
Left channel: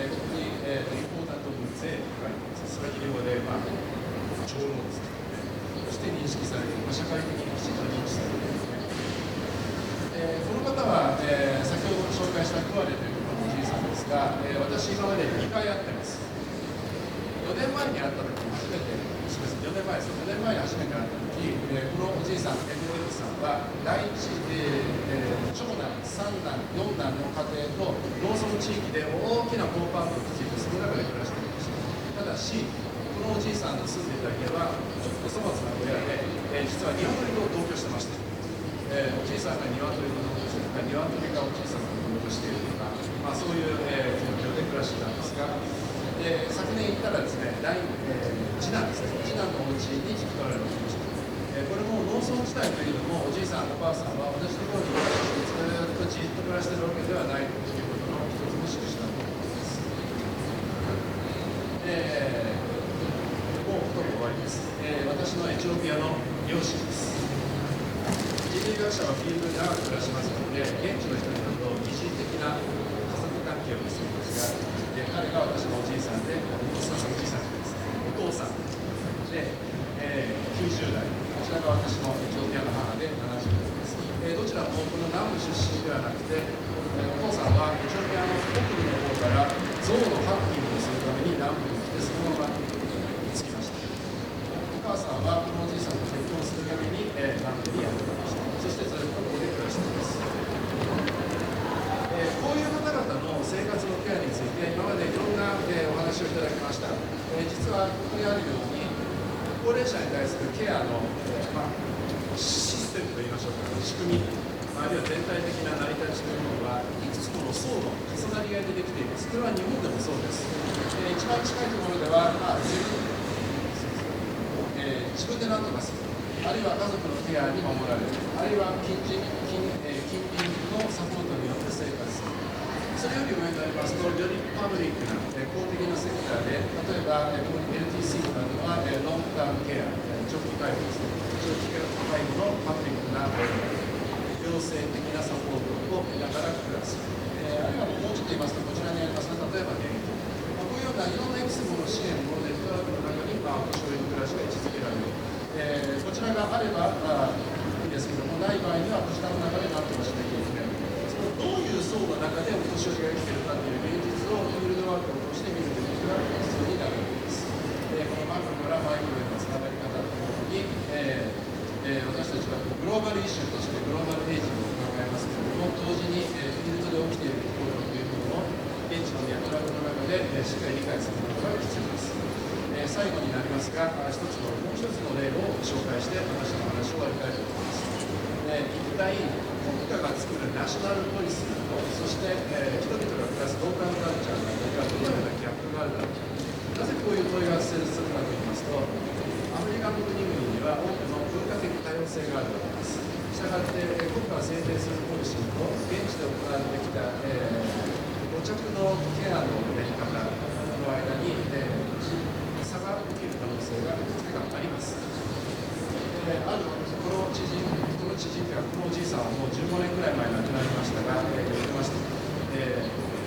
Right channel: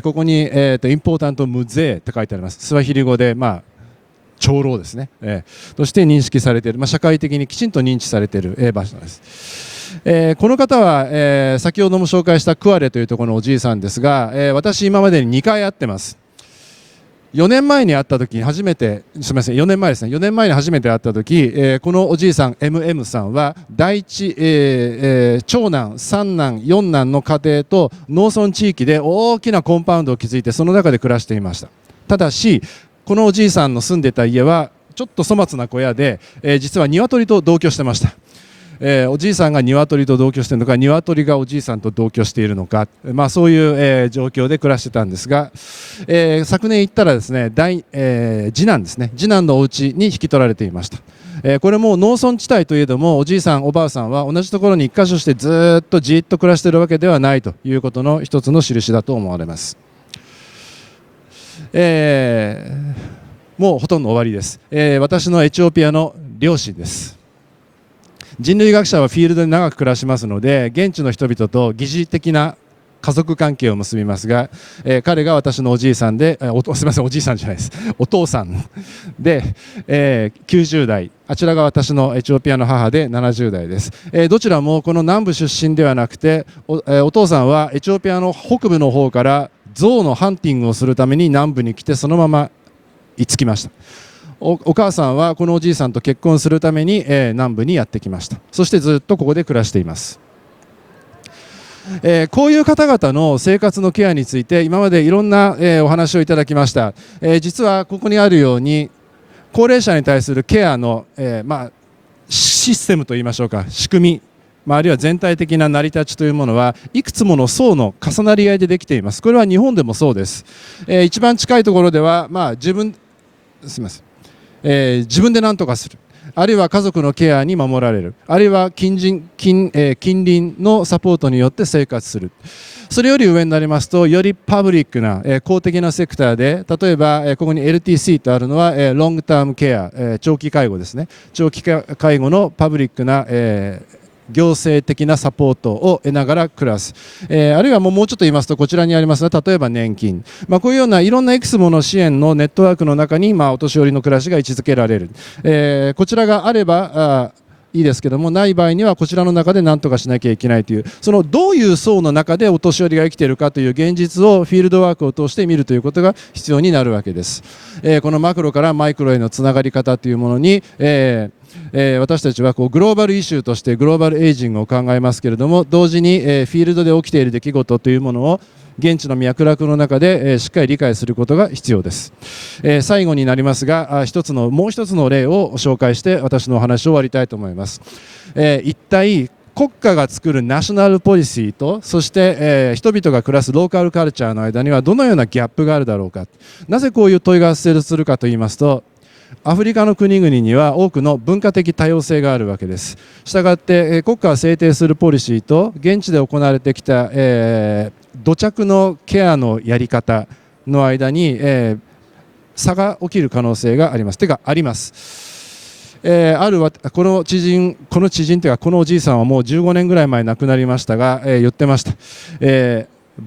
ここに、インポータントムゼーと書いてあります。スワヒリ語で、長老ですね、そして認識されている、社会的にきちんと認知されている、場所です。この方は、先ほども紹介したクアレというところのおじいさんですが、私今までに2回会ってます。4年前に会った時に初めて、すみません、4年前ですね、4年前に初めて会った時、このおじいさん MM さんは第一、長男、三男、四男の家庭と農村地域で大きなコンパウンドを築いてその中で暮らしていました。ただしこのおじいさんの住んでた家はちょっと粗末な小屋で、実は鶏と同居してました。おじいさんが鶏と同居しているのか、鶏がおじいさんと同居しているのか、そういう、状況で暮らしていたんですが、昨年行ったらですね、次男ですね、次男のお家に引き取られていました。これも農村地帯といえども、おじいさんおばあさんは同じところに一箇所してずっとじっと暮らしているわけではないということの一つの印だと思われます。もうほとんど終わりです。私のエチオピアの両親です。人類学者はフィールドで長く暮らしますので、現地の人々と疑似的な家族関係を結びますが、彼が私のおじいさんで、すみません、おじいさんじゃないです、お父さんで、90代、あちらが私のエチオピアの母で70代です。どちらもこの南部出身ではなくて、お父さんはエチオピアの北部の方から象のハンティングをするために南部に来て、そのまま居つきました。お母さんはこのおじいさんと結婚するために、南部にやってきました。そしてずっとここで暮らしています。こういう方々の生活のケアについて今までいろんな、お話をいただきました。実はここにあるように高齢者に対するケアの、システムといいましょうか、仕組み、あるいは全体的な成り立ちというものはいくつもの層の重なり合いでできています。これは日本でもそうです。一番近いところでは、自分で何とかする、あるいは家族のケアに守られる、あるいは近隣のサポートによって生活する。それより上になりますと、よりパブリックな、公的なセクターで、例えば、ここに LTC とあるのは、ロングタームケア、長期介護ですね。長期介護のパブリックな、行政的なサポートを得ながら暮らす。あるいはもうちょっと言いますと、こちらにありますが、例えば年金、こういうようないろんないくつもの支援のネットワークの中に、お年寄りの暮らしが位置づけられる。こちらがあればいいですけども、ない場合にはこちらの中で何とかしなきゃいけないという、そのどういう層の中でお年寄りが生きているかという現実をフィールドワークを通して見るということが必要になるわけです。このマクロからマイクロへのつながり方というものに、私たちはグローバルイシューとしてグローバルエイジングを考えますけれども、同時に、フィールドで起きている出来事というものを現地の脈絡の中で、しっかり理解することが必要です。最後になりますが、もう一つの例を紹介して私のお話を終わりたいと思います。一体国家が作るナショナルポリシーと、そして、人々が暮らすローカルカルチャーの間にはどのようなギャップがあるだろうか。なぜこういう問いが発生するかといいますと、アフリカの国々には多くの文化的多様性があるわけです。したがって、国家が制定するポリシーと現地で行われてきた、土着のケアのやり方の間に、差が起きる可能性があります。というかあります。この知人というかこのおじいさんはもう15年ぐらい前に亡くなりましたが、言ってました。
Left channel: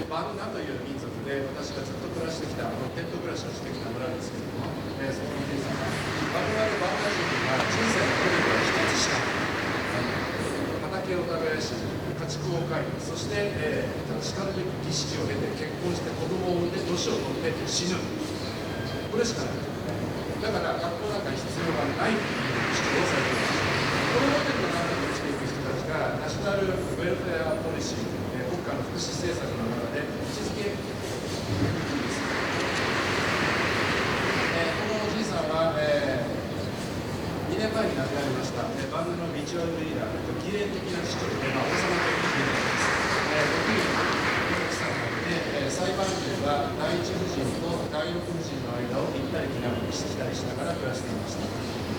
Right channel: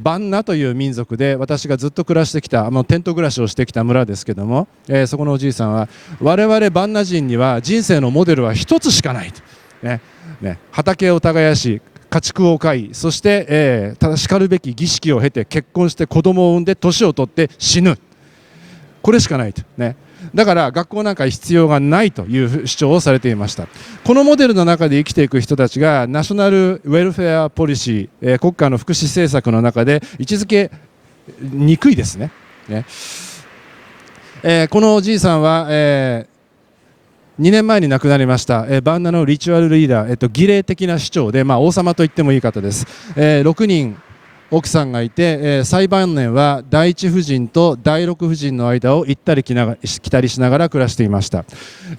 バンナという民族で私がずっと暮らしてきたテント暮らしをしてきた村ですけども、そこのおじいさんは我々バンナ人には人生のモデルは一つしかないと、畑を耕し家畜を飼い、そして、ただしかるべき儀式を経て結婚して子供を産んで年を取って死ぬ、これしかないと、だから学校なんか必要がないという主張をされていました。このモデルの中で生きていく人たちがナショナルウェルフェアポリシー、国家の福祉政策の中で位置づけにくいですね。このおじいさんは、2年前に亡くなりました、バンナのリチュアルリーダー、儀礼的な市長で、王様と言ってもいい方です。6人奥さんがいて、最晩年は第一夫人と第六夫人の間を行ったり来たりしながら暮らしていました。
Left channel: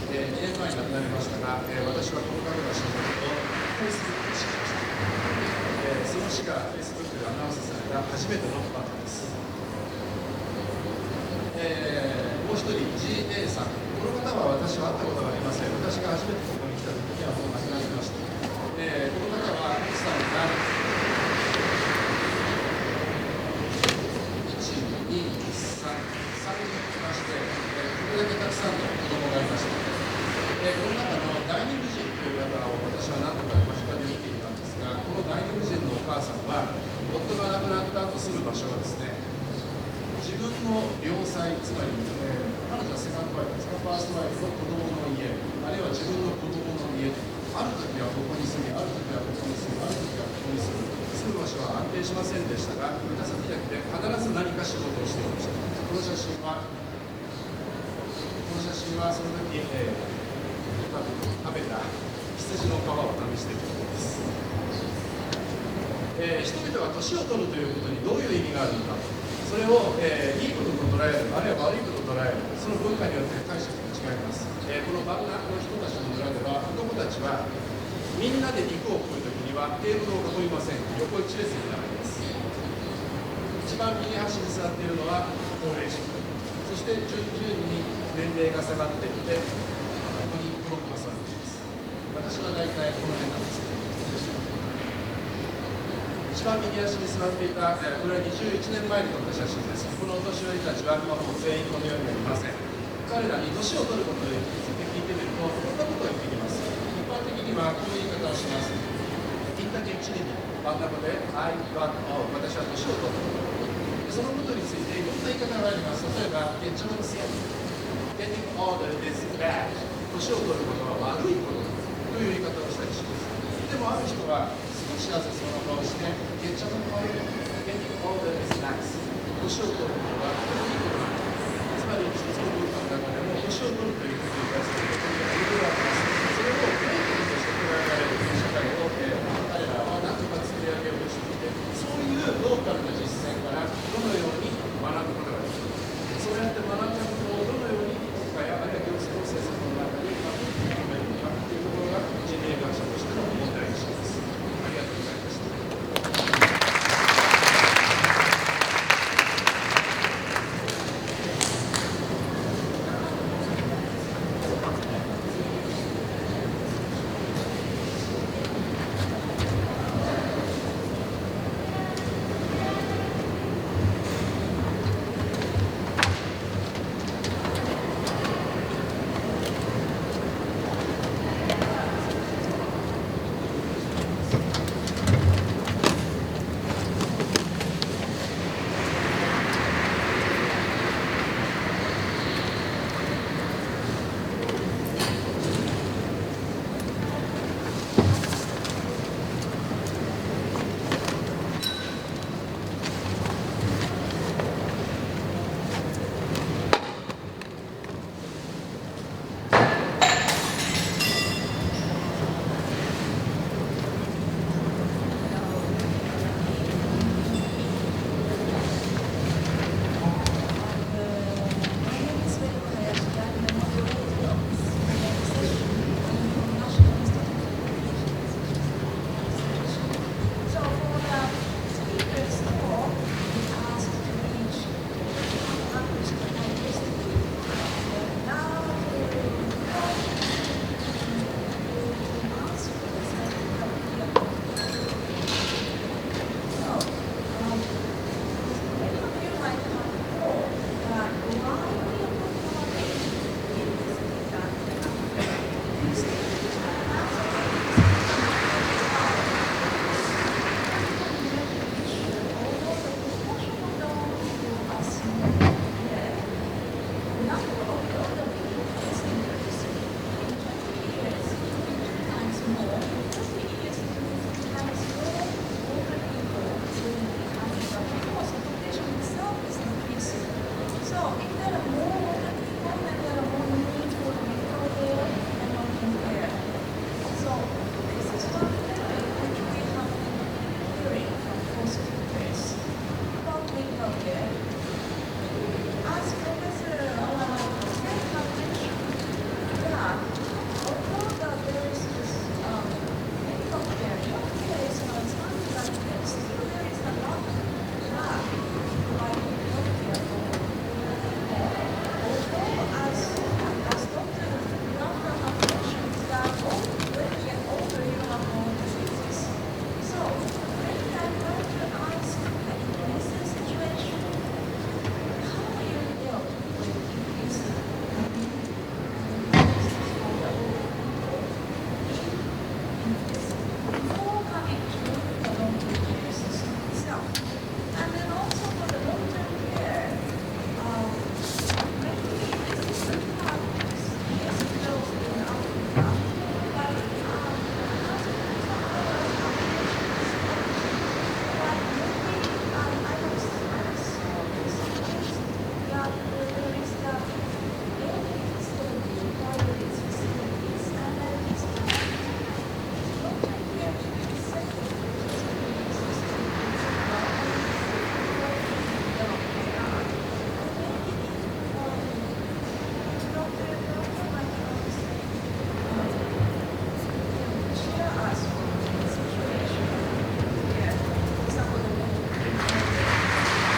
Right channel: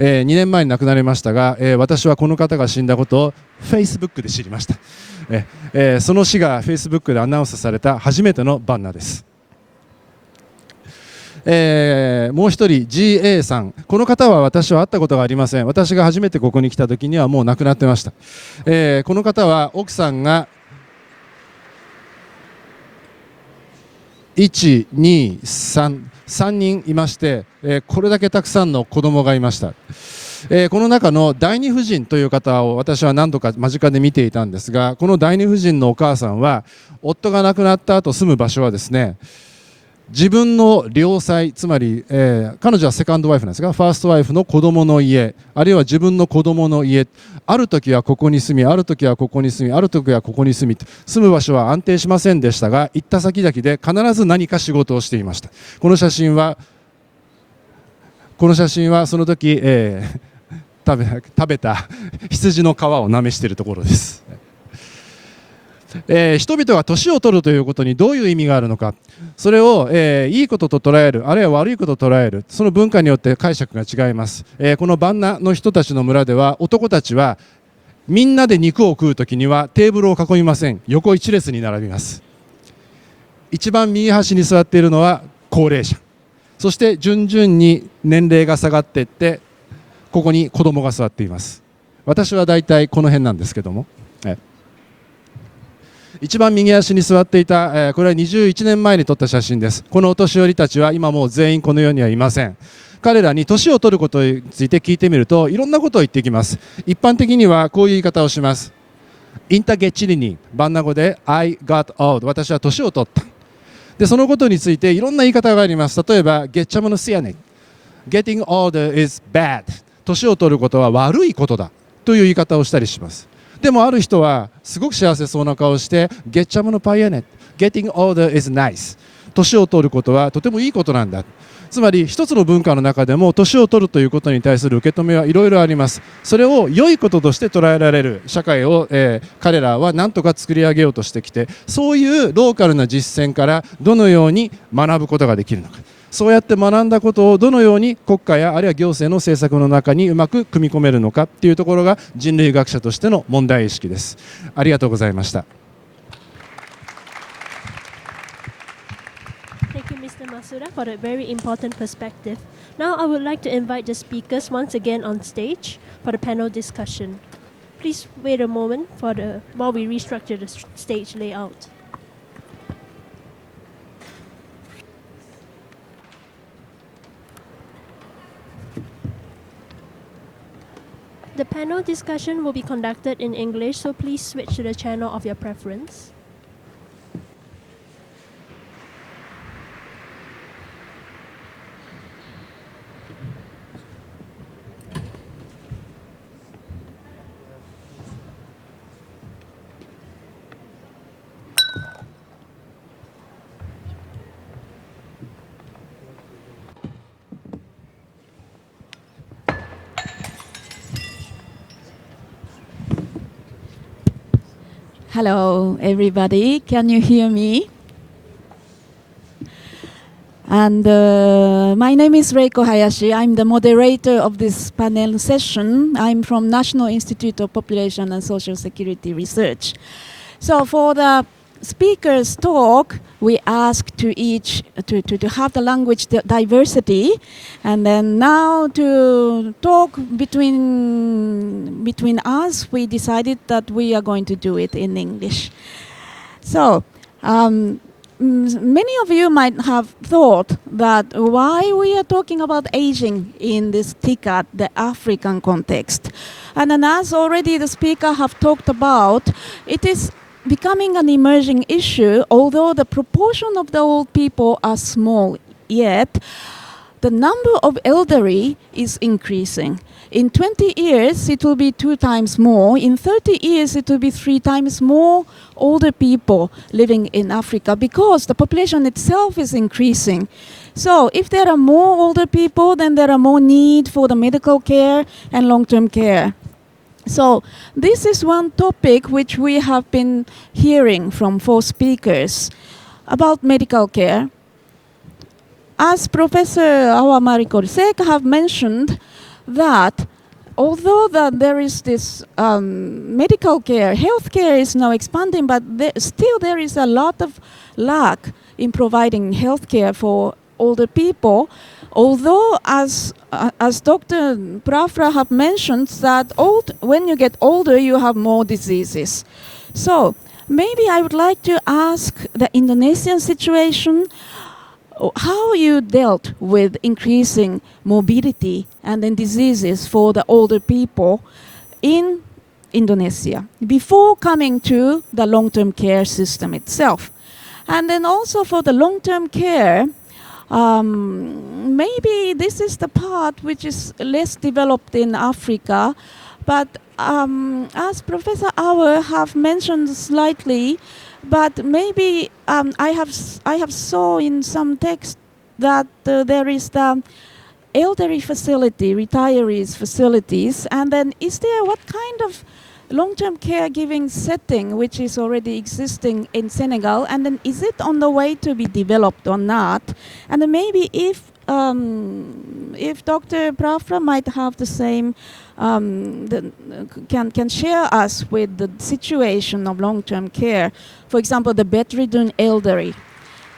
2年前に亡くなりましたが、私はこの方が死んだことを Facebook で知りました。その死が Facebook でアナウンスされた初めてのバンナです。もう一人 GA さん、この方は私は会ったことがありません。私が初めてここに来た時にはもう亡くなってました。この方は奥さんが1、2、3人いまして、これだけたくさんの子供がいました。この中の第二夫人という方を私は何度か間近で見ていたんですが、この第二夫人のお母さんは夫が亡くなった後住む場所はですね、自分の良妻、つまり、彼女はセカンドワイフなんですが、ファーストワイフの子供の家、あるいは自分の子供の家、ある時はここに住み、ある時はここに住み、ある時はここに住み、住む場所は安定しませんでしたが、行った先々で必ず何か仕事をしていました。この写真はその時、食べた羊の皮をなめしているところです。人々が年を取るということにどういう意味があるのか、それを、いいことと捉える、あるいは悪いことと捉える、その文化によって解釈が違います。このバンナの人たちの村では、男たちはみんなで肉を食うときにはテーブルを囲みません。横一列に並びます。一番右端に座っているのは高齢者、そして順々に年齢が下がっていって、ここに子供が座っています。私はだいたいこの辺なんですけども、一番右足に座っていた、これは21年前に撮った写真です。このお年寄りたちは今もう全員この世にはいません。彼らに年を取ることについて聞いてみると、いろんなことを言ってきます。一般的にはこういう言い方をします。インタゲチリにバンナ語で I got old、 私は年を取った。でそのことについていろんな言い方があります。例えばゲッチャムのシアニ、 Getting older is bad、 年を取ることは悪いことだという言い方をしたりします。でもある人はすごく幸せそうな顔して、ゲッチャムのパイアネ、 Getting older is nice、 年を取ることはとてもいいことなんだ。つまり一つの文化の中でも年を取るということに対する受け止めはいろいろあります。それを良いこととして捉えられる社会を、彼らは何とか作り上げようとしてきて、そういうローカルな実践からどのように学ぶことができるのか、そうやって学んだことをどのように国家やあるいは行政の政策の中にうまく組み込めるのかというところが人類学者としての問題意識です。ありがとうございました。For a very important perspective. Now I would like to invite the speakers once again on stage for the panel discussion. Please wait a moment while we restructure the stage layout. The panel discussion will be conducted in English, so please switch to the channel of your preference. Hello, everybody. Can you hear me? And my name is Reiko Hayashi. I'm the moderator of this panel session. I'm from National Institute of Population and Social Security Research. So for the speakers' talk, we ask to each to have the language diversity, and then now to talk between us, we decided that we are going to do it in English. So many of you might have thought that why we are talking about aging in this TICAD, the African context. And then as already the speaker have talked about, it is becoming an emerging issue, although the proportion of the old people are small yet, the number of elderly is increasing. In 20 years, it will be 2 times more. In 30 years, it will be 3 times more older people living in Africa because the population itself is increasing. So if there are more older people, then there are more need for the medical care and long-term care. So this is one topic which we have been hearing from 4 speakers about medical care. As Professor Awamariko Sek have mentioned, that although that there is this medical care, healthcare is now expanding, but still there is a lot of lack in providing healthcare for older people. Although, as Dr. Prafra have mentioned, that when you get older, you have more diseases. So maybe I would like to ask the Indonesian situation, how you dealt with increasing morbidity and then diseases for the older people in Indonesia before coming to the long-term care system itself. And then also for the long-term care, maybe this is the part which is less developed in Africa, but as Professor Auer have mentioned slightly, but maybe I have saw in some text that there is the elderly facility, retirees facilities, and then is there what kind of long-term caregiving setting which is already existing in Senegal, and then is it on the way to be developed or not? And then maybe if Dr. Prafra might have the same, can share us with the situation of long-term care, for example, the bedridden elderly.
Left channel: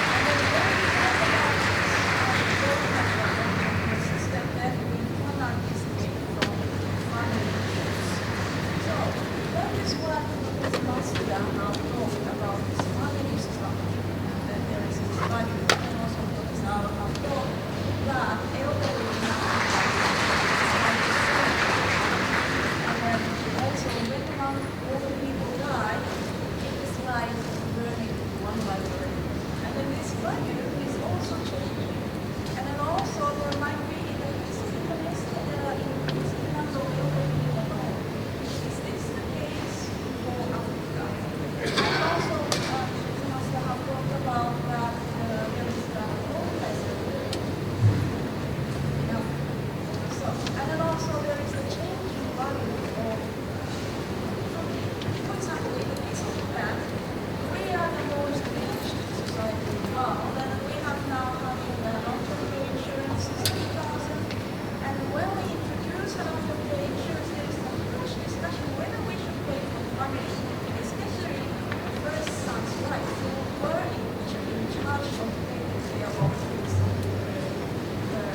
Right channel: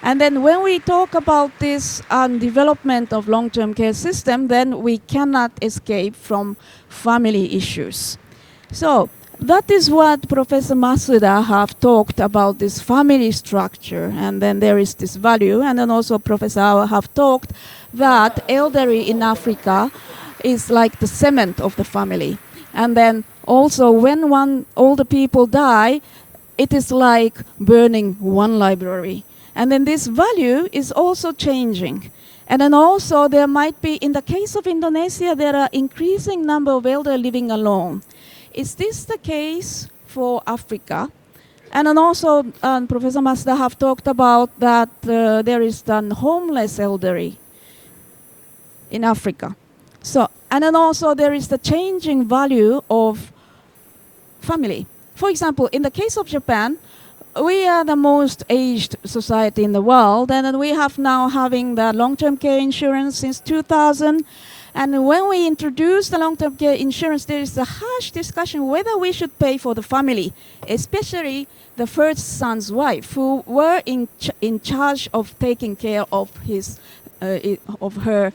And then when we talk about this development of long-term care system, then we cannot escape from family issues. So that is what Professor Masuda have talked about, this family structure, and then there is this value. And then also Professor Awa have talked that elderly in Africa is like the cement of the family. And then also when one older people die, it is like burning one library. And then this value is also changing. And then also there might be, in the case of Indonesia, there are increasing number of elderly living alone. Is this the case for Africa? And then also Professor Masuda have talked about that there is the homeless elderly in Africa. So, and then also there is the changing value of family. For example, in the case of Japan, we are the most aged society in the world, and we have now having the long-term care insurance since 2000. And when we introduced the long-term care insurance, there is a harsh discussion whether we should pay for the family, especially the first son's wife, who were in charge of taking care of her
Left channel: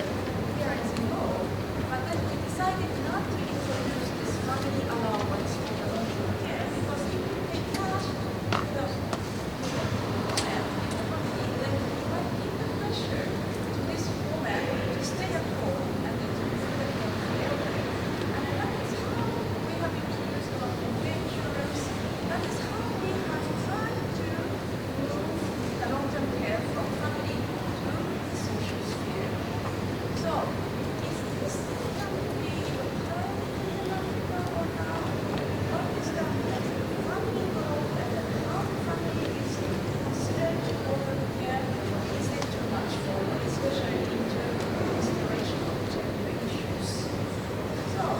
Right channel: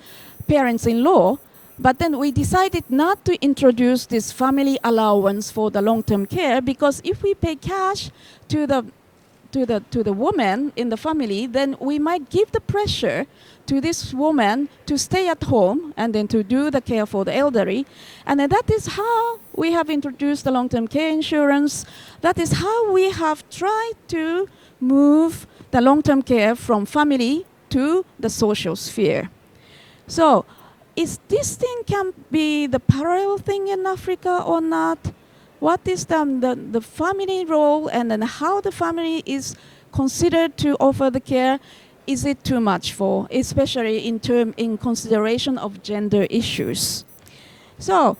parents-in-law. But then we decided not to introduce this family allowance for the long-term care, because if we pay cash to the woman in the family, then we might give the pressure to this woman to stay at home and then to do the care for the elderly. And that is how we have introduced the long-term care insurance. That is how we have tried to move the long-term care from family to the social sphere. So, is this thing can be the parallel thing in Africa or not? What is the family role, and then how the family is considered to offer the care? Is it too much for, especially in consideration of gender issues? So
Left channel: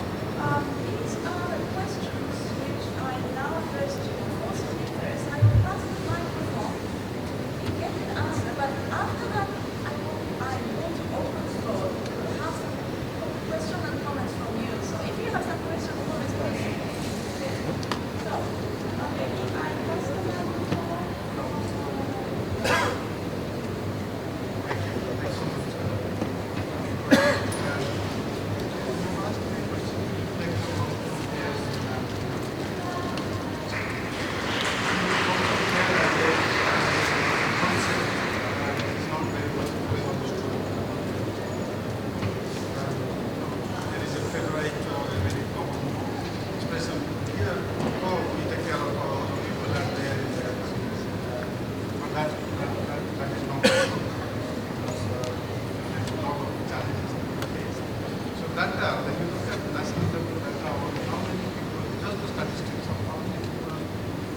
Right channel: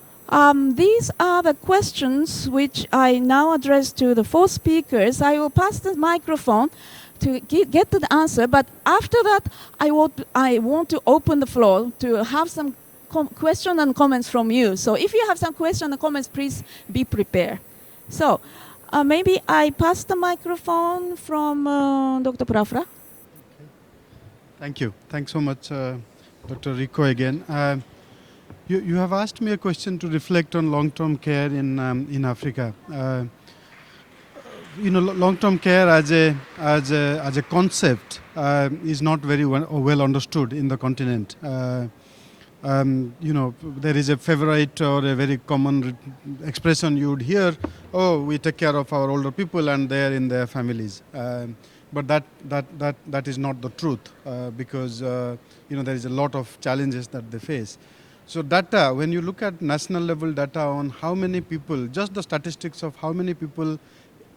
these are the questions which I now address to the 4 speakers. I will pass the microphone to get to the answer, but after that I want to open the floor to have some questions and comments from you. So if you have some questions and comments, please be prepared. So maybe I pass the microphone from Dr. Prafra. Thank you. Thanks so much, Dr. Rico again. You have asked me a question to reflect on long-term care in Africa. Long-term care as a concept is not very well understood in the continent. There is a favorite or a very common expression you would hear, oh, we take care of our older people and they're in their families. But that is not the truth because there is a lot of challenges that they face. So data, when you look at national level data on how many people, just the statistics of how many people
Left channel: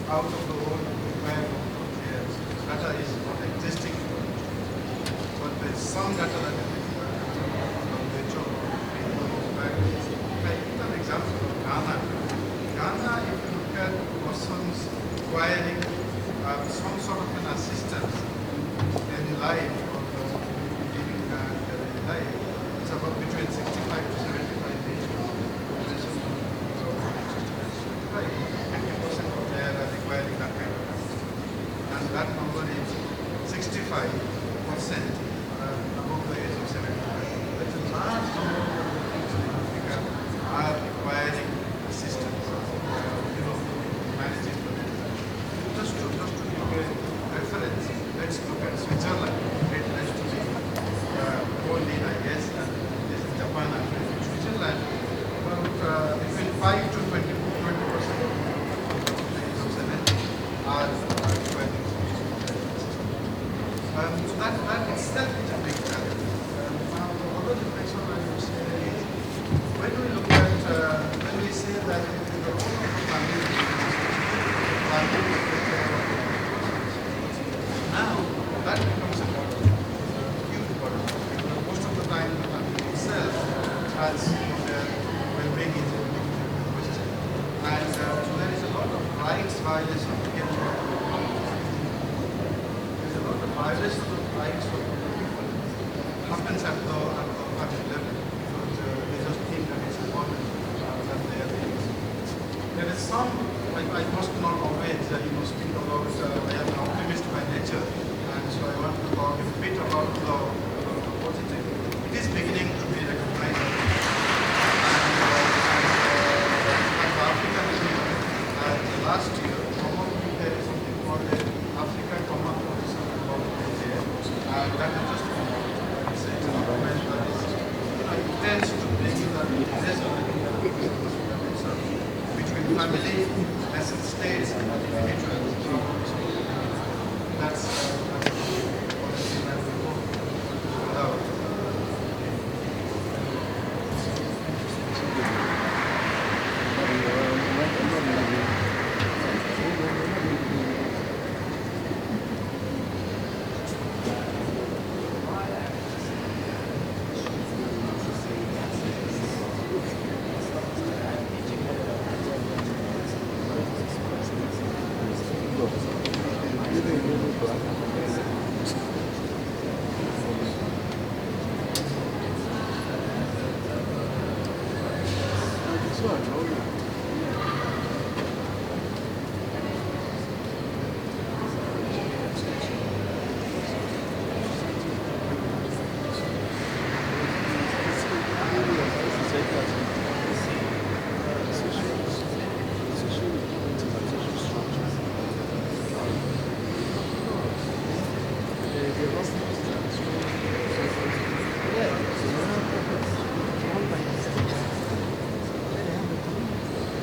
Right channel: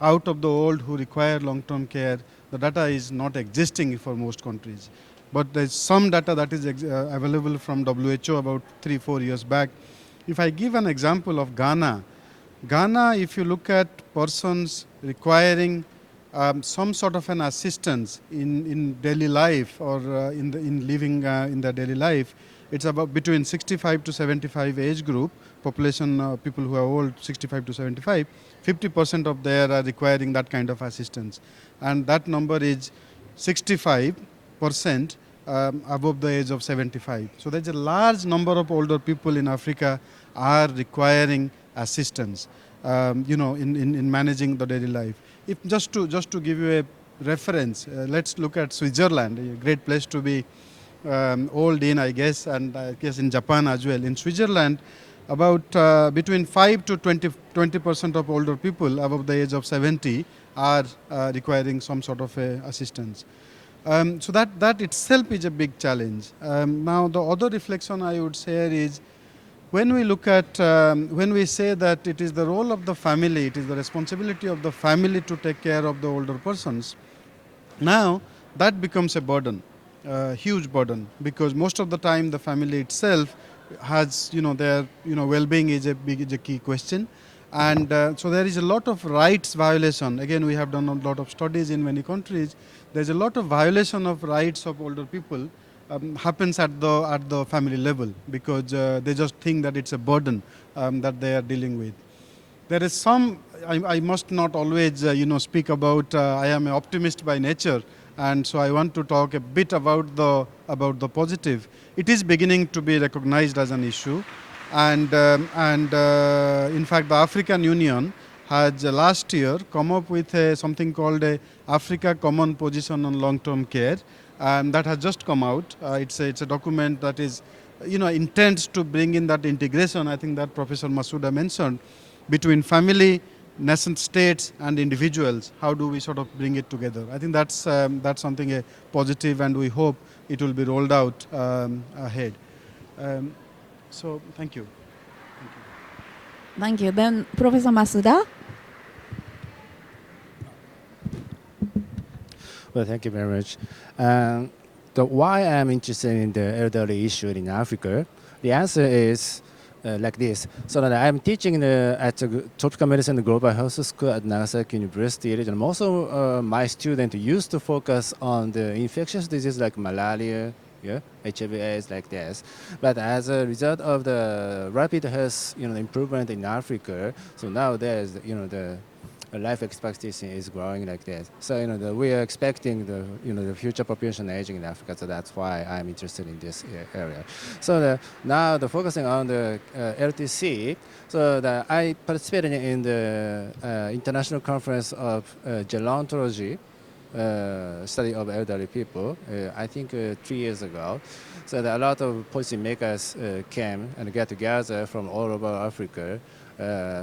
out of the old who require long-term care, the data is not existing for most countries. But there is some data that is available from WHO about 3-4 years back. If I give an example of Ghana, if you look at persons requiring some sort of an assistance in daily life or in living in their daily life, it's about between 65 to 75 age group, population people who are old, 65 to 75, 50% of them are requiring that kind of assistance. And that number is 65% above the age of 75. So there's a large number of older people in Africa are requiring assistance, in managing the daily life. Just to give you a reference, let's look at Switzerland, great place to be old in, I guess, and yes, in Japan as well. In Switzerland, about between 5 to 20% of older people above the age of 70 are requiring some sort of assistance. So that itself is a big challenge. Now, the other reflection I would share is when we look at, when we say that it is the role of the family, it is the responsibility of the family to take care of the older persons, now that becomes a burden, a huge burden, because most of the time the family itself has, their, well-being is a key question. And so there is a lot of rights violation. Again, we have done a lot of studies in many countries. There's a lot of violation of rights of older people happens at the family level because they just think that it's a burden that they are dealing with. There is some, I must not always speak about, I am an optimist by nature, and so I want to talk a bit about the positive. It is beginning to be recognized as an issue, and in fact the African Union has last year come up with something called a Africa Common Position on Long-Term Care, and that has just come out. It's a document that is, intends to bring in that integration. I think that Professor Masuda mentioned between family, nation states, and individuals. How do we sort of bring it together? I think that's something positive, and we hope it will be rolled out ahead. Thank you. Then Professor Masuda. Well, thank you very much. Why I'm interested in the elderly issue in Africa, the answer is like this. So that I'm teaching at the Tropical Medicine Global Health School at Nagasaki University, and also my students used to focus on the infectious diseases like malaria, HIV/AIDS, like this. But as a result of the rapid health improvement in Africa, so now the life expectancy is growing like that. So we are expecting the future population age in Africa, so that's why I'm interested in this. So now the focusing on the LPC, so I participated in the international conference of gerontology, study of elderly people, I think 2 years ago. So that a lot of policymakers can get together from all over Africa.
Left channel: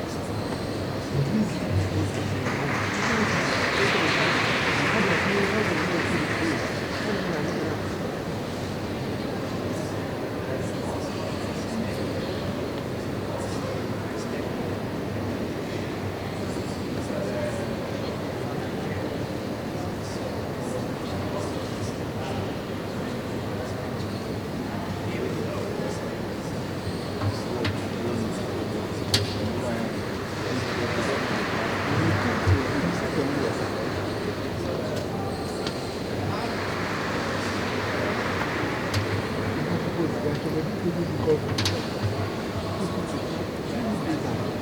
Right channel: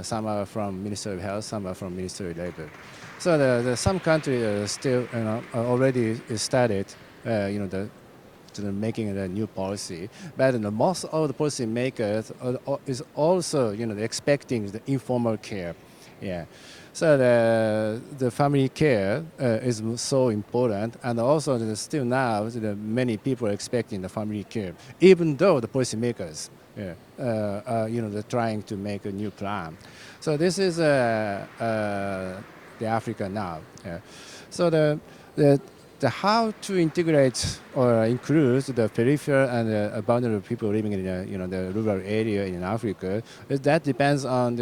Some are from Ministry of Health, some are from Ministry of Health. So some countries still already started making a new policy. But most of the policymakers is also expecting informal care. Yeah. So the family care is so important, and also still now many people are expecting the family care, even though the policymakers are trying to make a new plan. So this is Africa now. So the how to integrate or include the peripheral and boundary people living in the rural area in Africa, that depends on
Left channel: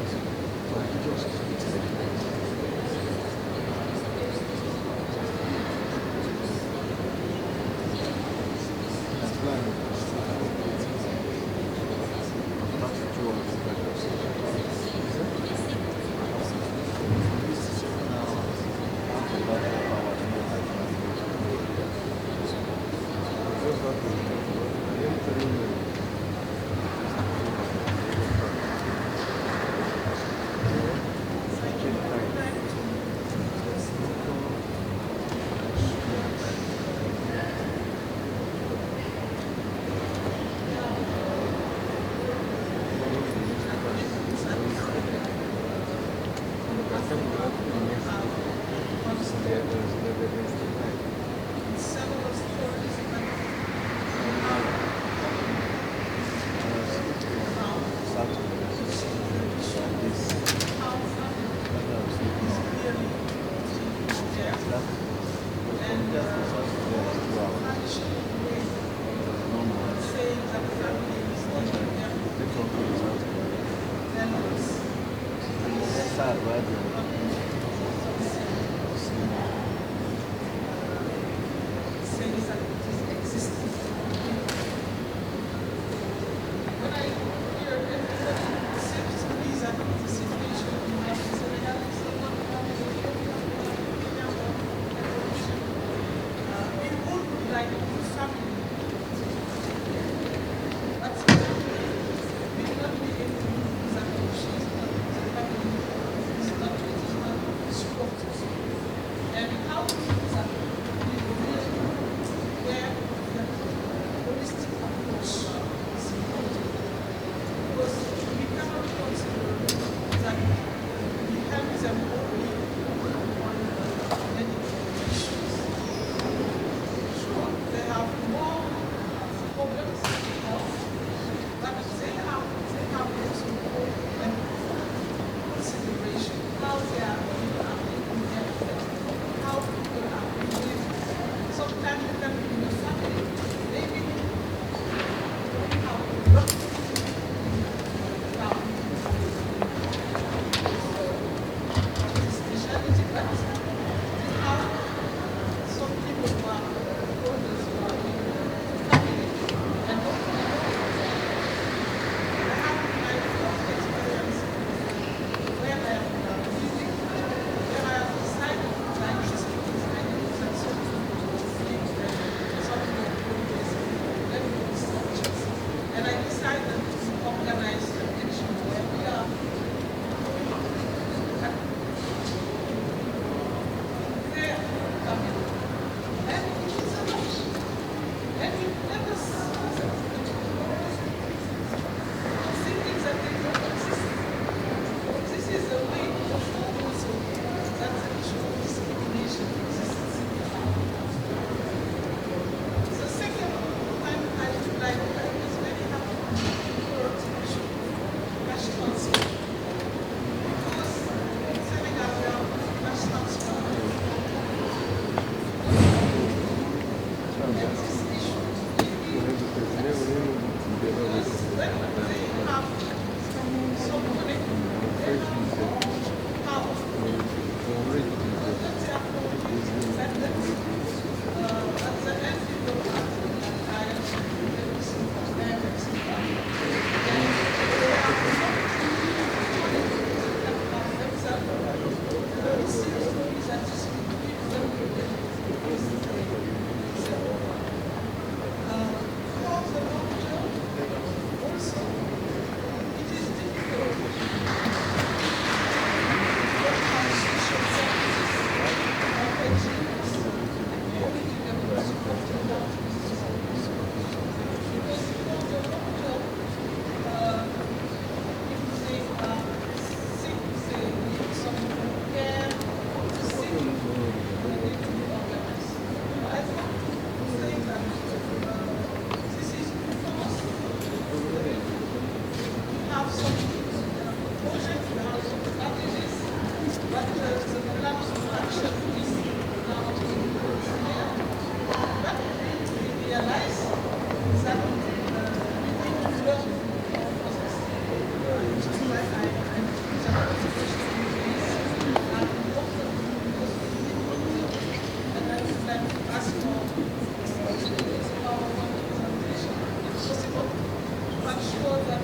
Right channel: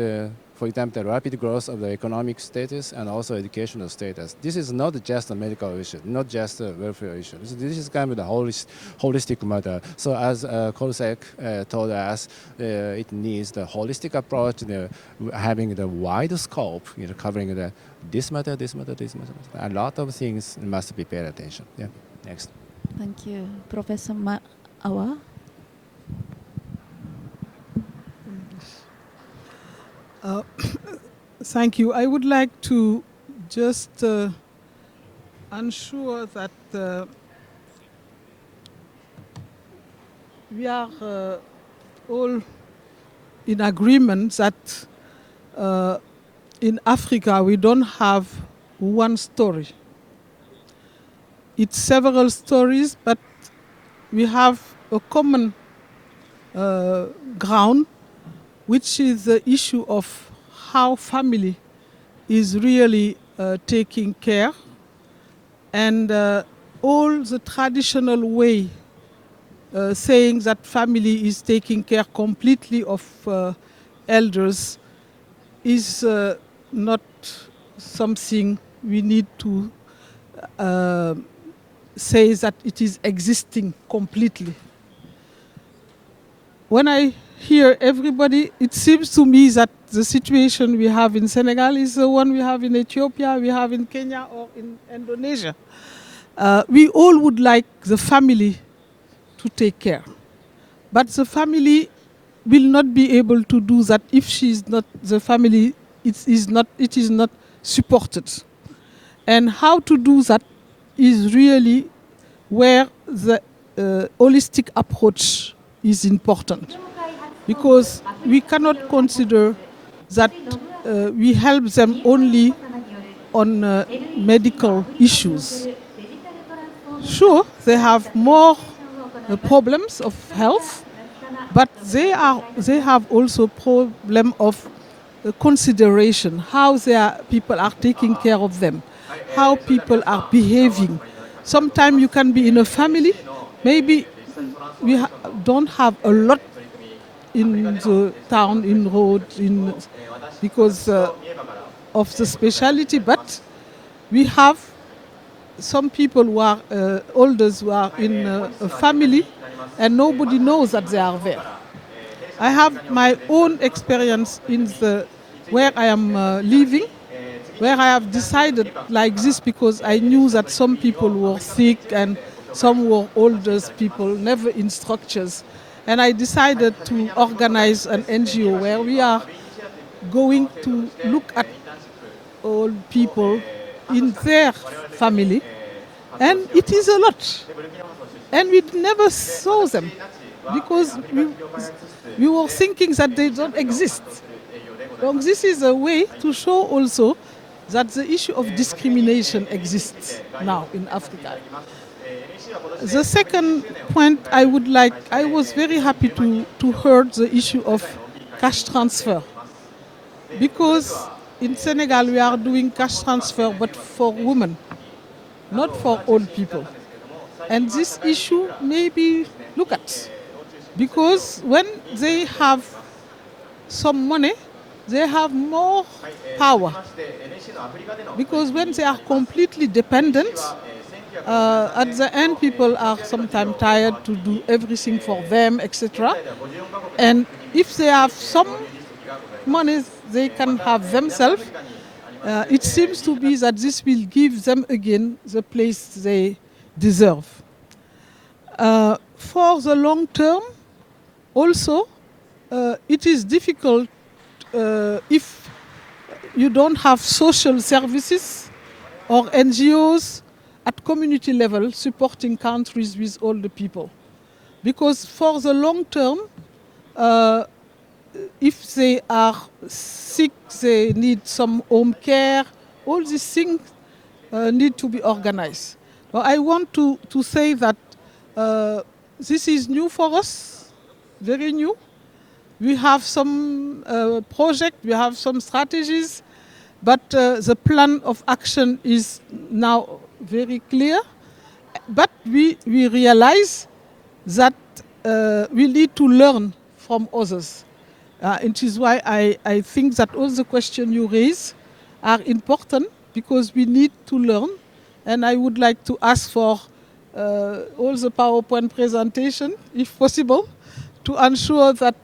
for example, the rapid growth of the economic status and also educational status. This is not just a medical issue, not just a peripheral issue. So this is kind of the holistic matter. So as COSEC told us, it needs the holistic approach, having the wide scope, covering this matter, this matter, this matter. A lot of things must be paid attention to. Professor Thank you. I would like to just ensure that we are all in agreement that in Africa we don't have one story. It's several stories, but we have a common ground, which is the issue of how family is really taking care, and all the traditional way saying that family is taking care completely of elders is not something we need to say that it is existing completely. When I hear everybody, it seems to me that the situation we have in Senegal is the one we have in Ethiopia, we have in Kenya, or in Indonesia. We all would like the family to take care. But the family will not be able to do that if she is not, the family it is not supported. And how to do that is really where the holistic approach is important. Because we cannot consider that we help them only on medical issues. Sure, they have more problems of health, but they have also problem of consideration, how people are taking care of them, how people are behaving. Sometimes you can be in a family, maybe we don't have a lot in the town, in road, because of the specialty, but we have some people who are elders who are in a family and nobody knows that they are there. I have my own experience in where I am living, where I have decided like this because I knew that some people were sick and some were older people, never in structures. And I decided to organize an NGO where we are going to look at all people in their family. And it is a lot. And we never saw them because we were thinking that they don't exist. So this is a way to show also that the issue of discrimination exists now in Africa. The second point I was very happy to hear the issue of cash transfer. Because in Senegal we are doing cash transfer but for women, not for old people. And this issue maybe look at, because when they have some money, they have more power. Because when they are completely dependent, at the end people are sometimes tired to do everything for them, etc. And if they have some money they can have themselves, it seems to me that this will give them again the place they deserve. For the long term, also, it is difficult if you don't have social services or NGOs at community level supporting countries with all the people. Because for the long term, if they are sick, they need some home care, all these things need to be organized. I want to say that this is new for us, very new. We have some projects, we have some strategies, but the plan of action is now very clear. But we realize that we need to learn from others. Which is why I think that all the questions you raise are important because we need to learn. And I would like to ask for all the PowerPoint presentation, if possible, to ensure that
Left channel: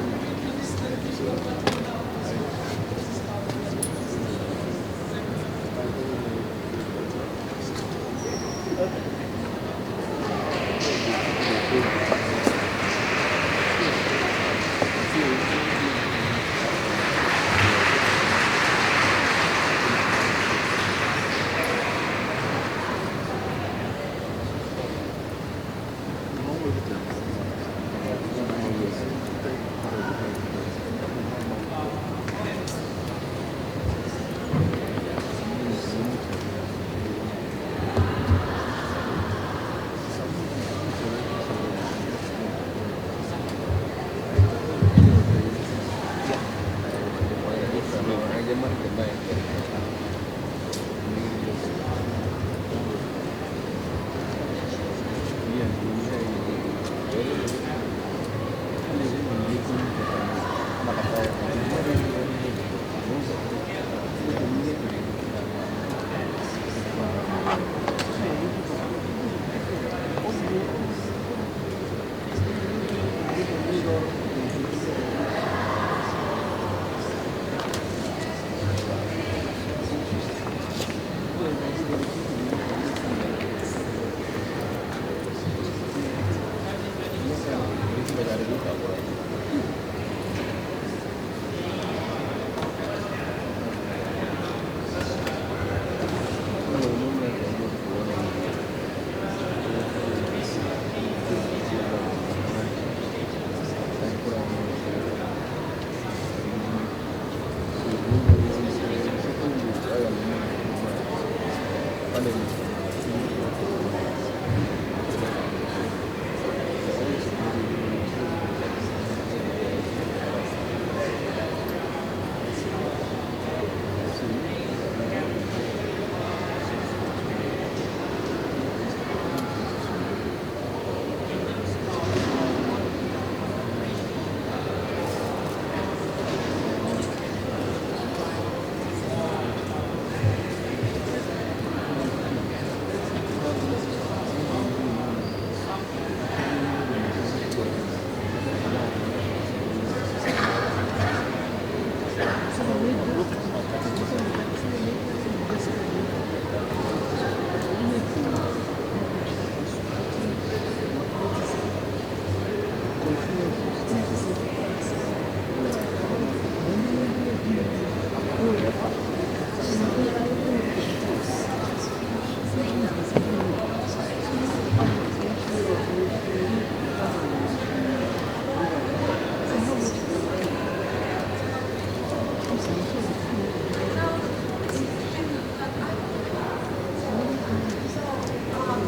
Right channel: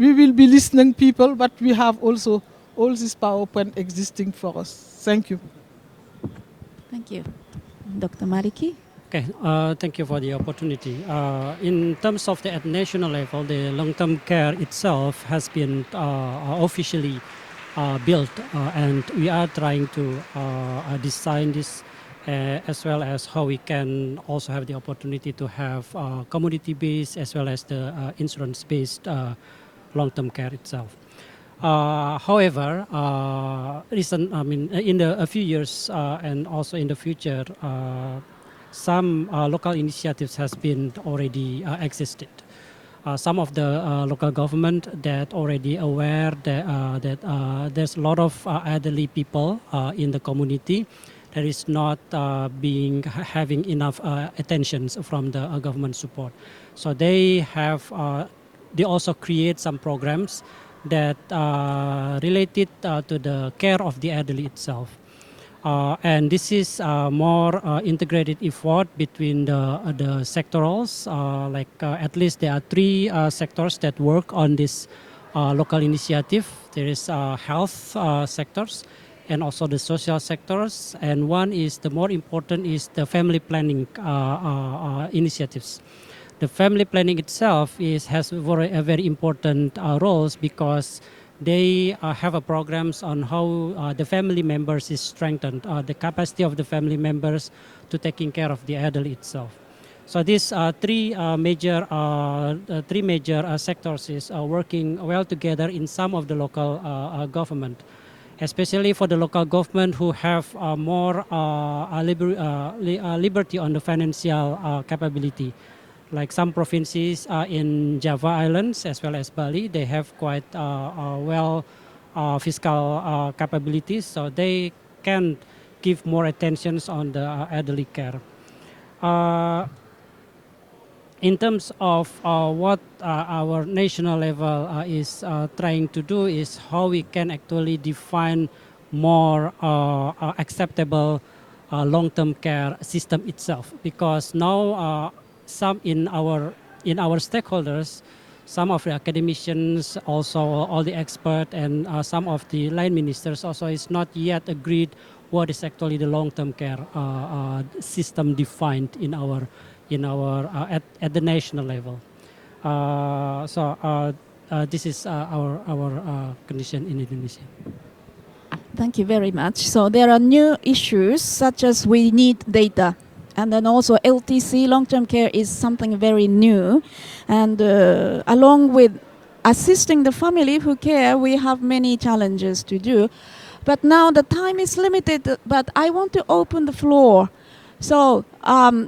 we will be listening people, but we have also all this PowerPoint existing for us. Thank you. Dr. Mariki. Okay, thank you for the opportunity. In terms of the national level, the long-term care itself has been officially built, and we are trying to design this as well as how we can also have the opportunity to have commodity-based as well as the insurance-based long-term care itself. However, in a few years and also in the future, some local initiatives has been already existed. Some of the local government that already aware that there's a lot of elderly people in the community that is not having enough attention from the government support. So they also create some programs that related to the care of the elderly itself. And this is more integrated effort between the sectorals. At least there are three sectors that work on this local initiative. There is health sectors and also the social sectors. And one is the more important is the family planning initiatives. The family planning itself has a very important roles because they have programs on how the family members is strengthened, the capacity of the family members to taking care of the elderly itself. So these three major sectors is working well together in some of the local government, especially for the local government who have more liberty on the financial capability. Like some provinces in Java Islands as well as Bali, they have quite fiscal capabilities, so they can give more attention on the elderly care. In terms of what our national level is trying to do is how we can actually define more acceptable long-term care system itself, because now some in our stakeholders, some of the academicians, also all the experts, and some of the line ministers also is not yet agreed what is actually the long-term care system defined at the national level. This is our position. Thank you very much. So there are new issues such as we need data, and then also LTC, long-term care, is something very new. And along with assisting the family who care, we have many challenges to do. But now the time is limited, but I want to open the floor. So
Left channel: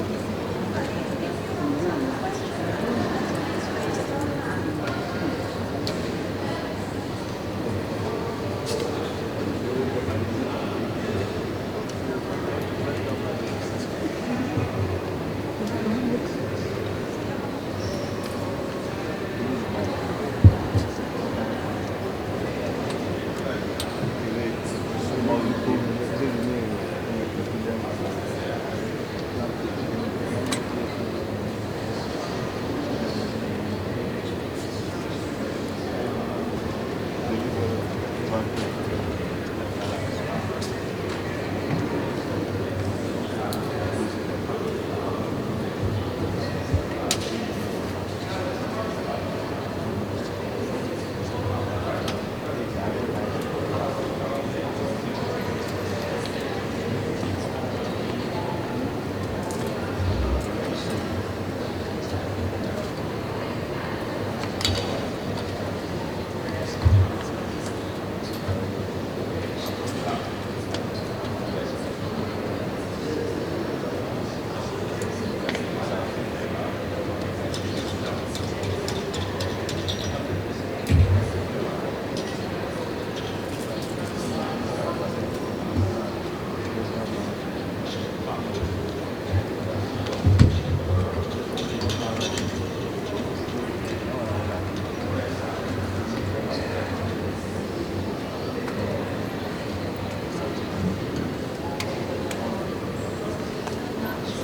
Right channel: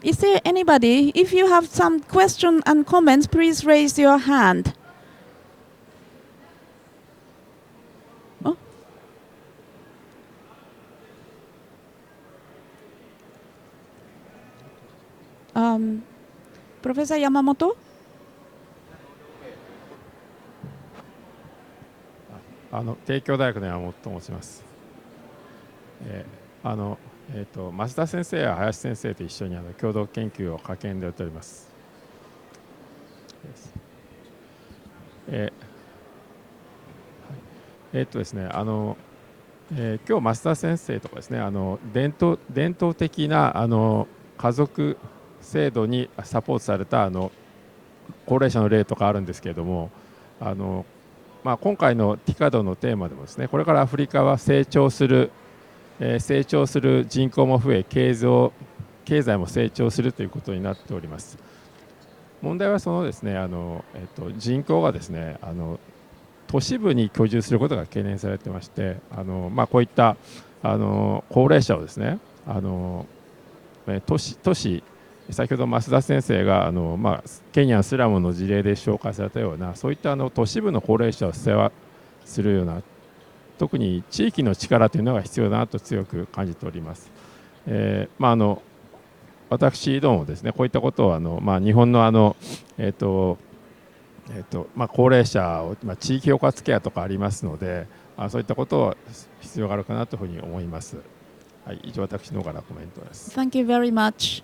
is there anybody, if you have some questions and comments, please raise your hand. Professor Yamamoto? 帝京大学では増田先生や林先生と一緒に共同研究を駆け込んでおります。ですね、今日増田先生とですね、伝統的な家族制度にサポートされた高齢者の例とかあるんですけれども、今回のTICADのテーマでですね、これからアフリカは成長する人口も増え、経済も成長するということになっております。問題はそのですね、人口がですね、都市部に居住することが懸念されていまして、こういった高齢者をですね、都市先ほど増田先生がケニアスラムの事例で紹介されたような、そういった都市部の高齢者を世話するような、特に地域の力というのが必要だなと強く感じております。私どももですね、こういったことを日本の高齢者地域包括ケアとかありますので、そういったことは必要があるかなというふうに思います。私の方から。Thank you very much.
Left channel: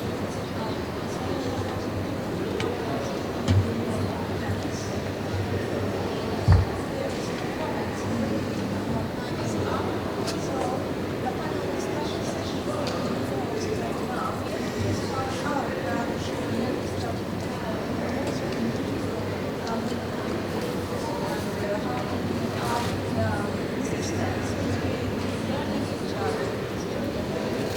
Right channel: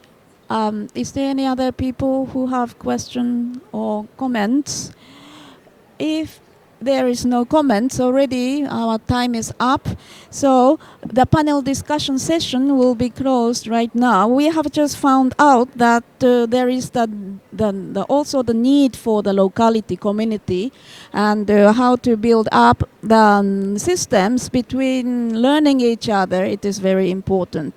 Is there any other people who have questions or comments? If there is no comments already, our time is up. So the panel discussion session will be closed right now. We have just found out that there is also the need for the locality community and how to build up the systems between learning each other. It is very important.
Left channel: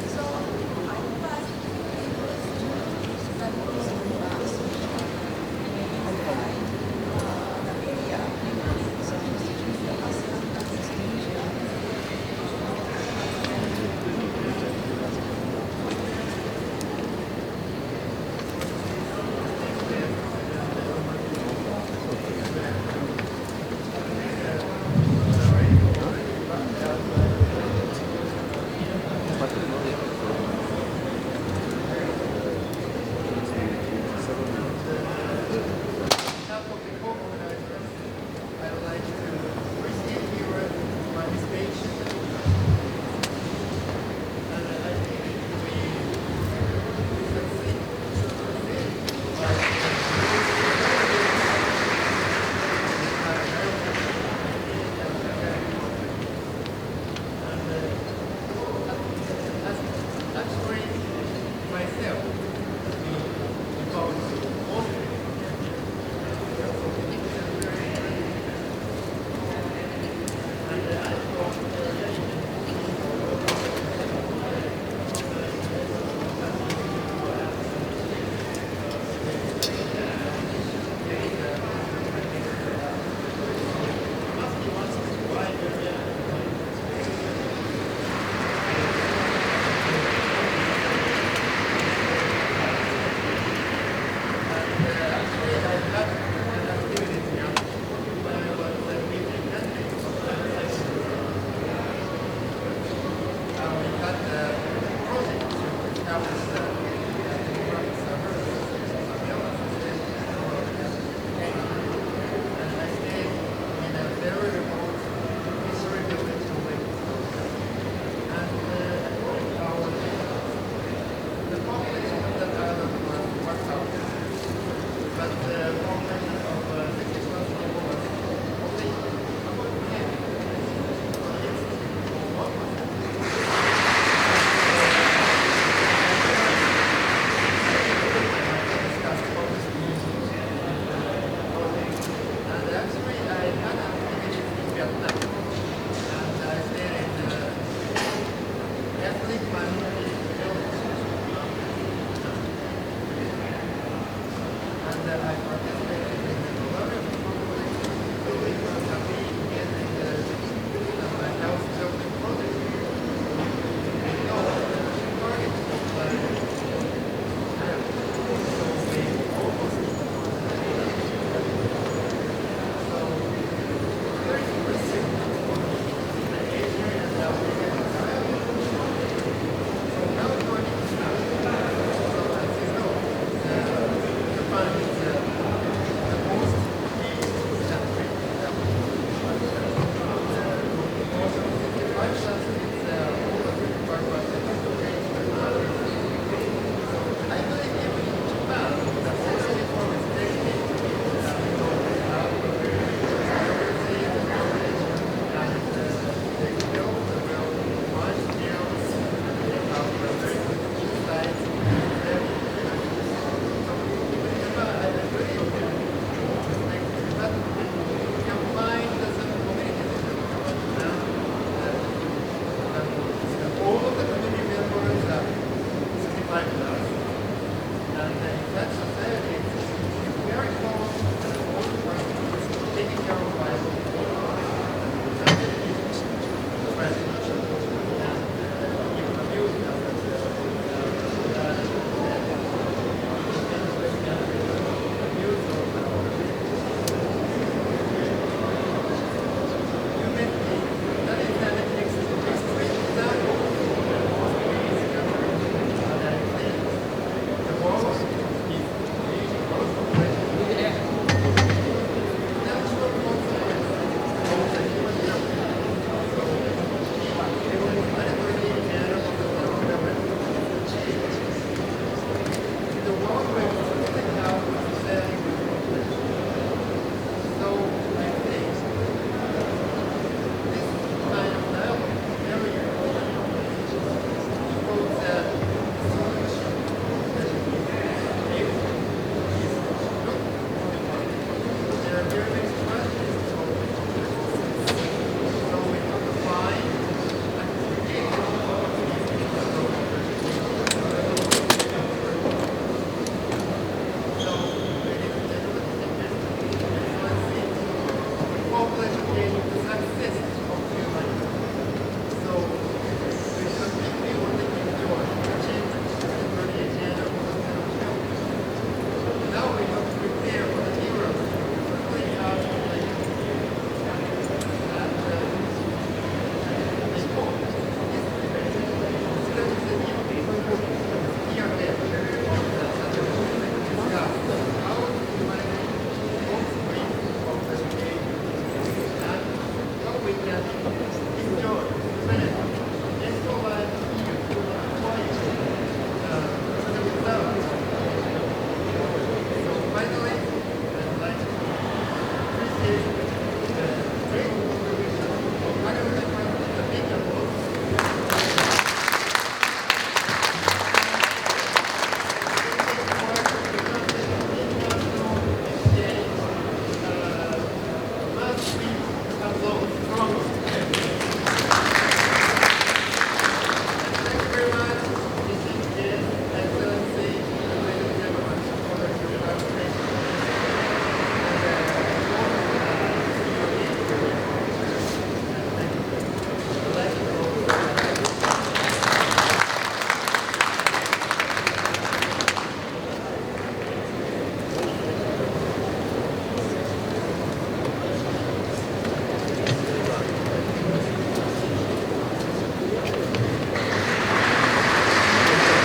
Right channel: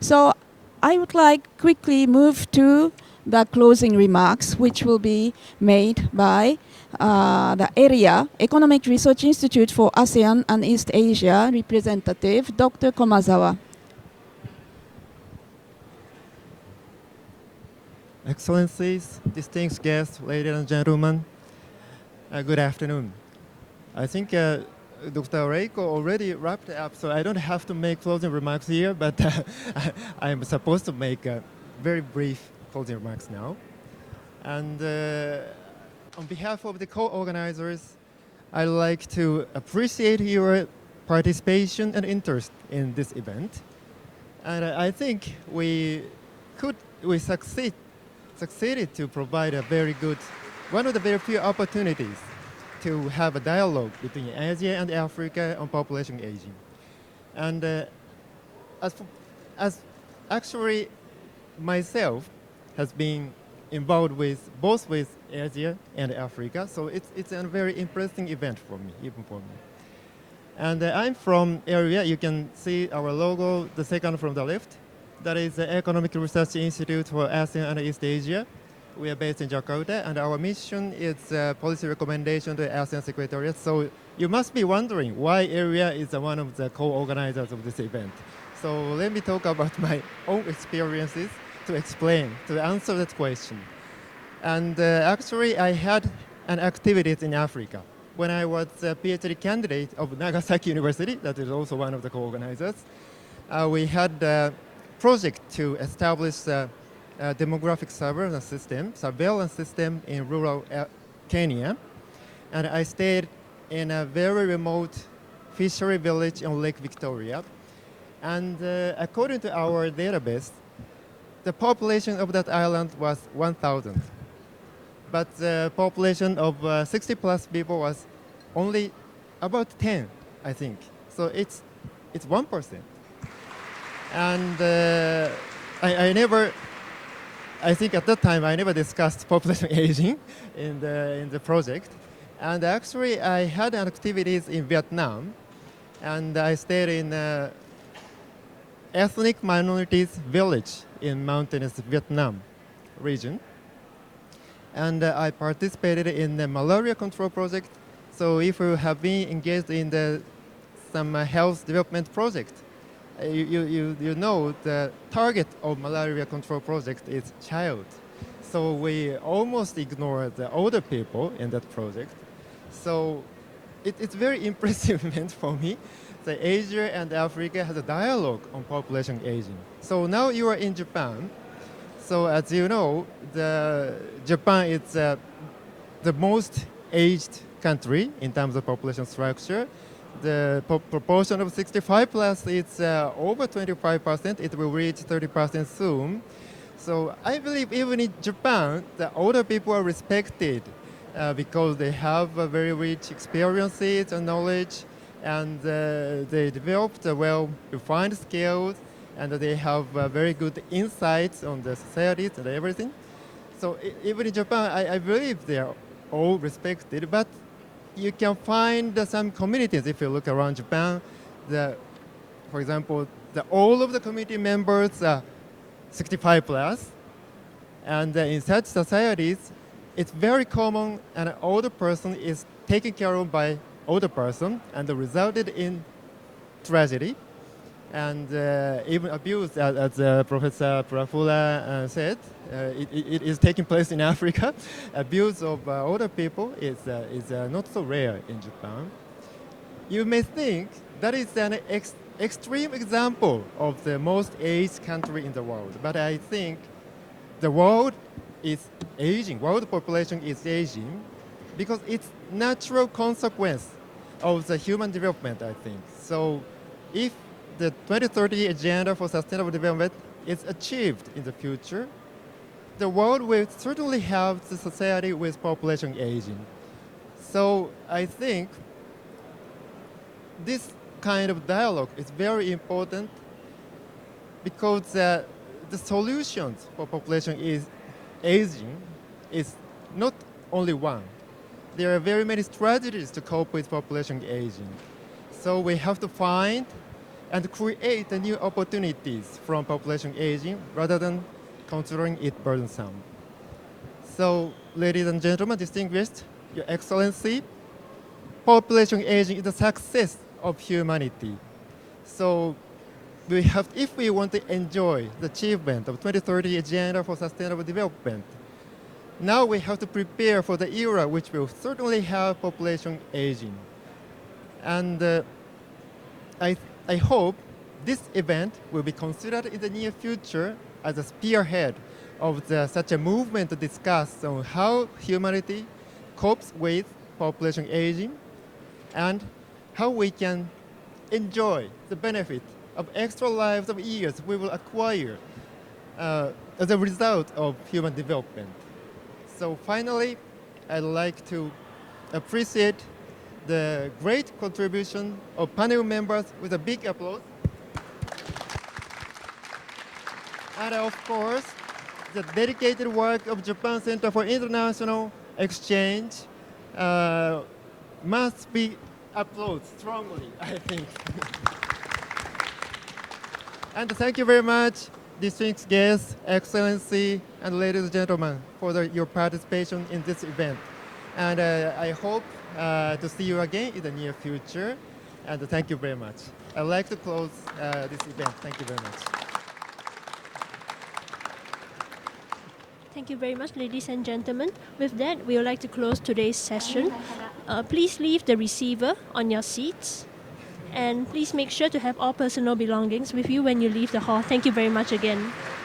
So I would like quickly move to the closing remarks, which will be made by the area Economic Research Institute for ASEAN and East Asia representative, Dr. Komazawa. Excellencies, distinguished guests, ladies and gentlemen, good afternoon. I think Dr. Reiko already wrapped up, so I don't have to make closing remarks here, but I'm supposed to make a very brief closing remarks. And on behalf of the co-organizers, I'd like to appreciate your participation and interest in this event. And I think we succeeded to provide a very good, one of the very few opportunities to have a dialogue in Asia and Africa and population growth. And as actually myself has been involved with both with Asia and Africa, so this is a very interesting event. And I'm from area, you can see our logo, the second from the left. That is the Economic Research Institute for ASEAN and East Asia. We are based in Jakarta, and our mission is policy recommendation to the ASEAN Secretariat. So you must be wondering why area is one of the co-organizers of this event. So let me talk about my own experiences to explain, to answer that question. And actually, I had an activity in Africa. When I was a PhD candidate of Nagasaki University, that is also one of the co-organizers, we had a project to establish a demographic surveillance system in rural Kenya. And I stayed in a very remote fishery village on Lake Victoria. And according to our database, the population of that island was 1,000. But the population of 60 plus people was only about 10, I think. So it's 1%. And I think at that time I never discussed population aging in the project. And actually I had activities in Vietnam. And I stayed in ethnic minorities village in mountainous Vietnam region. And I participated in the malaria control project. So if you have been engaged in some health development project, you know the target of malaria control project is child. So we almost ignore the older people in the project. So it's very impressive for me that Asia and Africa have a dialogue with population aging. So now you are in Japan. So as you know, Japan is the most aged country in terms of population structure. The proportion of 65 plus is over 25%. It will reach 30% soon. So I believe even in Japan, the older people are respected because they have very rich experiences and knowledge, and they developed well-defined skills, and they have very good insights on the society and everything. So even in Japan, I believe they are all respected. But you can find some communities if you look around Japan that, for example, all of the community members are 65 plus, and in such societies, it's very common that an older person is taken care of by an older person and resulted in tragedy. And even abuse, as Professor Dracula said, it is taking place in Africa. Abuse of older people is not so rare. You may think that is an extreme example of the most aged country, but I think the world is aging, world population is aging, because it's natural consequence of the human development. So if the 2030 Agenda for Sustainable Development is achieved in the future, the world will certainly have a society with population aging. So I think this kind of dialogue is very important because the solution of population aging is not only one. There are very many strategies to cope with population aging. So we have to find and create a new opportunity from population aging rather than considering it for itself. So, ladies and gentlemen, distinguished Excellency, population aging is the success of humanity. So, if we want to enjoy achievement of 2030 Agenda for Sustainable Development, now we have to prepare for the era which will certainly have population aging. And I hope this event will be considered in the near future as a spearhead of such a movement to discuss on how humanity copes with population aging and how we can enjoy the benefit of extra lives of years we will acquire as a result of human development. So finally, I'd like to appreciate the great contribution of panel members with a big applause. And of course, the dedicated work of Japan Center for International Exchange must be applauded. And thank you very much, distinguished guests, Excellency, and ladies and gentlemen, for your participation in this event. And I hope to see you again in the near future. And thank you very much. I'd like to close. Thank you very much, ladies and gentlemen. With that, we would like to close today's session. Please leave the receiver on your seats. And please make sure to have all personal belongings with you when you leave the hall. Thank you very much again.